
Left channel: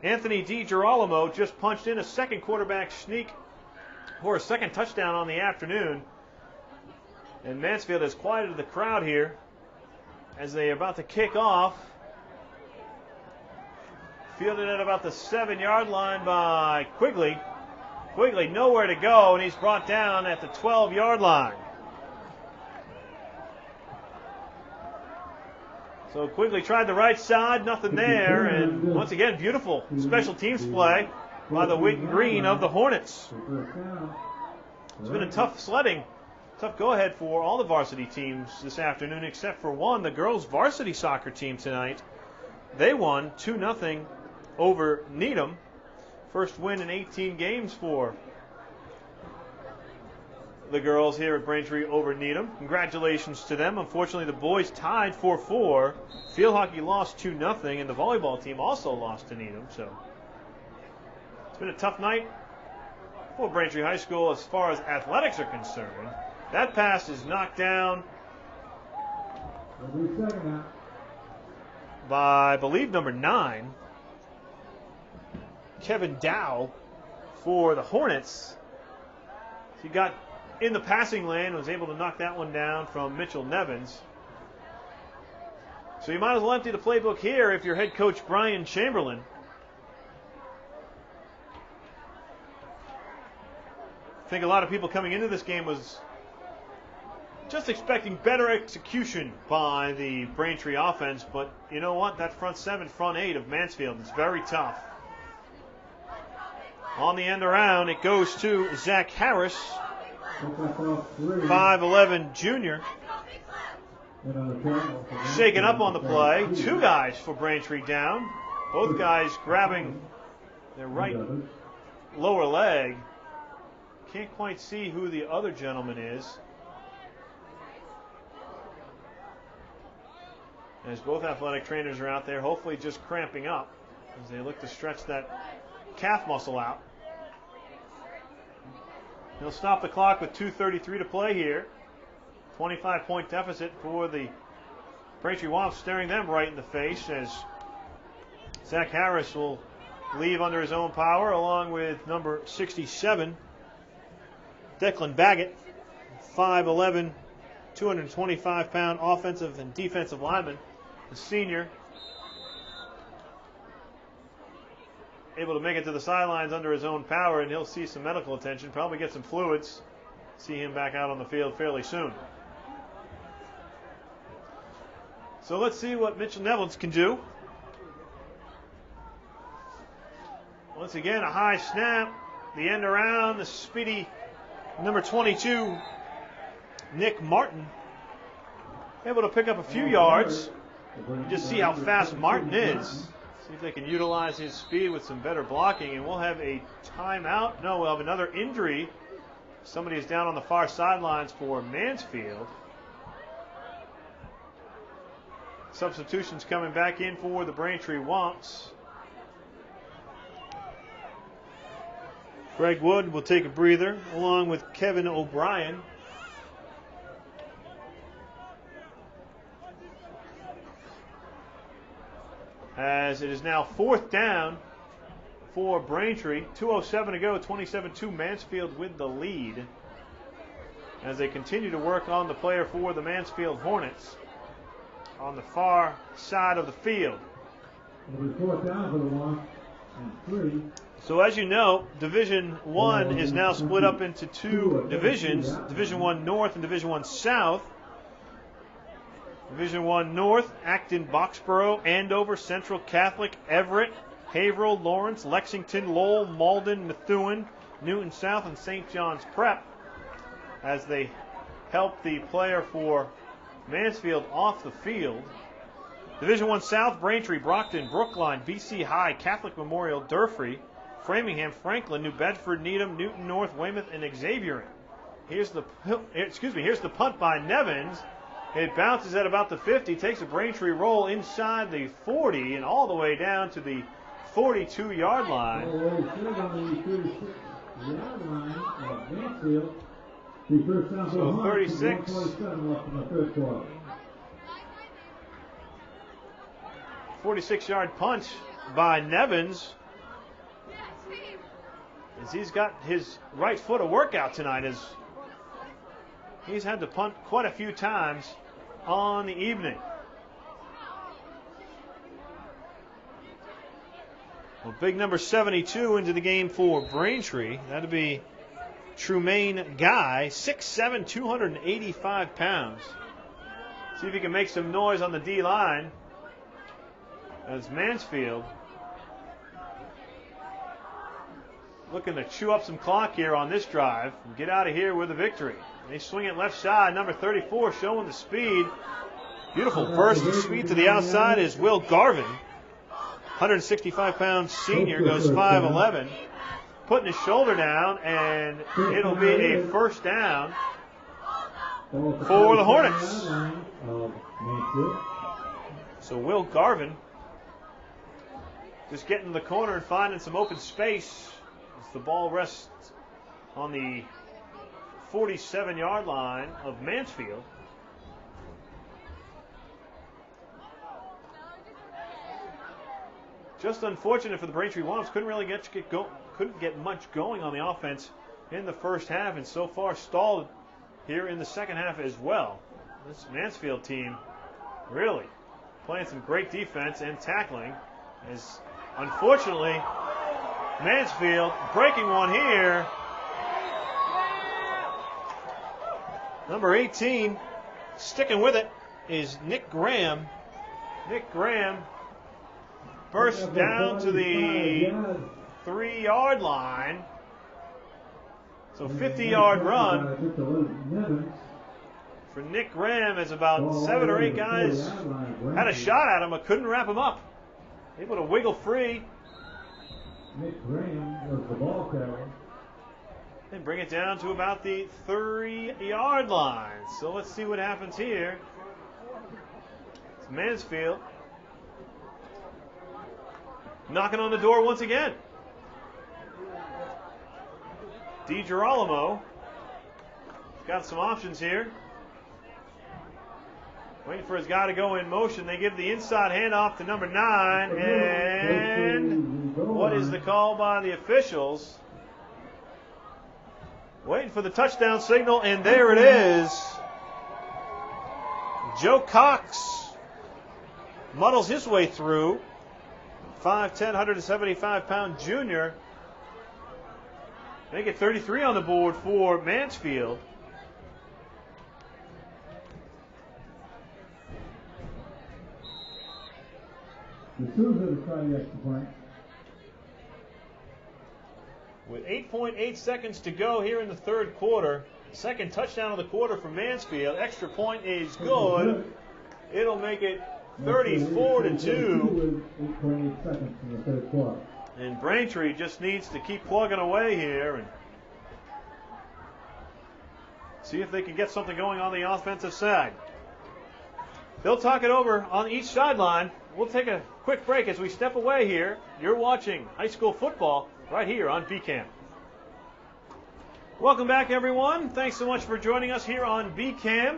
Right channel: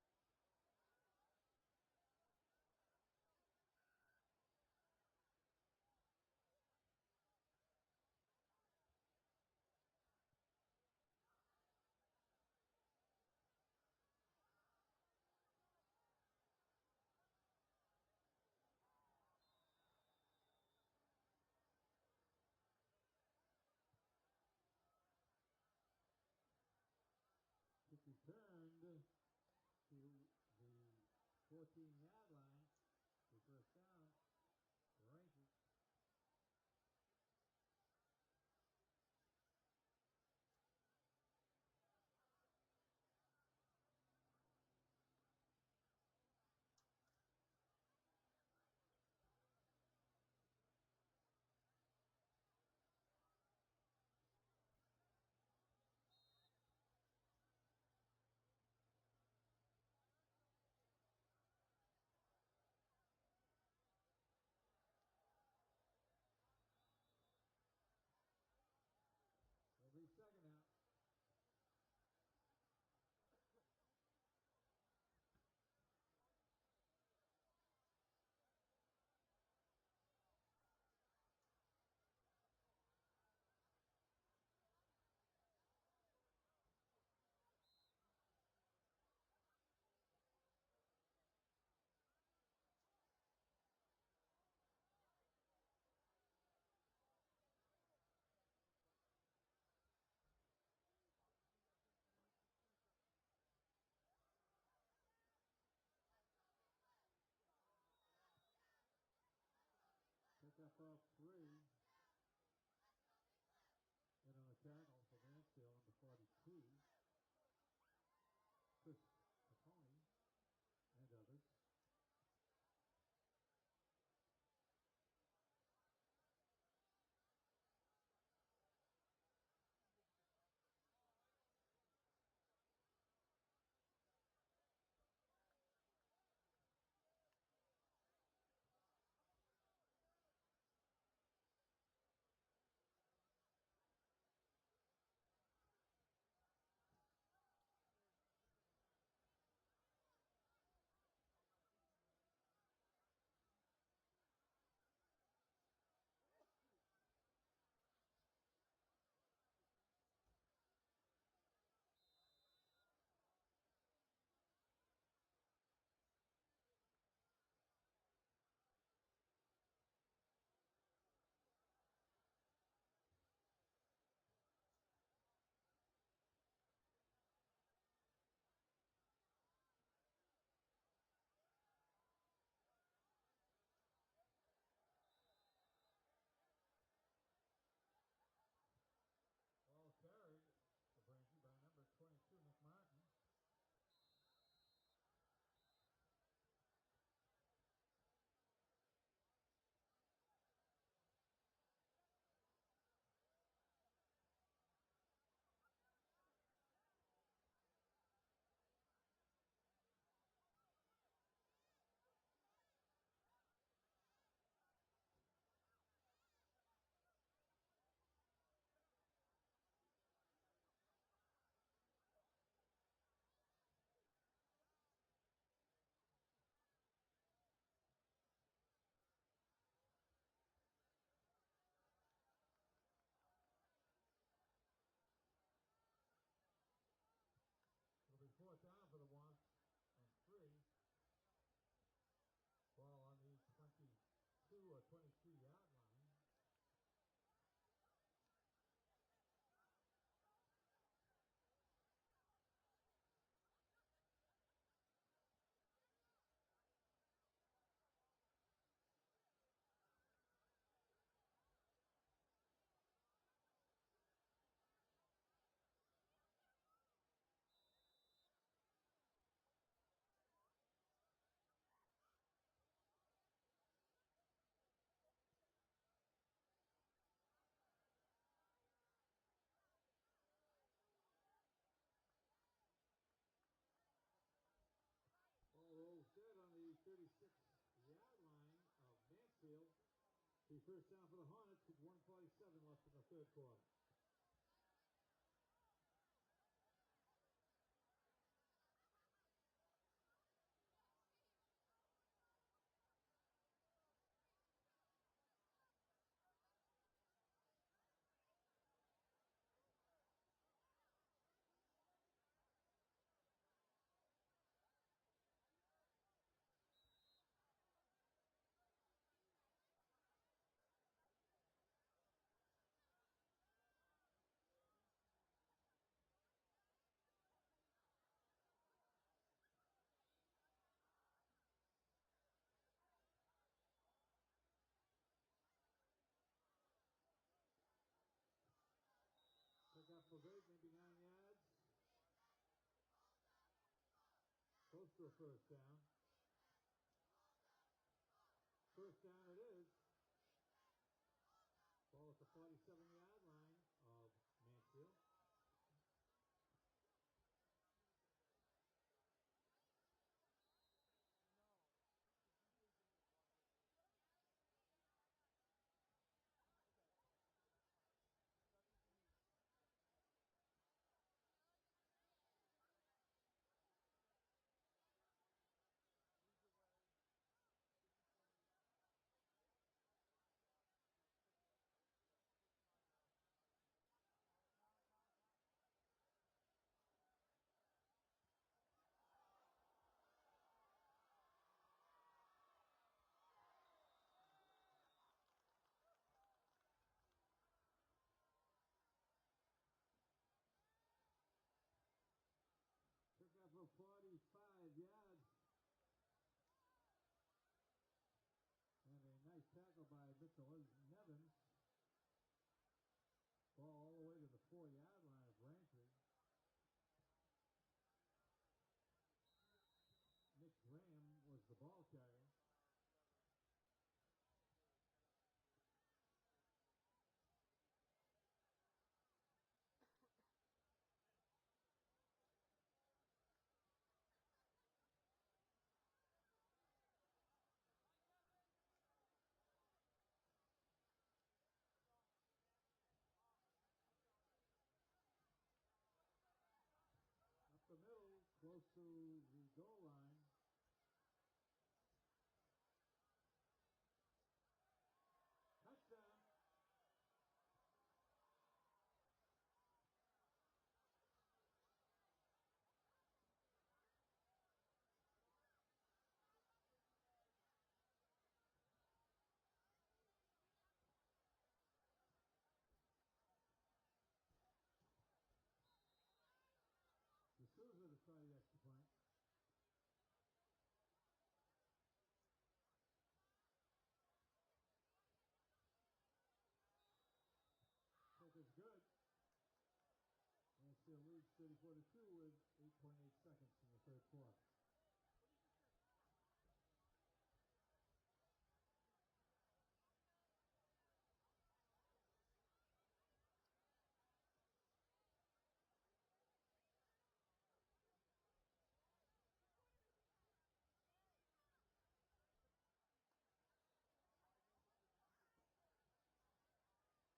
Anthony DiGirolamo just punched in a 2nd quarterback sneak for a 2nd touchdown on the afternoon. And Mansfield has quieted the crowd here as they are about to kick off. Fielded at about the 7-yard line by Quigley. Quigley nowhere to go, and he's brought down at the 12-yard line. So Quigley tried the right side, nothing there, and once again, beautiful special teams play by the white and green of the Hornets. First down. It's been a tough sledding, tough go-ahead for all the varsity teams this afternoon, except for one, the girls' varsity soccer team tonight. They won 2-0 over Needham. First win in 18 games for the girls here at Braintree over Needham. Congratulations to them. Unfortunately, the boys tied 4-4. Field hockey lost 2-0, and the volleyball team also lost to Needham. So it's been a tough night for Braintree High School as far as athletics are concerned. That pass is knocked down It'll be second now. by, I believe, number 9, Kevin Dow for the Hornets. He got in the passing lane and was able to knock that one down from Mitchell Nevins. So you might as well empty the playbook here if you're head coach Brian Chamberlain. I think a lot of people coming into this game was just expecting better execution by the Braintree offense, but you know what? That front 7, front 8 of Mansfield is very tough. On the end around, it goes to Zach Harris, 5'11 junior. Shaken up on the play. 2 guys for Braintree down. Both guys grabbing their right lower leg. Can't quite see who the other gentleman is, as both athletic trainers are out there, hopefully just cramping up as they look to stretch that calf muscle out. He'll stop the clock with 2:33 to play here. 25-point deficit for the Braintree Womps, staring them right in the face as Zach Harris will leave under his own power along with number 67, Declan Baggett, 5'11", 225-pound offensive and defensive lineman, the senior, able to make it to the sidelines under his own power, and he'll see some medical attention, probably get some fluids, see him back out on the field fairly soon. So let's see what Mitchell Nevins can do. Once again, a high snap, the end around, the speedy number 22, Nick Martin, able to pick up a few yards. You just see how fast Martin is. See if they can utilize his speed with some better blocking, and we'll have a timeout. No, we'll have another injury. Somebody is down on the far sidelines for Mansfield. Substitutions coming back in for the Braintree Womps. Greg Wood will take a breather, along with Kevin O'Brien. As it is now 4th down for Braintree. 2:07 to go, 27-2 Mansfield with the lead. As they continue to work on the player for the Mansfield Hornets on the far side of the field. It'll be 4th down for the one and 3. So as you know, Division I is now split up into 2 divisions, Division I North and Division I South. Division I North, Acton, Boxborough, Andover, Central Catholic, Everett, Haverhill, Lawrence, Lexington, Lowell, Malden, Methuen, Newton South, and St. John's Prep, as they help the player for Mansfield off the field. Division I South, Braintree, Brockton, Brookline, BC High, Catholic Memorial, Durfee, Framingham, Franklin, New Bedford, Needham, Newton North, Weymouth, and Xavier. Here's the punt by Nevins. It bounces at about the 50, takes a Braintree roll inside the 40 and all the way down to the 42-yard line. So 36. 46-yard punch by Nevins, as he's got his right foot a workout tonight, as he's had to punt quite a few times on the evening. Well, big number 72 into the game for Braintree. That'd be Trumaine Guy, 6'7", 285 pounds. See if he can make some noise on the D-line. As Mansfield looking to chew up some clock here on this drive and get out of here with a victory. They swing it left side, number 34 showing the speed. Beautiful burst of speed to the outside is Will Garvin. 165-pound senior, goes 5'11", putting his shoulder down, and it'll be a first down for the Hornets. So Will Garvin just getting to the corner and finding some open space as the ball rests on the 47-yard line of Mansfield. Just unfortunate for the Braintree Womps. Couldn't get much going on the offense in the first half, and so far stalled here in the second half as well. This Mansfield team really playing some great defense and tackling, as unfortunately Mansfield breaking one here. Number 18 sticking with it is Nick Graham. Nick Graham burst down to the 3-yard line. So 50-yard run for Nick Graham, as about 7 or 8 guys had a shot at him but couldn't wrap him up. Able to wiggle free. Nick Graham was the ball carrier. And bring it down to about the 3-yard line. So let's see what happens here. It's Mansfield knocking on the door once again. DiGirolamo got some options here. Waiting for his guy to go in motion. They give the inside handoff to number 9. And what is the call by the officials? Waiting for the touchdown signal, and there it is. Joe Cox muddles his way through. 5'10", 175-pound junior. They get 33 on the board for Mansfield. The Sooners try the extra point. With 8.8 seconds to go here in the third quarter. Second touchdown of the quarter for Mansfield. Extra point is good. It'll make it 34-2. 8.8 seconds in the third quarter. And Braintree just needs to keep plugging away here and see if they can get something going on the offensive side. They'll talk it over on each sideline. We'll take a quick break as we step away here. You're watching high school football right here on BCAM. Welcome back, everyone. Thanks so much for joining us here on BCAM.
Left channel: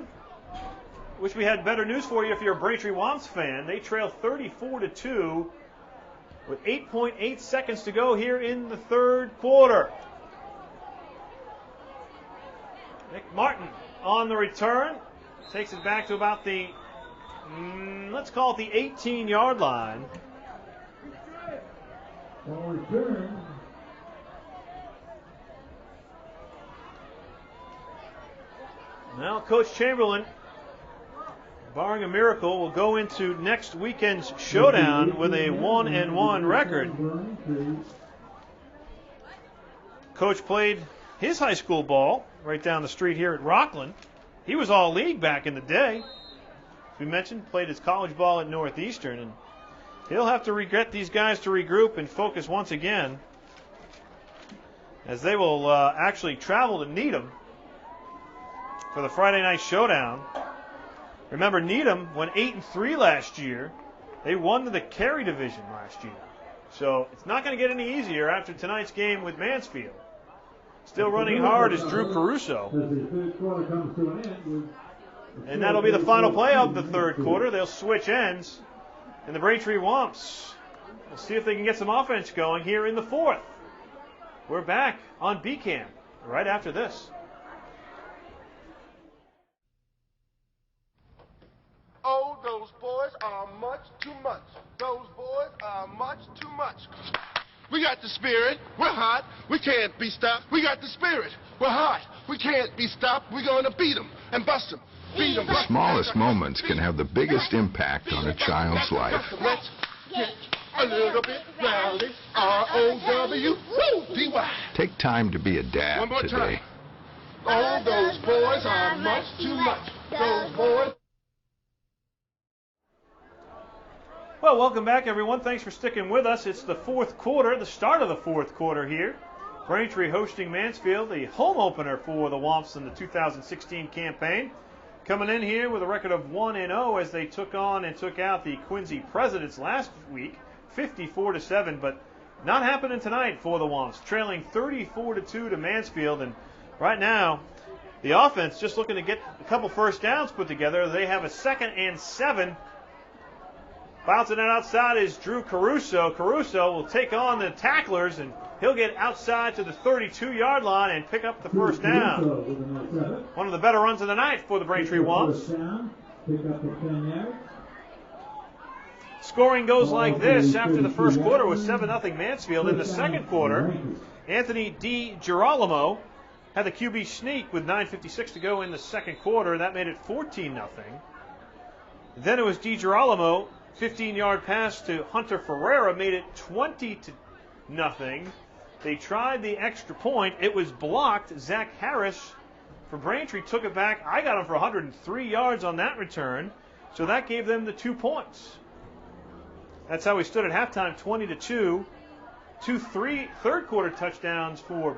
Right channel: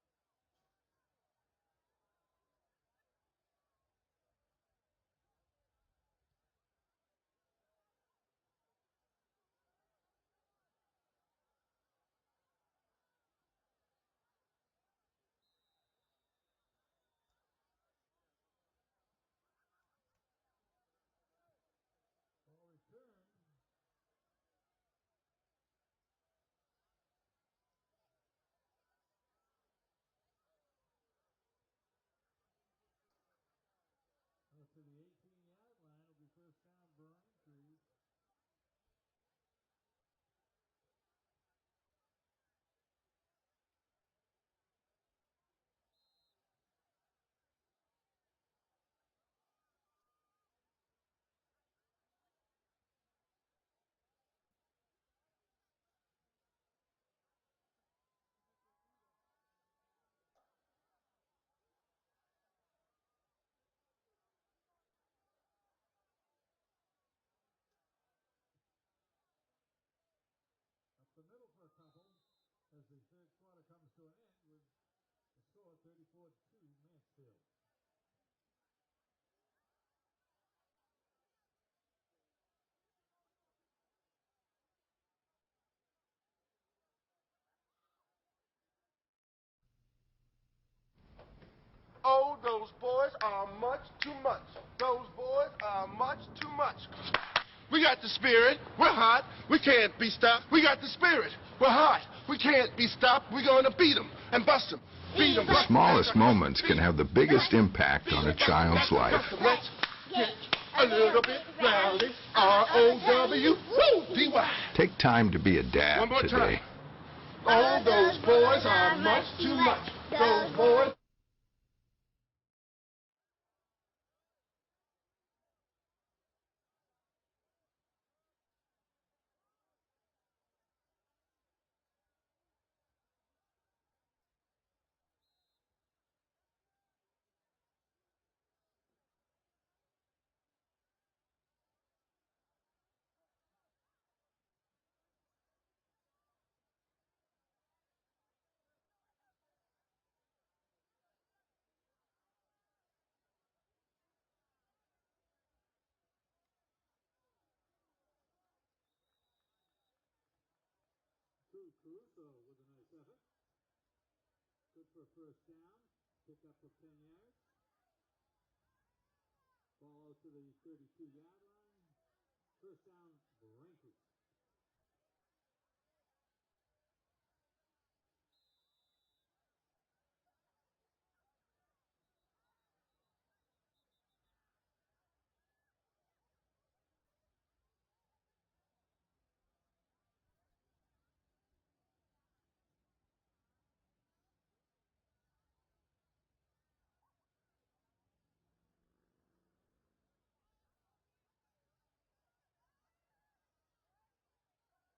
Wish we had better news for you if you're a Braintree Womps fan. They trail 34-2 with 8.8 seconds to go here in the third quarter. Nick Martin on the return. Takes it back to about the, let's call it the 18-yard line. On return. Now, Coach Chamberlain, barring a miracle, will go into next weekend's showdown with a 1-1 record. Coach played his high school ball right down the street here at Rockland. He was all league back in the day. As we mentioned, played his college ball at Northeastern, and he'll have to get these guys to regroup and focus once again, as they will actually travel to Needham for the Friday night showdown. Remember, Needham went 8-3 last year. They won the Cary division last year. So it's not going to get any easier after tonight's game with Mansfield. Still running hard is Drew Caruso. And that'll be the final play of the third quarter. They'll switch ends. And the Braintree Womps will see if they can get some offense going here in the fourth. We're back on BCAM right after this. Oh, those boys are much too much. Those boys are much too much. We got the spirit. We're hot. We can't be stopped. We got the spirit. We're hot. We can't be stopped. We're going to beat them and bust them. Beat them. The smallest moments can have the biggest impact on a child's life. Let's get a little bit rowdy. R-O-W-D-Y. Take time to be a dad One more today. time. Oh, those boys are much too much. Those boys. Well, welcome back, everyone. Thanks for sticking with us. It's the fourth quarter, the start of the fourth quarter here. Braintree hosting Mansfield, the home opener for the Womps in the 2016 campaign. Coming in here with a record of 1-0 as they took on and took out the Quincy Presidents last week, 54-7, but not happening tonight for the Womps, trailing 34-2 to Mansfield. And right now, the offense just looking to get a couple first downs put together. They have a 2nd and 7. Bouncing it outside is Drew Caruso. Caruso will take on the tacklers, and he'll get outside to the 32-yard line and pick up the first down. One of the better runs of the night for the Braintree Womps. Scoring goes like this after the first quarter was 7-0 Mansfield. In the second quarter, Anthony DiGirolamo had the QB sneak with 9:56 to go in the second quarter. That made it 14-0. Then it was DiGirolamo. 15-yard pass to Hunter Ferreira made it 20-0. They tried the extra point. It was blocked. Zach Harris for Braintree took it back. I got him for 103 yards on that return, so that gave them the 2 points. That's how we stood at halftime, 20-2. 2 third quarter touchdowns for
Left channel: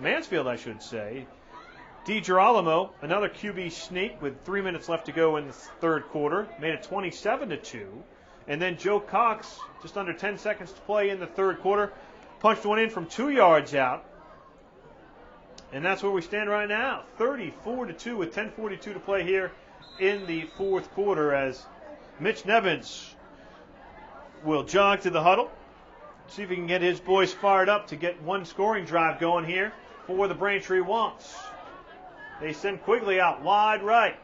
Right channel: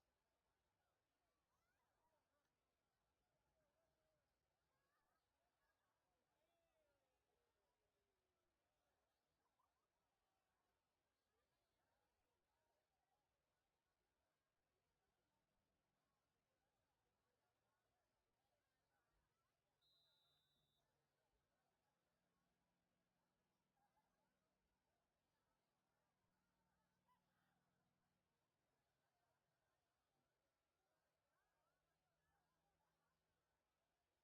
Mansfield, I should say. DiGirolamo, another QB sneak with 3 minutes left to go in the third quarter, made it 27-2. And then Joe Cox, just under 10 seconds to play in the third quarter, punched one in from 2 yards out. And that's where we stand right now, 34-2 with 10:42 to play here in the fourth quarter, as Mitch Nevins will jog to the huddle, see if he can get his boys fired up to get one scoring drive going here for the Braintree Womps. They send Quigley out wide right.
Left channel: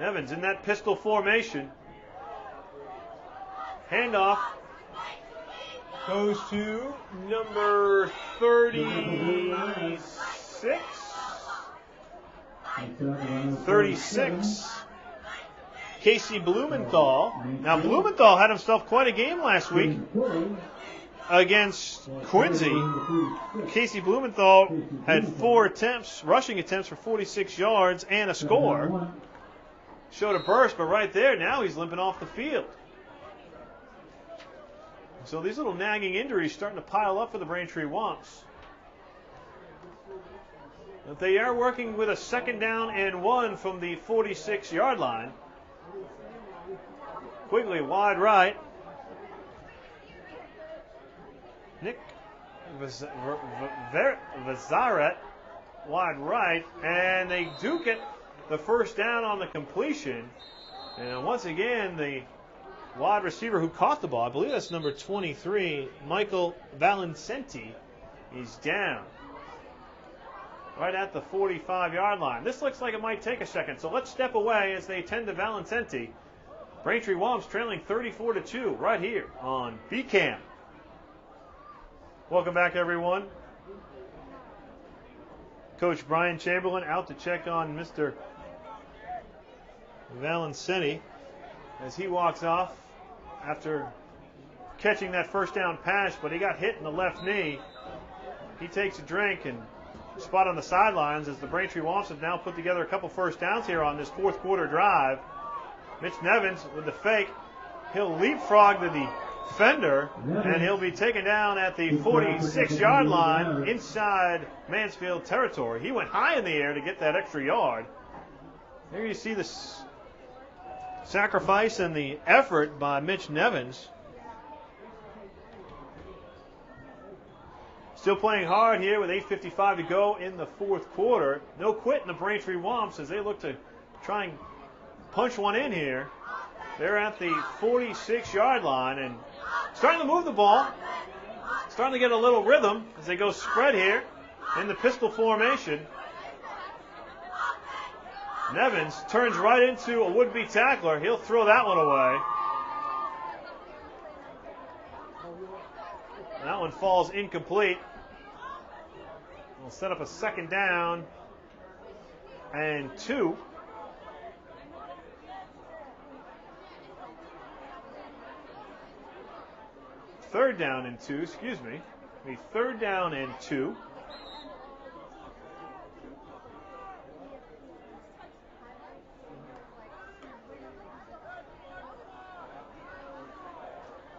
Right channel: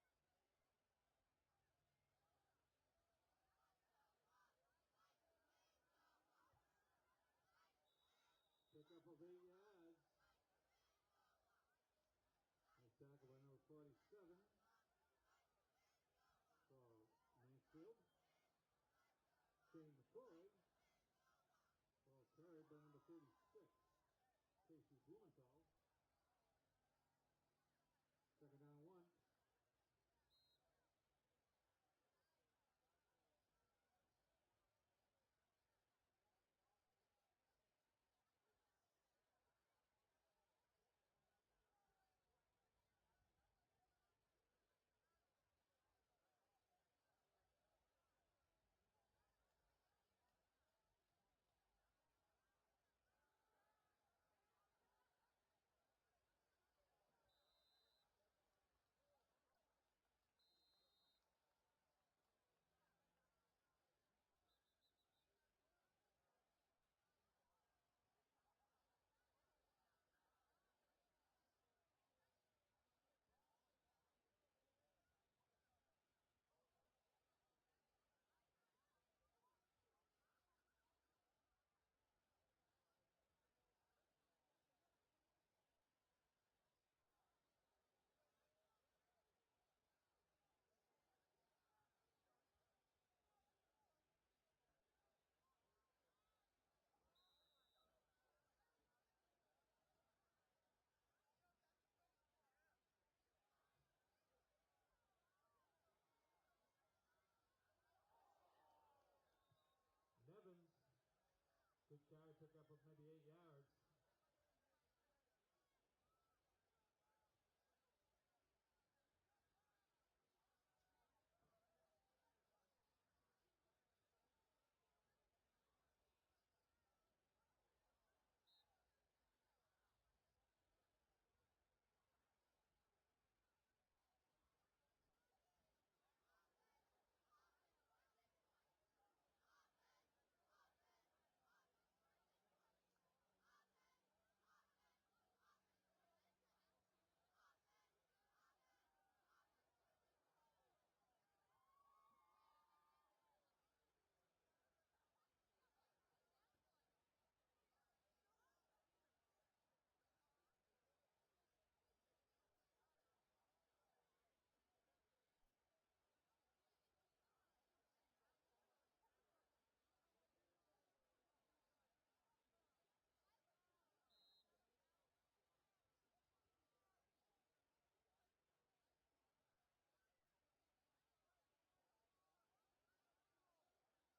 Evans in that pistol formation. Handoff goes to number 36. 36. Casey Blumenthal. Now, Blumenthal had himself quite a game last week against Quincy. Casey Blumenthal had 4 rushing attempts for 46 yards and a score. Showed a burst, but right there, now he's limping off the field. So these little nagging injuries starting to pile up for the Braintree Womps. But they are working with a 2nd down and 1 from the 46-yard line. Quigley wide right. Nick Vazaret wide right, and they do get the first down on the completion. And once again, the wide receiver who caught the ball, I believe that's number 23, Michael Valencenti, is down right at the 45-yard line. This looks like it might take a second, so let's step away as they tend to Valencenti. Braintree Womps trailing 34-2 right here on BCAM. Welcome back, everyone. Coach Brian Chamberlain out to check on Mr. Valencenti as he walks off after catching that first down pass, but he got hit in the left knee. He takes a drink and spot on the sidelines as the Braintree Womps have now put together a couple first downs here on this fourth quarter drive. Mitch Nevins with the fake. He'll leapfrog the defender, and he'll be taken down at the 46-yard line inside Mansfield territory. He went high in the air to get that extra yard. There you see the sacrifice and the effort by Mitch Nevins. Still playing hard here with 8:55 to go in the fourth quarter. No quit in the Braintree Womps as they look to try and punch one in here. They're at the 46-yard line and starting to move the ball. Starting to get a little rhythm as they go spread here in the pistol formation. Nevins turns right into a would-be tackler. He'll throw that one away. That one falls incomplete. We'll set up a 2nd down and 2. third down and 2, excuse me. A third down and 2.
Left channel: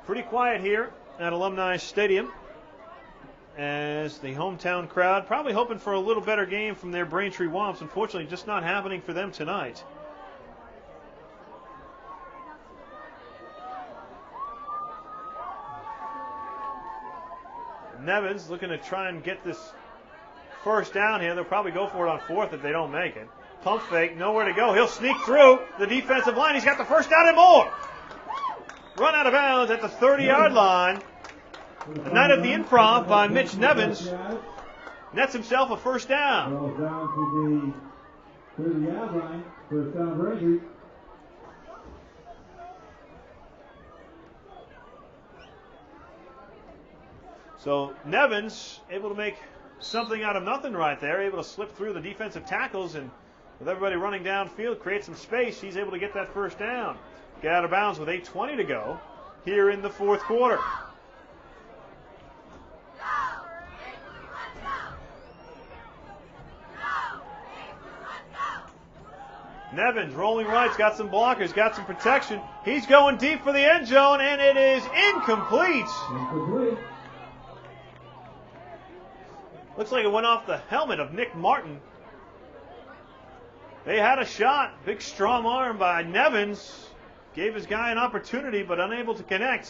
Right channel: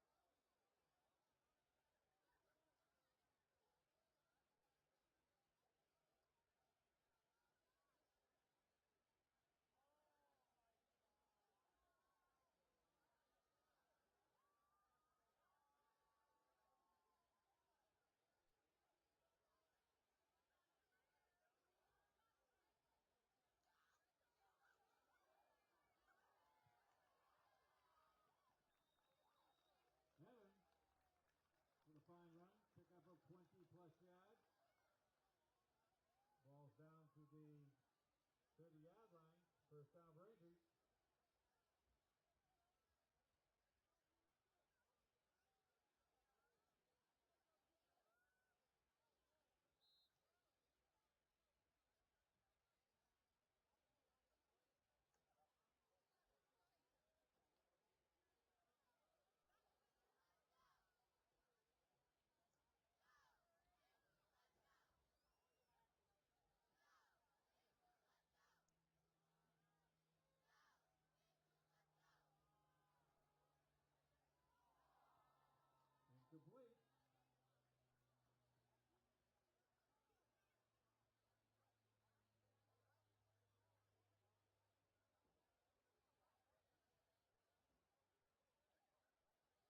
Pretty quiet here at Alumni Stadium as the hometown crowd probably hoping for a little better game from their Braintree Womps. Unfortunately, just not happening for them tonight. Nevins looking to try and get this first down here. They'll probably go for it on fourth if they don't make it. Pump fake, nowhere to go. He'll sneak through the defensive line. He's got the first down and more. Run out of bounds at the 30-yard line. A night of the improv by Mitch Nevins. Nets himself a first down. Rolls down to the 30-yard line. First down, Braintree. So Nevins able to make something out of nothing right there, able to slip through the defensive tackles, and with everybody running downfield, create some space, he's able to get that first down. Get out of bounds with 8:20 to go here in the fourth quarter. Nevins rolling right's got some blockers, got some protection. He's going deep for the end zone, and it is incomplete. Incomplete. Looks like it went off the helmet of Nick Martin. They had a shot. Big strong arm by Nevins. Gave his guy an opportunity, but unable to connect.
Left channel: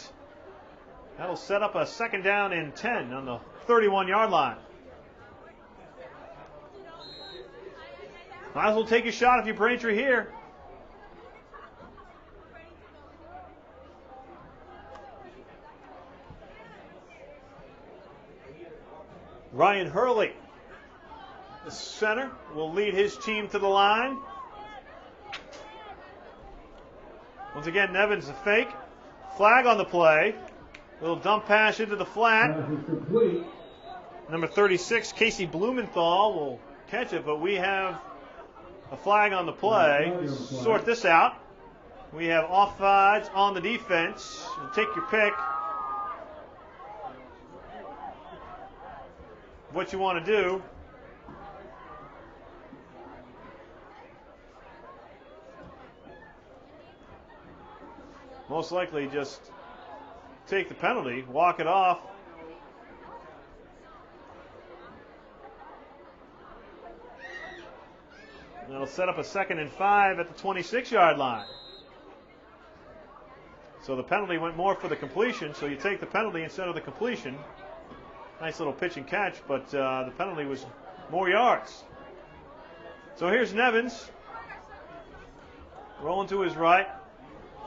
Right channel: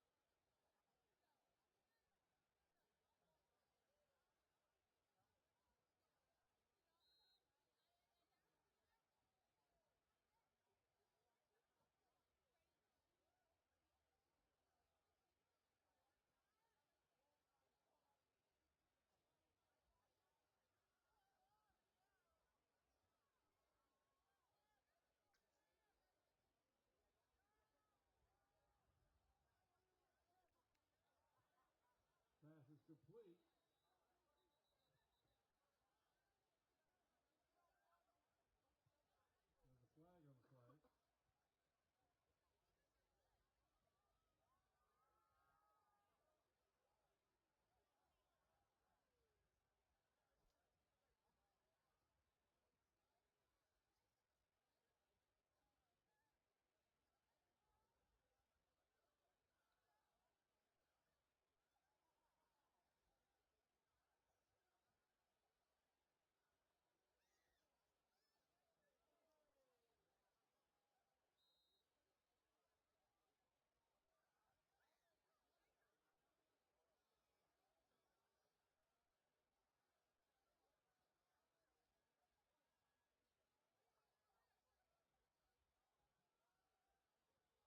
That'll set up a second down and 10 on the 31-yard line. Might as well take a shot if you're Braintree here. Ryan Hurley, the center, will lead his team to the line. Once again, Nevins a fake. Flag on the play. Little dump pass into the flat. Number 36, Casey Blumenthal, will catch it, but we have a flag on the play. Sort this out. We have offsides on the defense. Take your pick. What you want to do. Most likely just take the penalty, walk it off. That'll set up a 2nd and 5 at the 26-yard line. So the penalty went more for the completion, so you take the penalty instead of the completion. Nice little pitch and catch, but the penalty was more yards. So here's Nevins. Rolling to his right.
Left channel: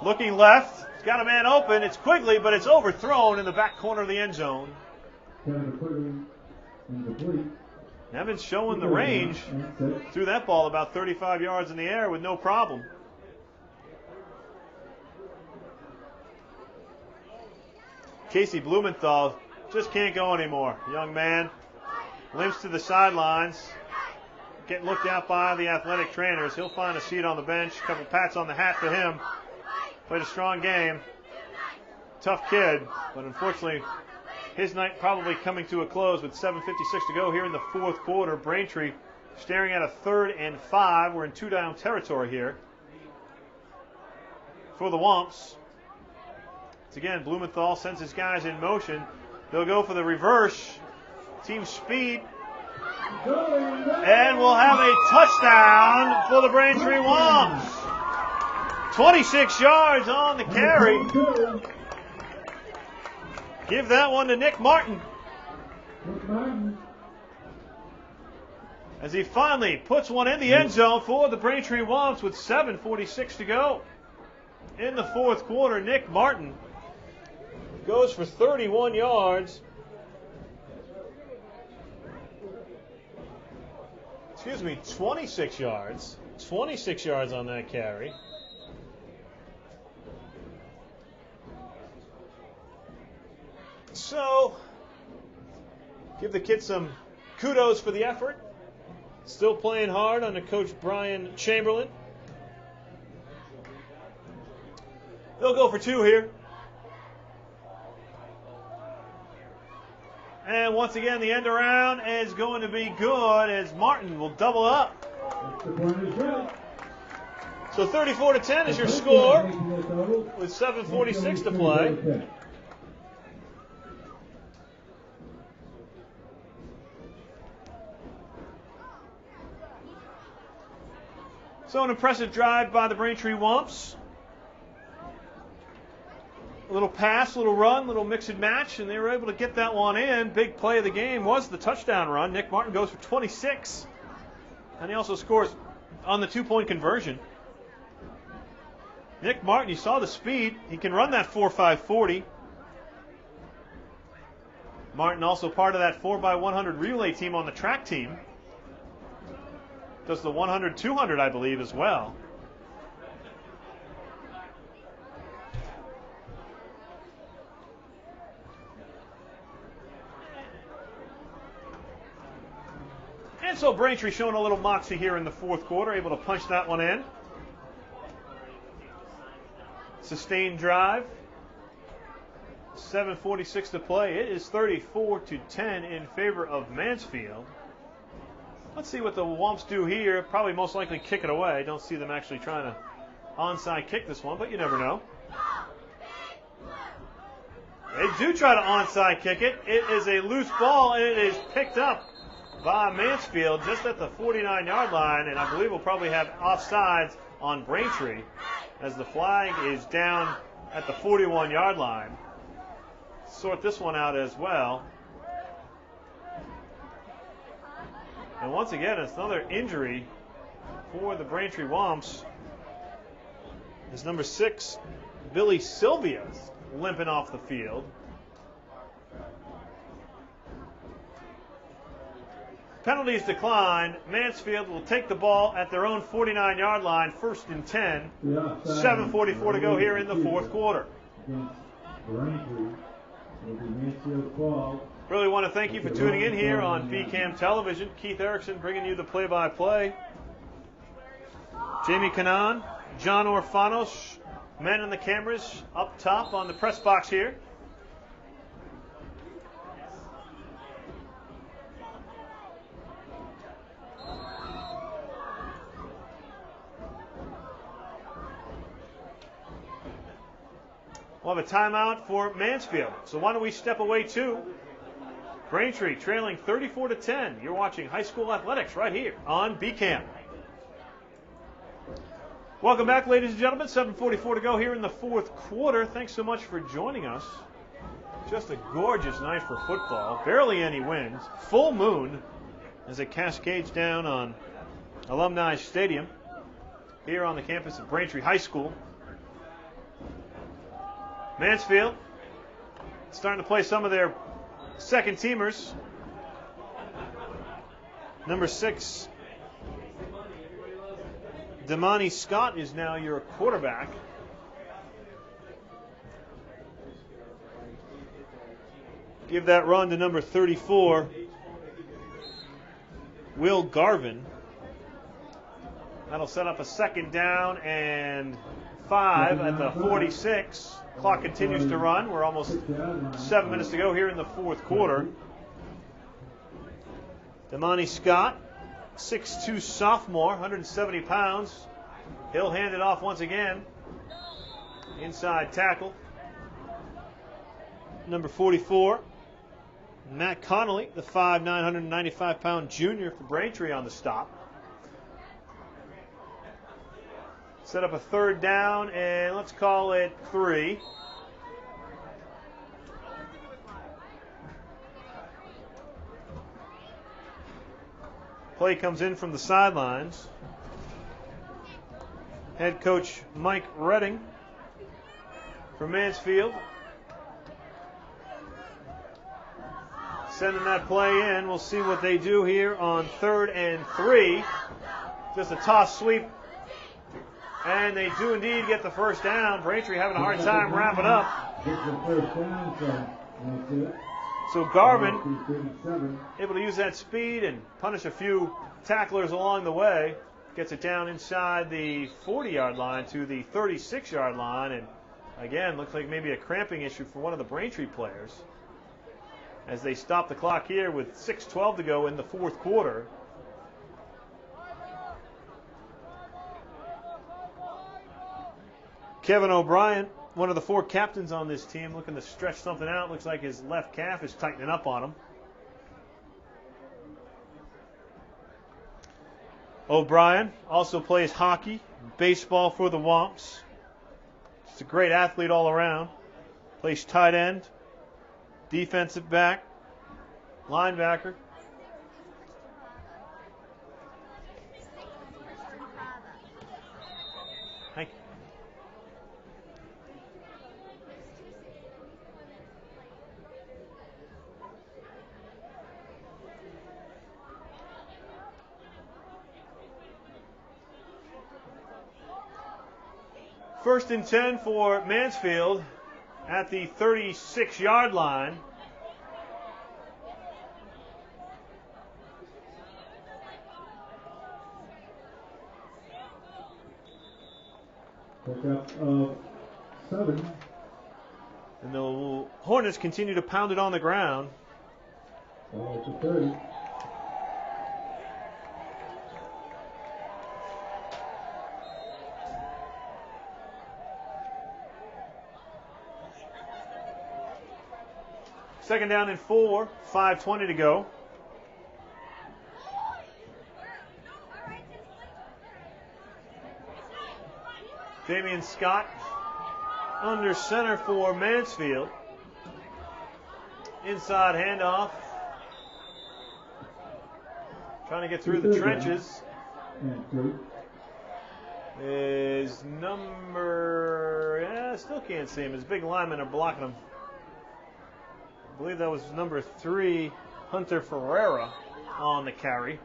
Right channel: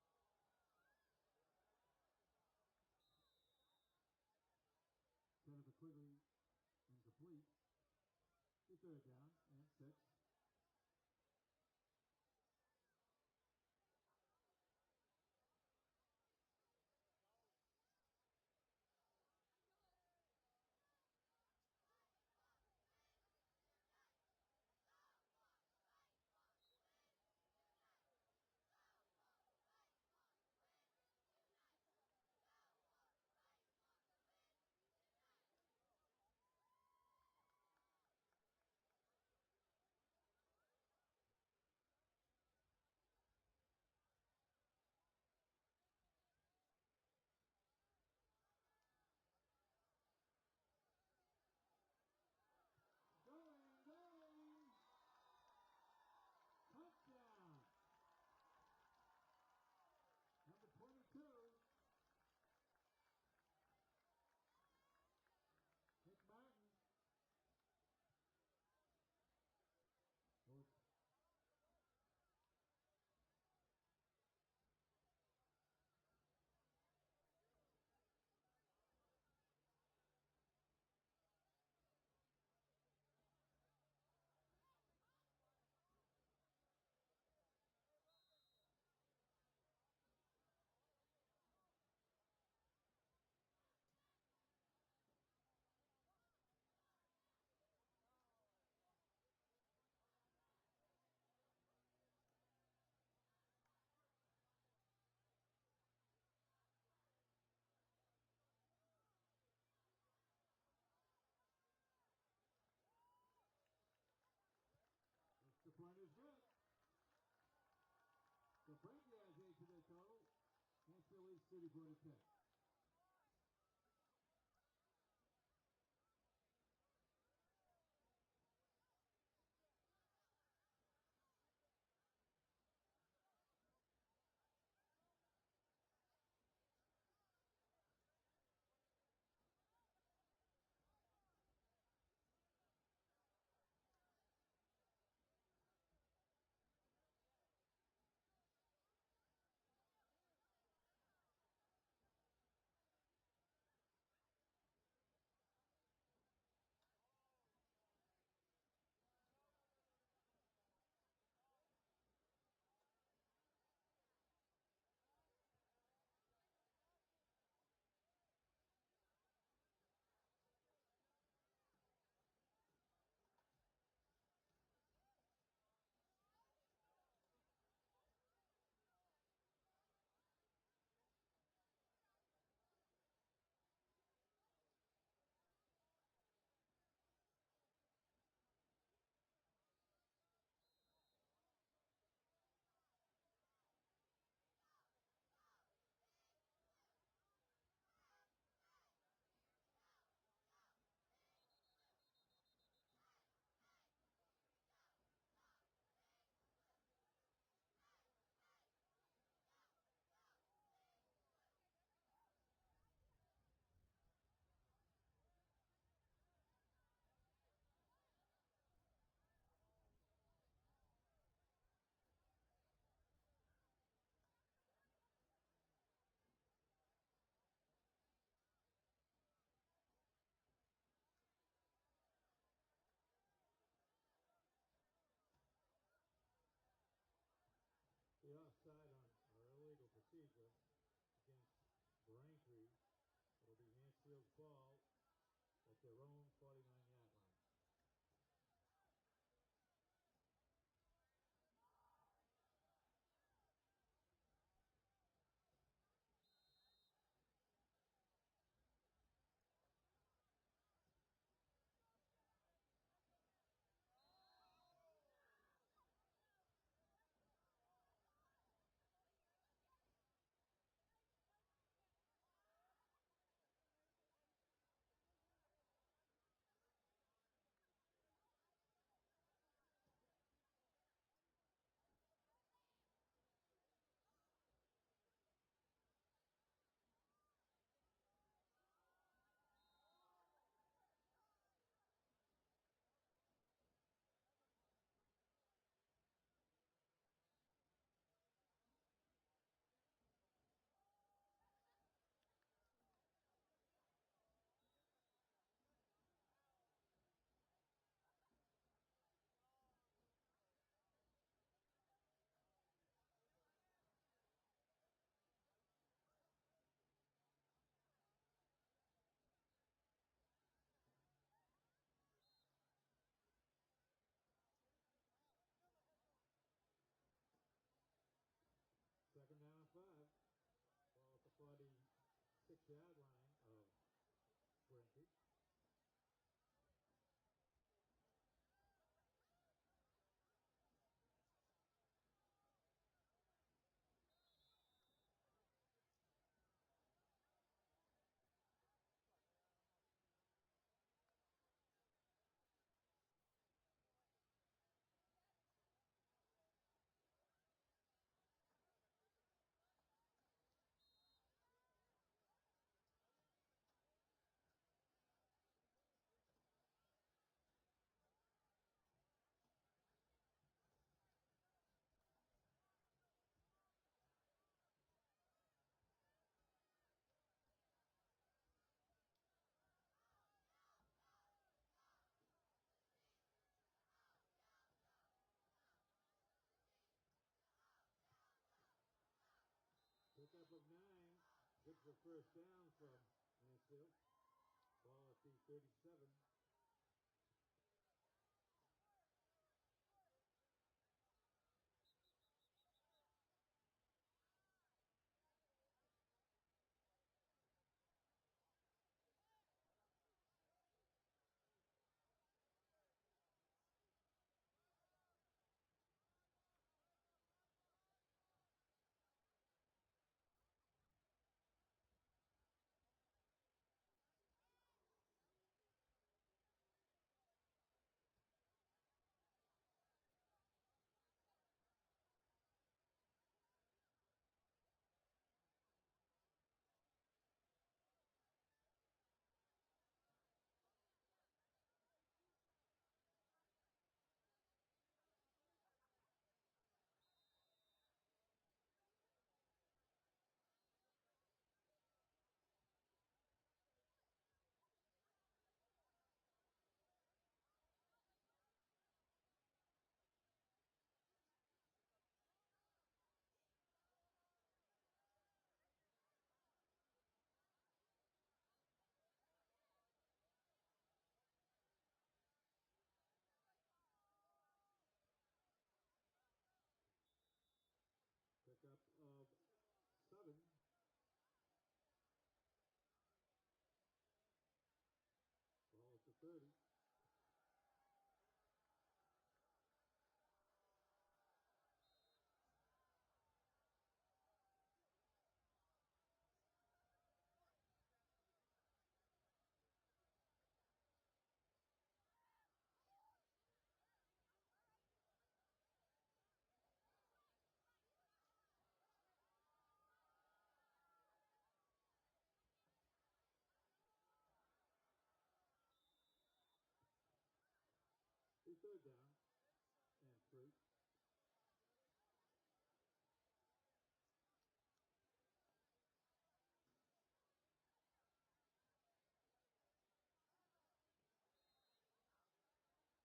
Looking left. He's got a man open. It's Quigley, but it's overthrown in the back corner of the end zone. Nevins showing the range. Threw that ball about 35 yards in the air with no problem. Casey Blumenthal just can't go anymore. Young man limps to the sidelines. Getting looked at by the athletic trainers. He'll find a seat on the bench. A couple pats on the hat for him. Played a strong game. Tough kid, but unfortunately his night probably coming to a close with 7:56 to go here in the fourth quarter. Braintree staring at a 3rd and 5. We're in 2-down territory here for the Womps. Once again, Blumenthal sends his guys in motion. They'll go for the reverse. Team speed. And we'll have a touchdown for the Braintree Womps. 26 yards on the carry. Give that one to Nick Martin. As he finally puts one in the end zone for the Braintree Womps with 7:46 to go. In the fourth quarter, Nick Martin goes for 31 yards. Excuse me, 26 yards. 26 yards on that carry. So, give the kid some kudos for the effort. Still playing hard under Coach Brian Chamberlain. They'll go for 2 here. And once again, the end around is going to be good as Martin will double up. The point is good. So 34-10 is your score with 7:46 to play. So an impressive drive by the Braintree Wumps. A little pass, a little run, a little mix and match, and they were able to get that one in. Big play of the game was the touchdown run. Nick Martin goes for 26, and he also scores on the 2-point conversion. Nick Martin, you saw the speed. He can run that 4.5 40. Martin also part of that 4x100 relay team on the track team. Does the 100-200, I believe, as well. And so Braintree showing a little moxie here in the fourth quarter, able to punch that one in. Sustained drive. 7:46 to play. It is 34-10 in favor of Mansfield. Let's see what the Wumps do here. Probably most likely kick it away. I don't see them actually trying to onside kick this one, but you never know. They do try to onside kick it. It is a loose ball, and it is picked up by Mansfield just at the 49-yard line, and I believe we'll probably have offsides on Braintree as the flag is down at the 41-yard line. Sort this one out as well. And once again, it's another injury for the Braintree Wumps. As number 6, Billy Sylvia's limping off the field. Penalties decline. Mansfield will take the ball at their own 49-yard line, 1st and 10. 7:44 to go here in the fourth quarter. Really want to thank you for tuning in here on BCAM Television. Keith Erickson bringing you the play-by-play. Jamie Canan, John Orfanos, men in the cameras up top on the press box here. We'll have a timeout for Mansfield. So why don't we step away to Braintree trailing 34-10. You're watching high school athletics right here on BCAM. Welcome back, ladies and gentlemen. 7:44 to go here in the fourth quarter. Thanks so much for joining us. Just a gorgeous night for football. Barely any winds. Full moon as it cascades down on Alumni Stadium here on the campus of Braintree High School. Mansfield starting to play some of their second teamers. Number 6, Damani Scott is now your quarterback. Give that run to number 34, Will Garvin. That'll set up a 2nd down and 5 at the 46. Clock continues to run. We're almost 7 minutes to go here in the fourth quarter. Damani Scott, 6'2 sophomore, 170 pounds. He'll hand it off once again. Inside tackle. Number 44, Matt Connolly, the 5'9", 195-pound junior for Braintree on the stop. Set up a 3rd down, and let's call it 3. Play comes in from the sidelines. Head coach Mike Redding for Mansfield. Sending that play in. We'll see what they do here on 3rd and 3. Just a toss sweep. And they do indeed get the 1st down. Braintree having a hard time wrapping up. So Garvin able to use that speed and punish a few tacklers along the way. Gets it down inside the 40-yard line to the 36-yard line. And again, looks like maybe a cramping issue for one of the Braintree players. as they stop the clock here with 6:12 to go in the fourth quarter. Kevin O'Brien, one of the 4 captains on this team, looking to stretch something out. Looks like his left calf is tightening up on him. O'Brien also plays hockey, baseball for the Womps. He's a great athlete all around. Plays tight end, defensive back, linebacker. Thank you. First and 10 for Mansfield at the 36-yard line. Pickup of 7. And the Hornets continue to pound it on the ground. Ball to 30. Second down and 4, 5:20 to go. Damian Scott under center for Mansfield. Inside handoff. Trying to get through the trenches. Is still can't see him. His big linemen are blocking him. I believe that was number 3, Hunter Ferreira, on the carry.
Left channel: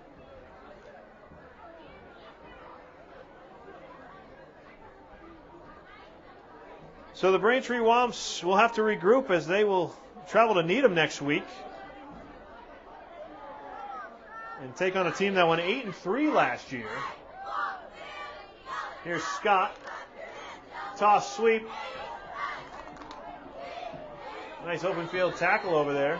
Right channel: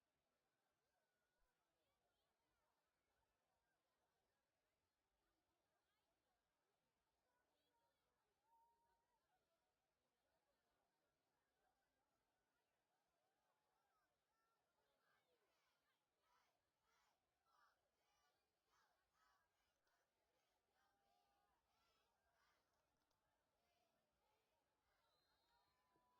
So the Braintree Womps will have to regroup as they will travel to Needham next week and take on a team that went 8-3 last year. Here's Scott. Toss sweep. Nice open field tackle over there.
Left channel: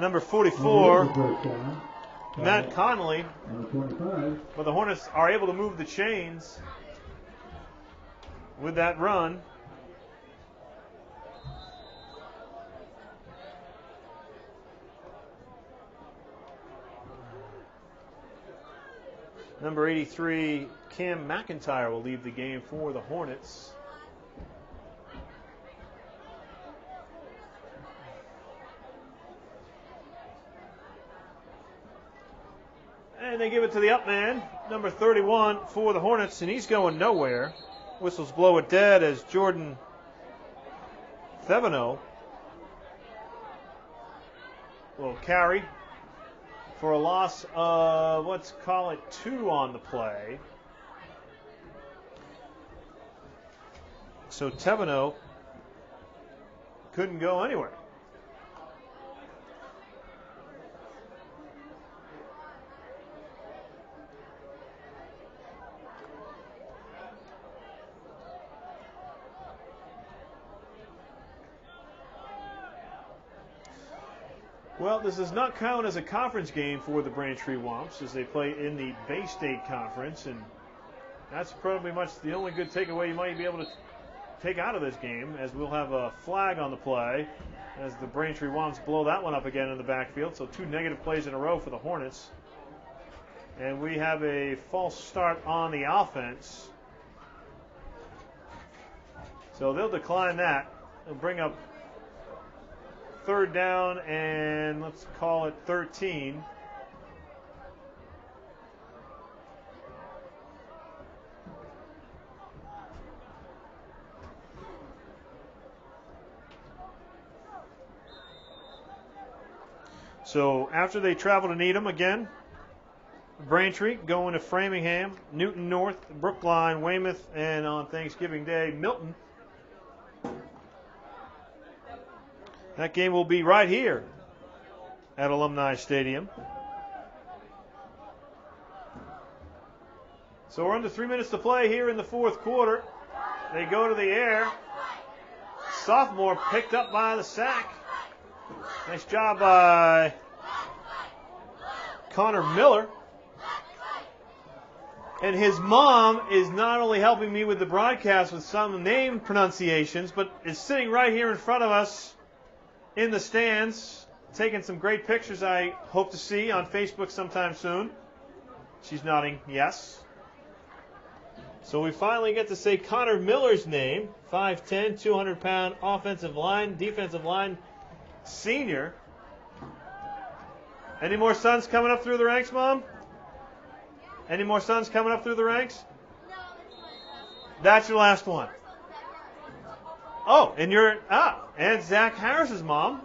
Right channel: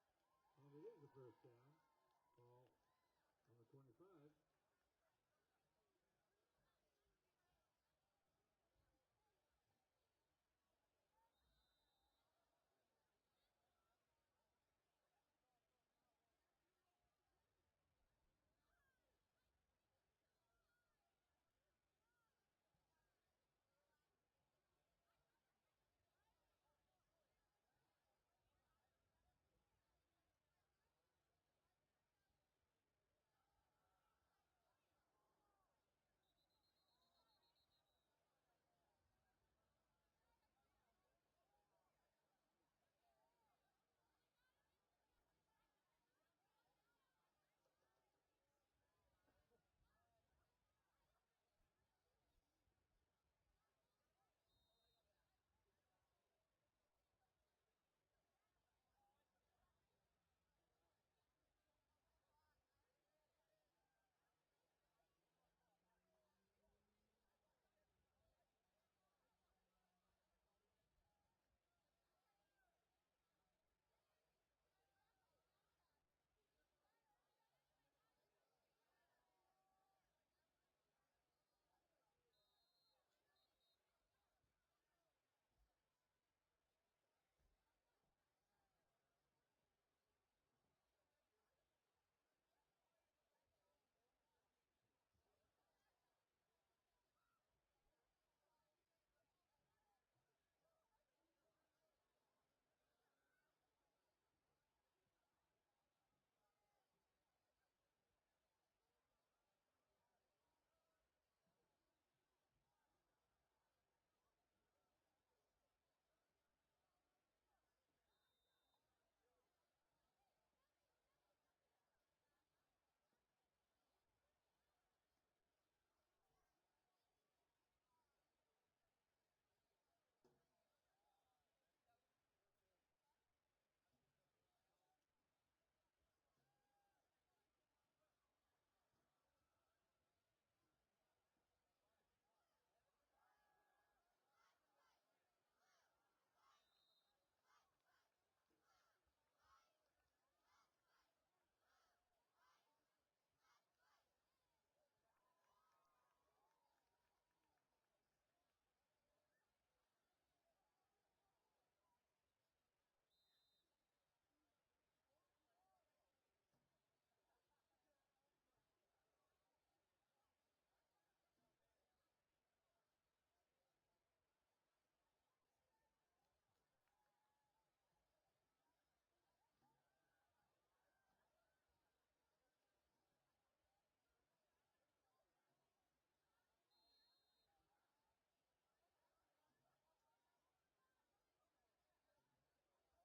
Number 44, Matt Connolly. But the Hornets are able to move the chains with that run. Number 83, Cam McIntyre, will leave the game for the Hornets. And they give it to the up man, number 31 for the Hornets, and he's going nowhere. Whistles blow it dead as Jordan Theveno will carry for a loss of, let's call it 2 on the play. So Theveno couldn't go anywhere. Well, this does not count as a conference game for the Braintree Womps as they play in the Bay State Conference, and that's probably much the only good takeaway you might be able to take out of this game, as we'll have a flag on the play as the Braintree Womps blow that one up again in the backfield. So 2 negative plays in a row for the Hornets. And we have a false start on the offense. So they'll decline that. They'll bring up 3rd down and let's call it 13. So after they travel to Needham again, Braintree going to Framingham, Newton North, Brookline, Weymouth, and on Thanksgiving Day, Milton. That game will be right here at Alumni Stadium. So we're under 3 minutes to play here in the fourth quarter. They go to the air. sophomore, picked up by the sack. Nice job by Connor Miller. And his mom is not only helping me with the broadcast with some name pronunciations, but is sitting right here in front of us in the stands, taking some great pictures I hope to see on Facebook sometime soon. She's nodding yes. So we finally get to say Connor Miller's name, 5'10", 200-pound offensive line, defensive line senior. Any more sons coming up through the ranks, Mom? Any more sons coming up through the ranks? That's your last one. Oh, and and Zach Harris's mom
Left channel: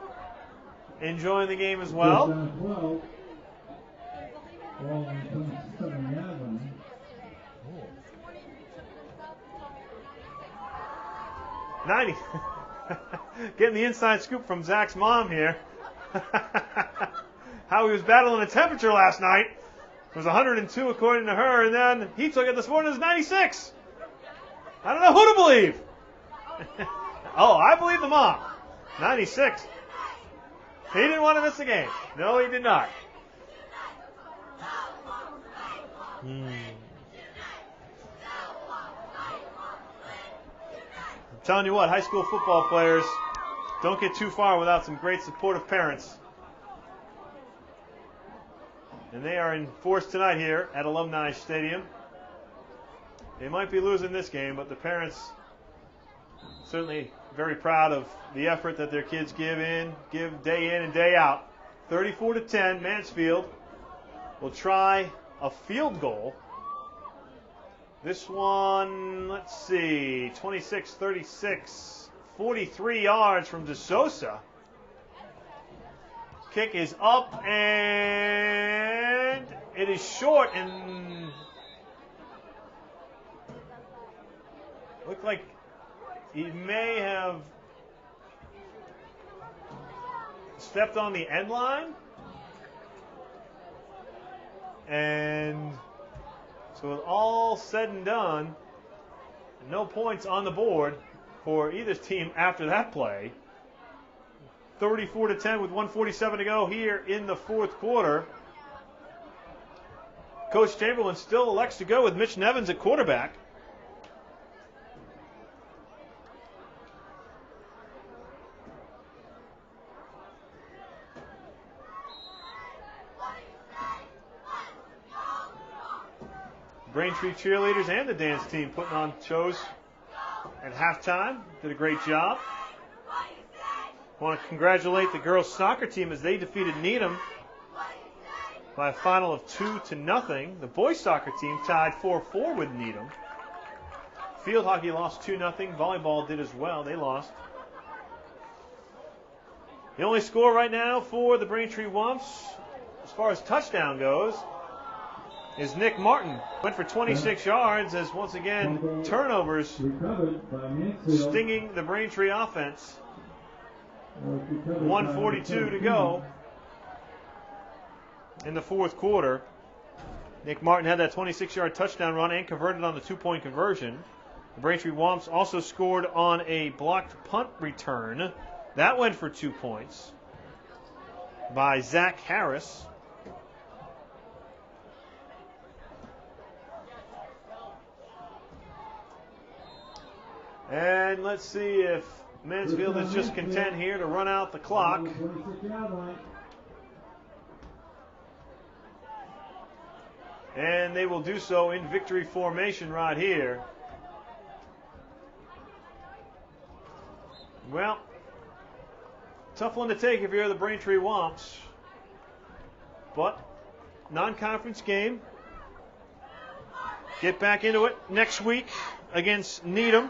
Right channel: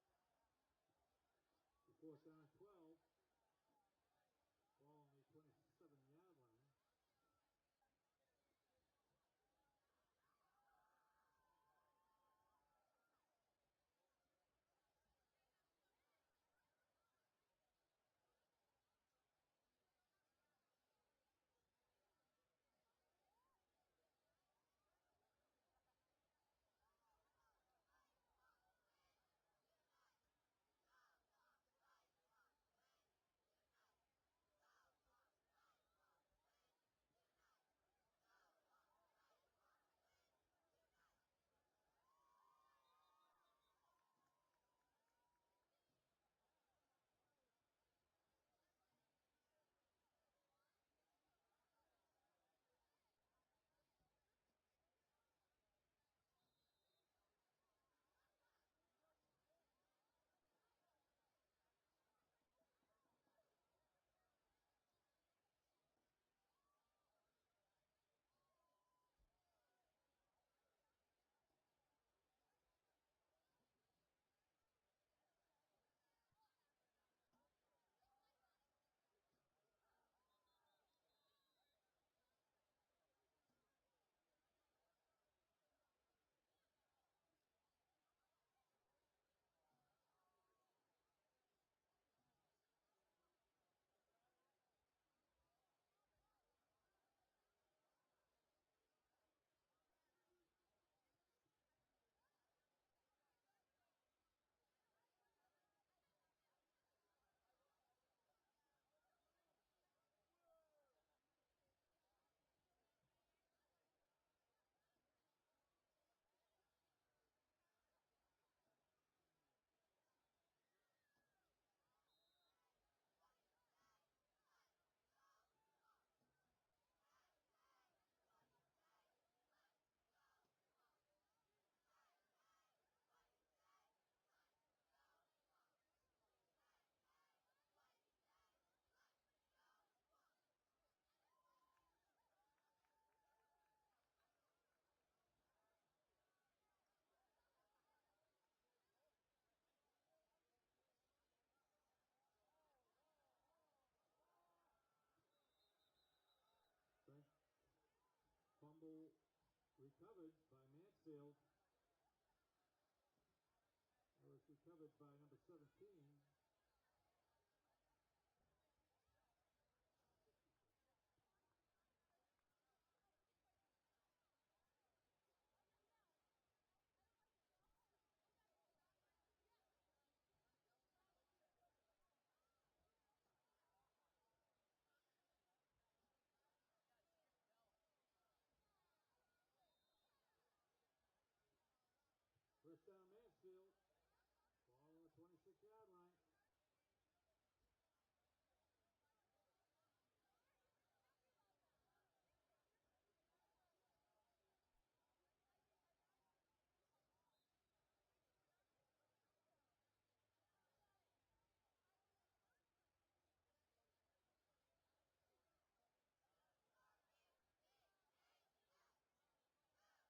enjoying the game as well. 90. Getting the inside scoop from Zach's mom here. How he was battling the temperature last night. It was 102 according to her, and then he took it this morning as 96. I don't know who to believe. Oh, I believe the mom. 96. He didn't want to miss the game. No, he did not. I'm telling you what, high school football players don't get too far without some great supportive parents. And they are in force tonight here at Alumni Stadium. They might be losing this game, but the parents certainly very proud of the effort that their kids give day in and day out. 34-10, Mansfield will try a field goal. This one, let's see, 26-36, 43 yards from DeSosa. Kick is up, and it is short, and looked like he may have stepped on the end line. And so with all said and done, no points on the board for either team after that play. 34-10 with 1:47 to go here in the fourth quarter. Coach Chamberlain still elects to go with Mitch Nevins at quarterback. Braintree cheerleaders and the dance team putting on shows at halftime. Did a great job. Want to congratulate the girls soccer team as they defeated Needham by a final of 2-0. The boys soccer team tied 4-4 with Needham. Field hockey lost 2-0. Volleyball did as well. They lost. The only score right now for the Braintree Wumps, as far as touchdown goes, is Nick Martin. Went for 26 yards as once again turnovers stinging the Braintree offense. 1:42 to go in the fourth quarter. Nick Martin had that 26-yard touchdown run and converted on the two-point conversion. The Braintree Wumps also scored on a blocked punt return. That went for 2 points by Zach Harris. And let's see if Mansfield is just content here to run out the clock. And they will do so in victory formation right here. Well, tough one to take if you're the Braintree Wumps. But non-conference game. Get back into it next week against Needham.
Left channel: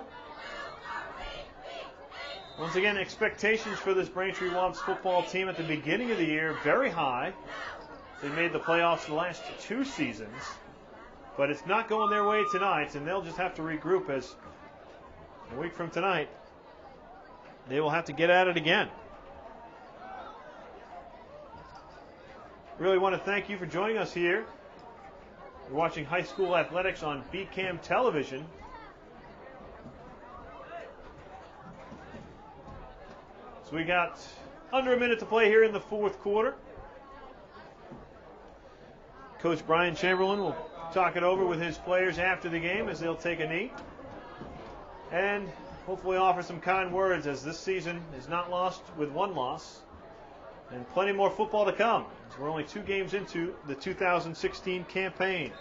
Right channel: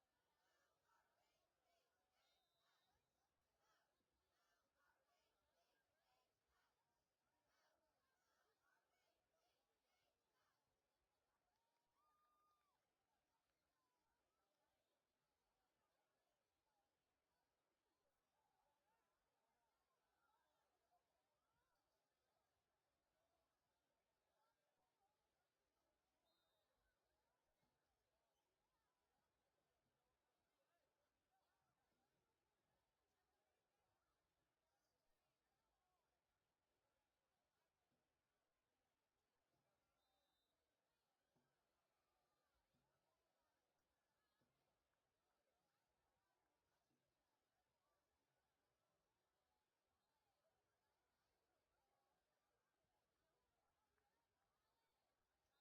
Once again, expectations for this Braintree Wumps football team at the beginning of the year, very high. They made the playoffs the last 2 seasons. But it's not going their way tonight, and they'll just have to regroup as a week from tonight, they will have to get at it again. Really want to thank you for joining us here. You're watching high school athletics on BCAM television. So we got under a minute to play here in the fourth quarter. Coach Brian Chamberlain will talk it over with his players after the game as they'll take a knee. And hopefully offer some kind words, as this season is not lost with one loss. And plenty more football to come, as we're only 2 games into the 2016 campaign.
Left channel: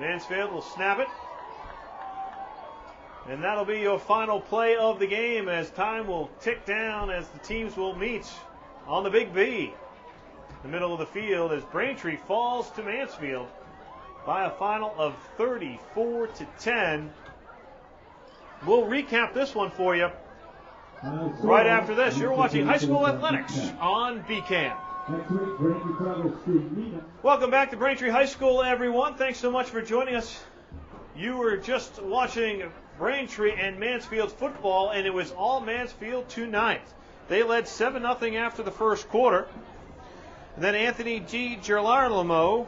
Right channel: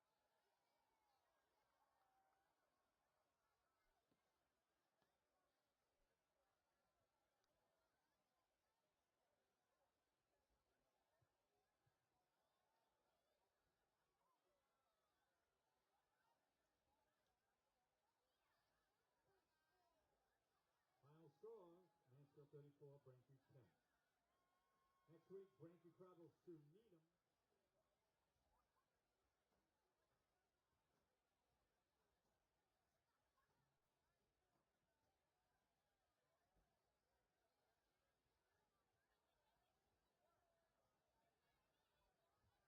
Mansfield will snap it. And that'll be your final play of the game, as time will tick down as the teams will meet on the Big B. The middle of the field as Braintree falls to Mansfield by a final of 34-10. We'll recap this one for you right after this. You're watching High School Athletics on BCAN. Welcome back to Braintree High School, everyone. Thanks so much for joining us. You were just watching Braintree and Mansfield football, and it was all Mansfield tonight. They led 7-0 after the first quarter. And then Anthony DiGirolamo,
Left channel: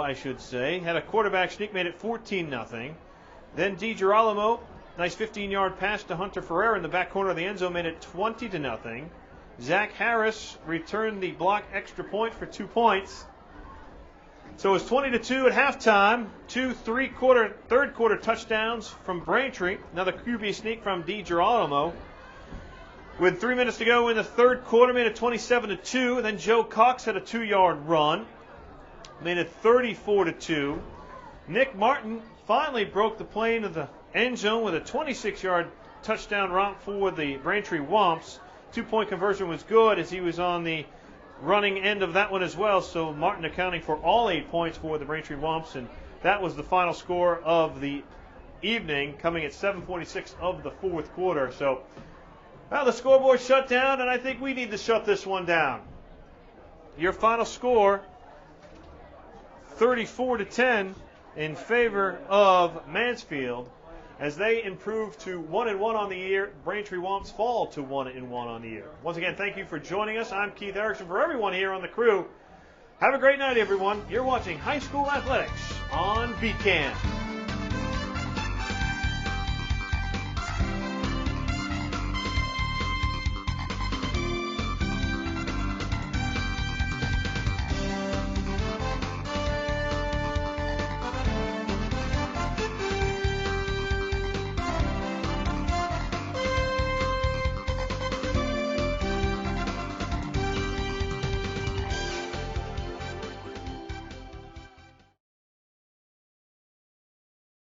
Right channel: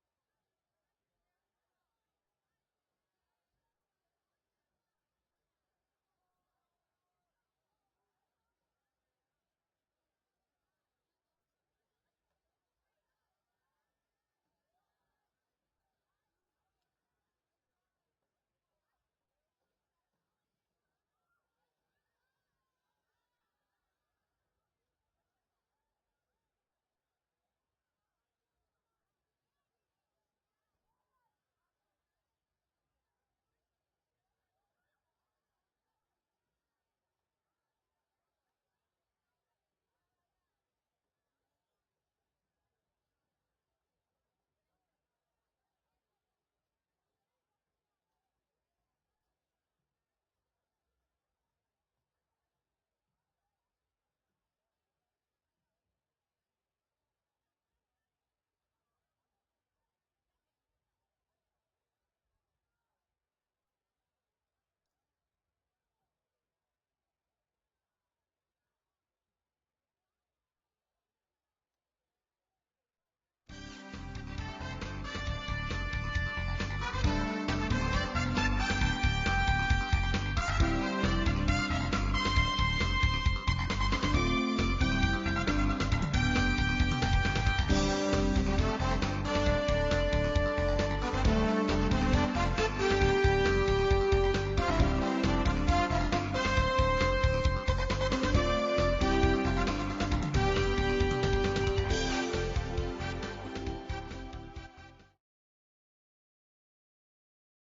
I should say, had a quarterback sneak, made it 14-0. Then DiGirolamo, nice 15-yard pass to Hunter Ferrer in the back corner of the end zone, made it 20-0. Zach Harris returned the block extra point for 2 points. So it was 20-2 at halftime. 2 third quarter touchdowns from Braintree. Another QB sneak from DiGirolamo. With 3 minutes to go in the third quarter, made it 27-2. And then Joe Cox had a 2-yard run, made it 34-2. Nick Martin finally broke the plane of the end zone with a 26-yard touchdown romp for the Braintree Womps. 2-point conversion was good, as he was on the running end of that one as well. So Martin accounting for all 8 points for the Braintree Womps, and that was the final score of the evening, coming at 7:46 of the fourth quarter. So, well, the scoreboard shut down, and I think we need to shut this one down. Your final score, 34-10 in favor of Mansfield, as they improve to 1-1 on the year. Braintree Womps fall to 1-1 on the year. Once again, thank you for joining us. I'm Keith Erickson. For everyone here on the crew, have a great night, everyone. You're watching High School Athletics on BCAN.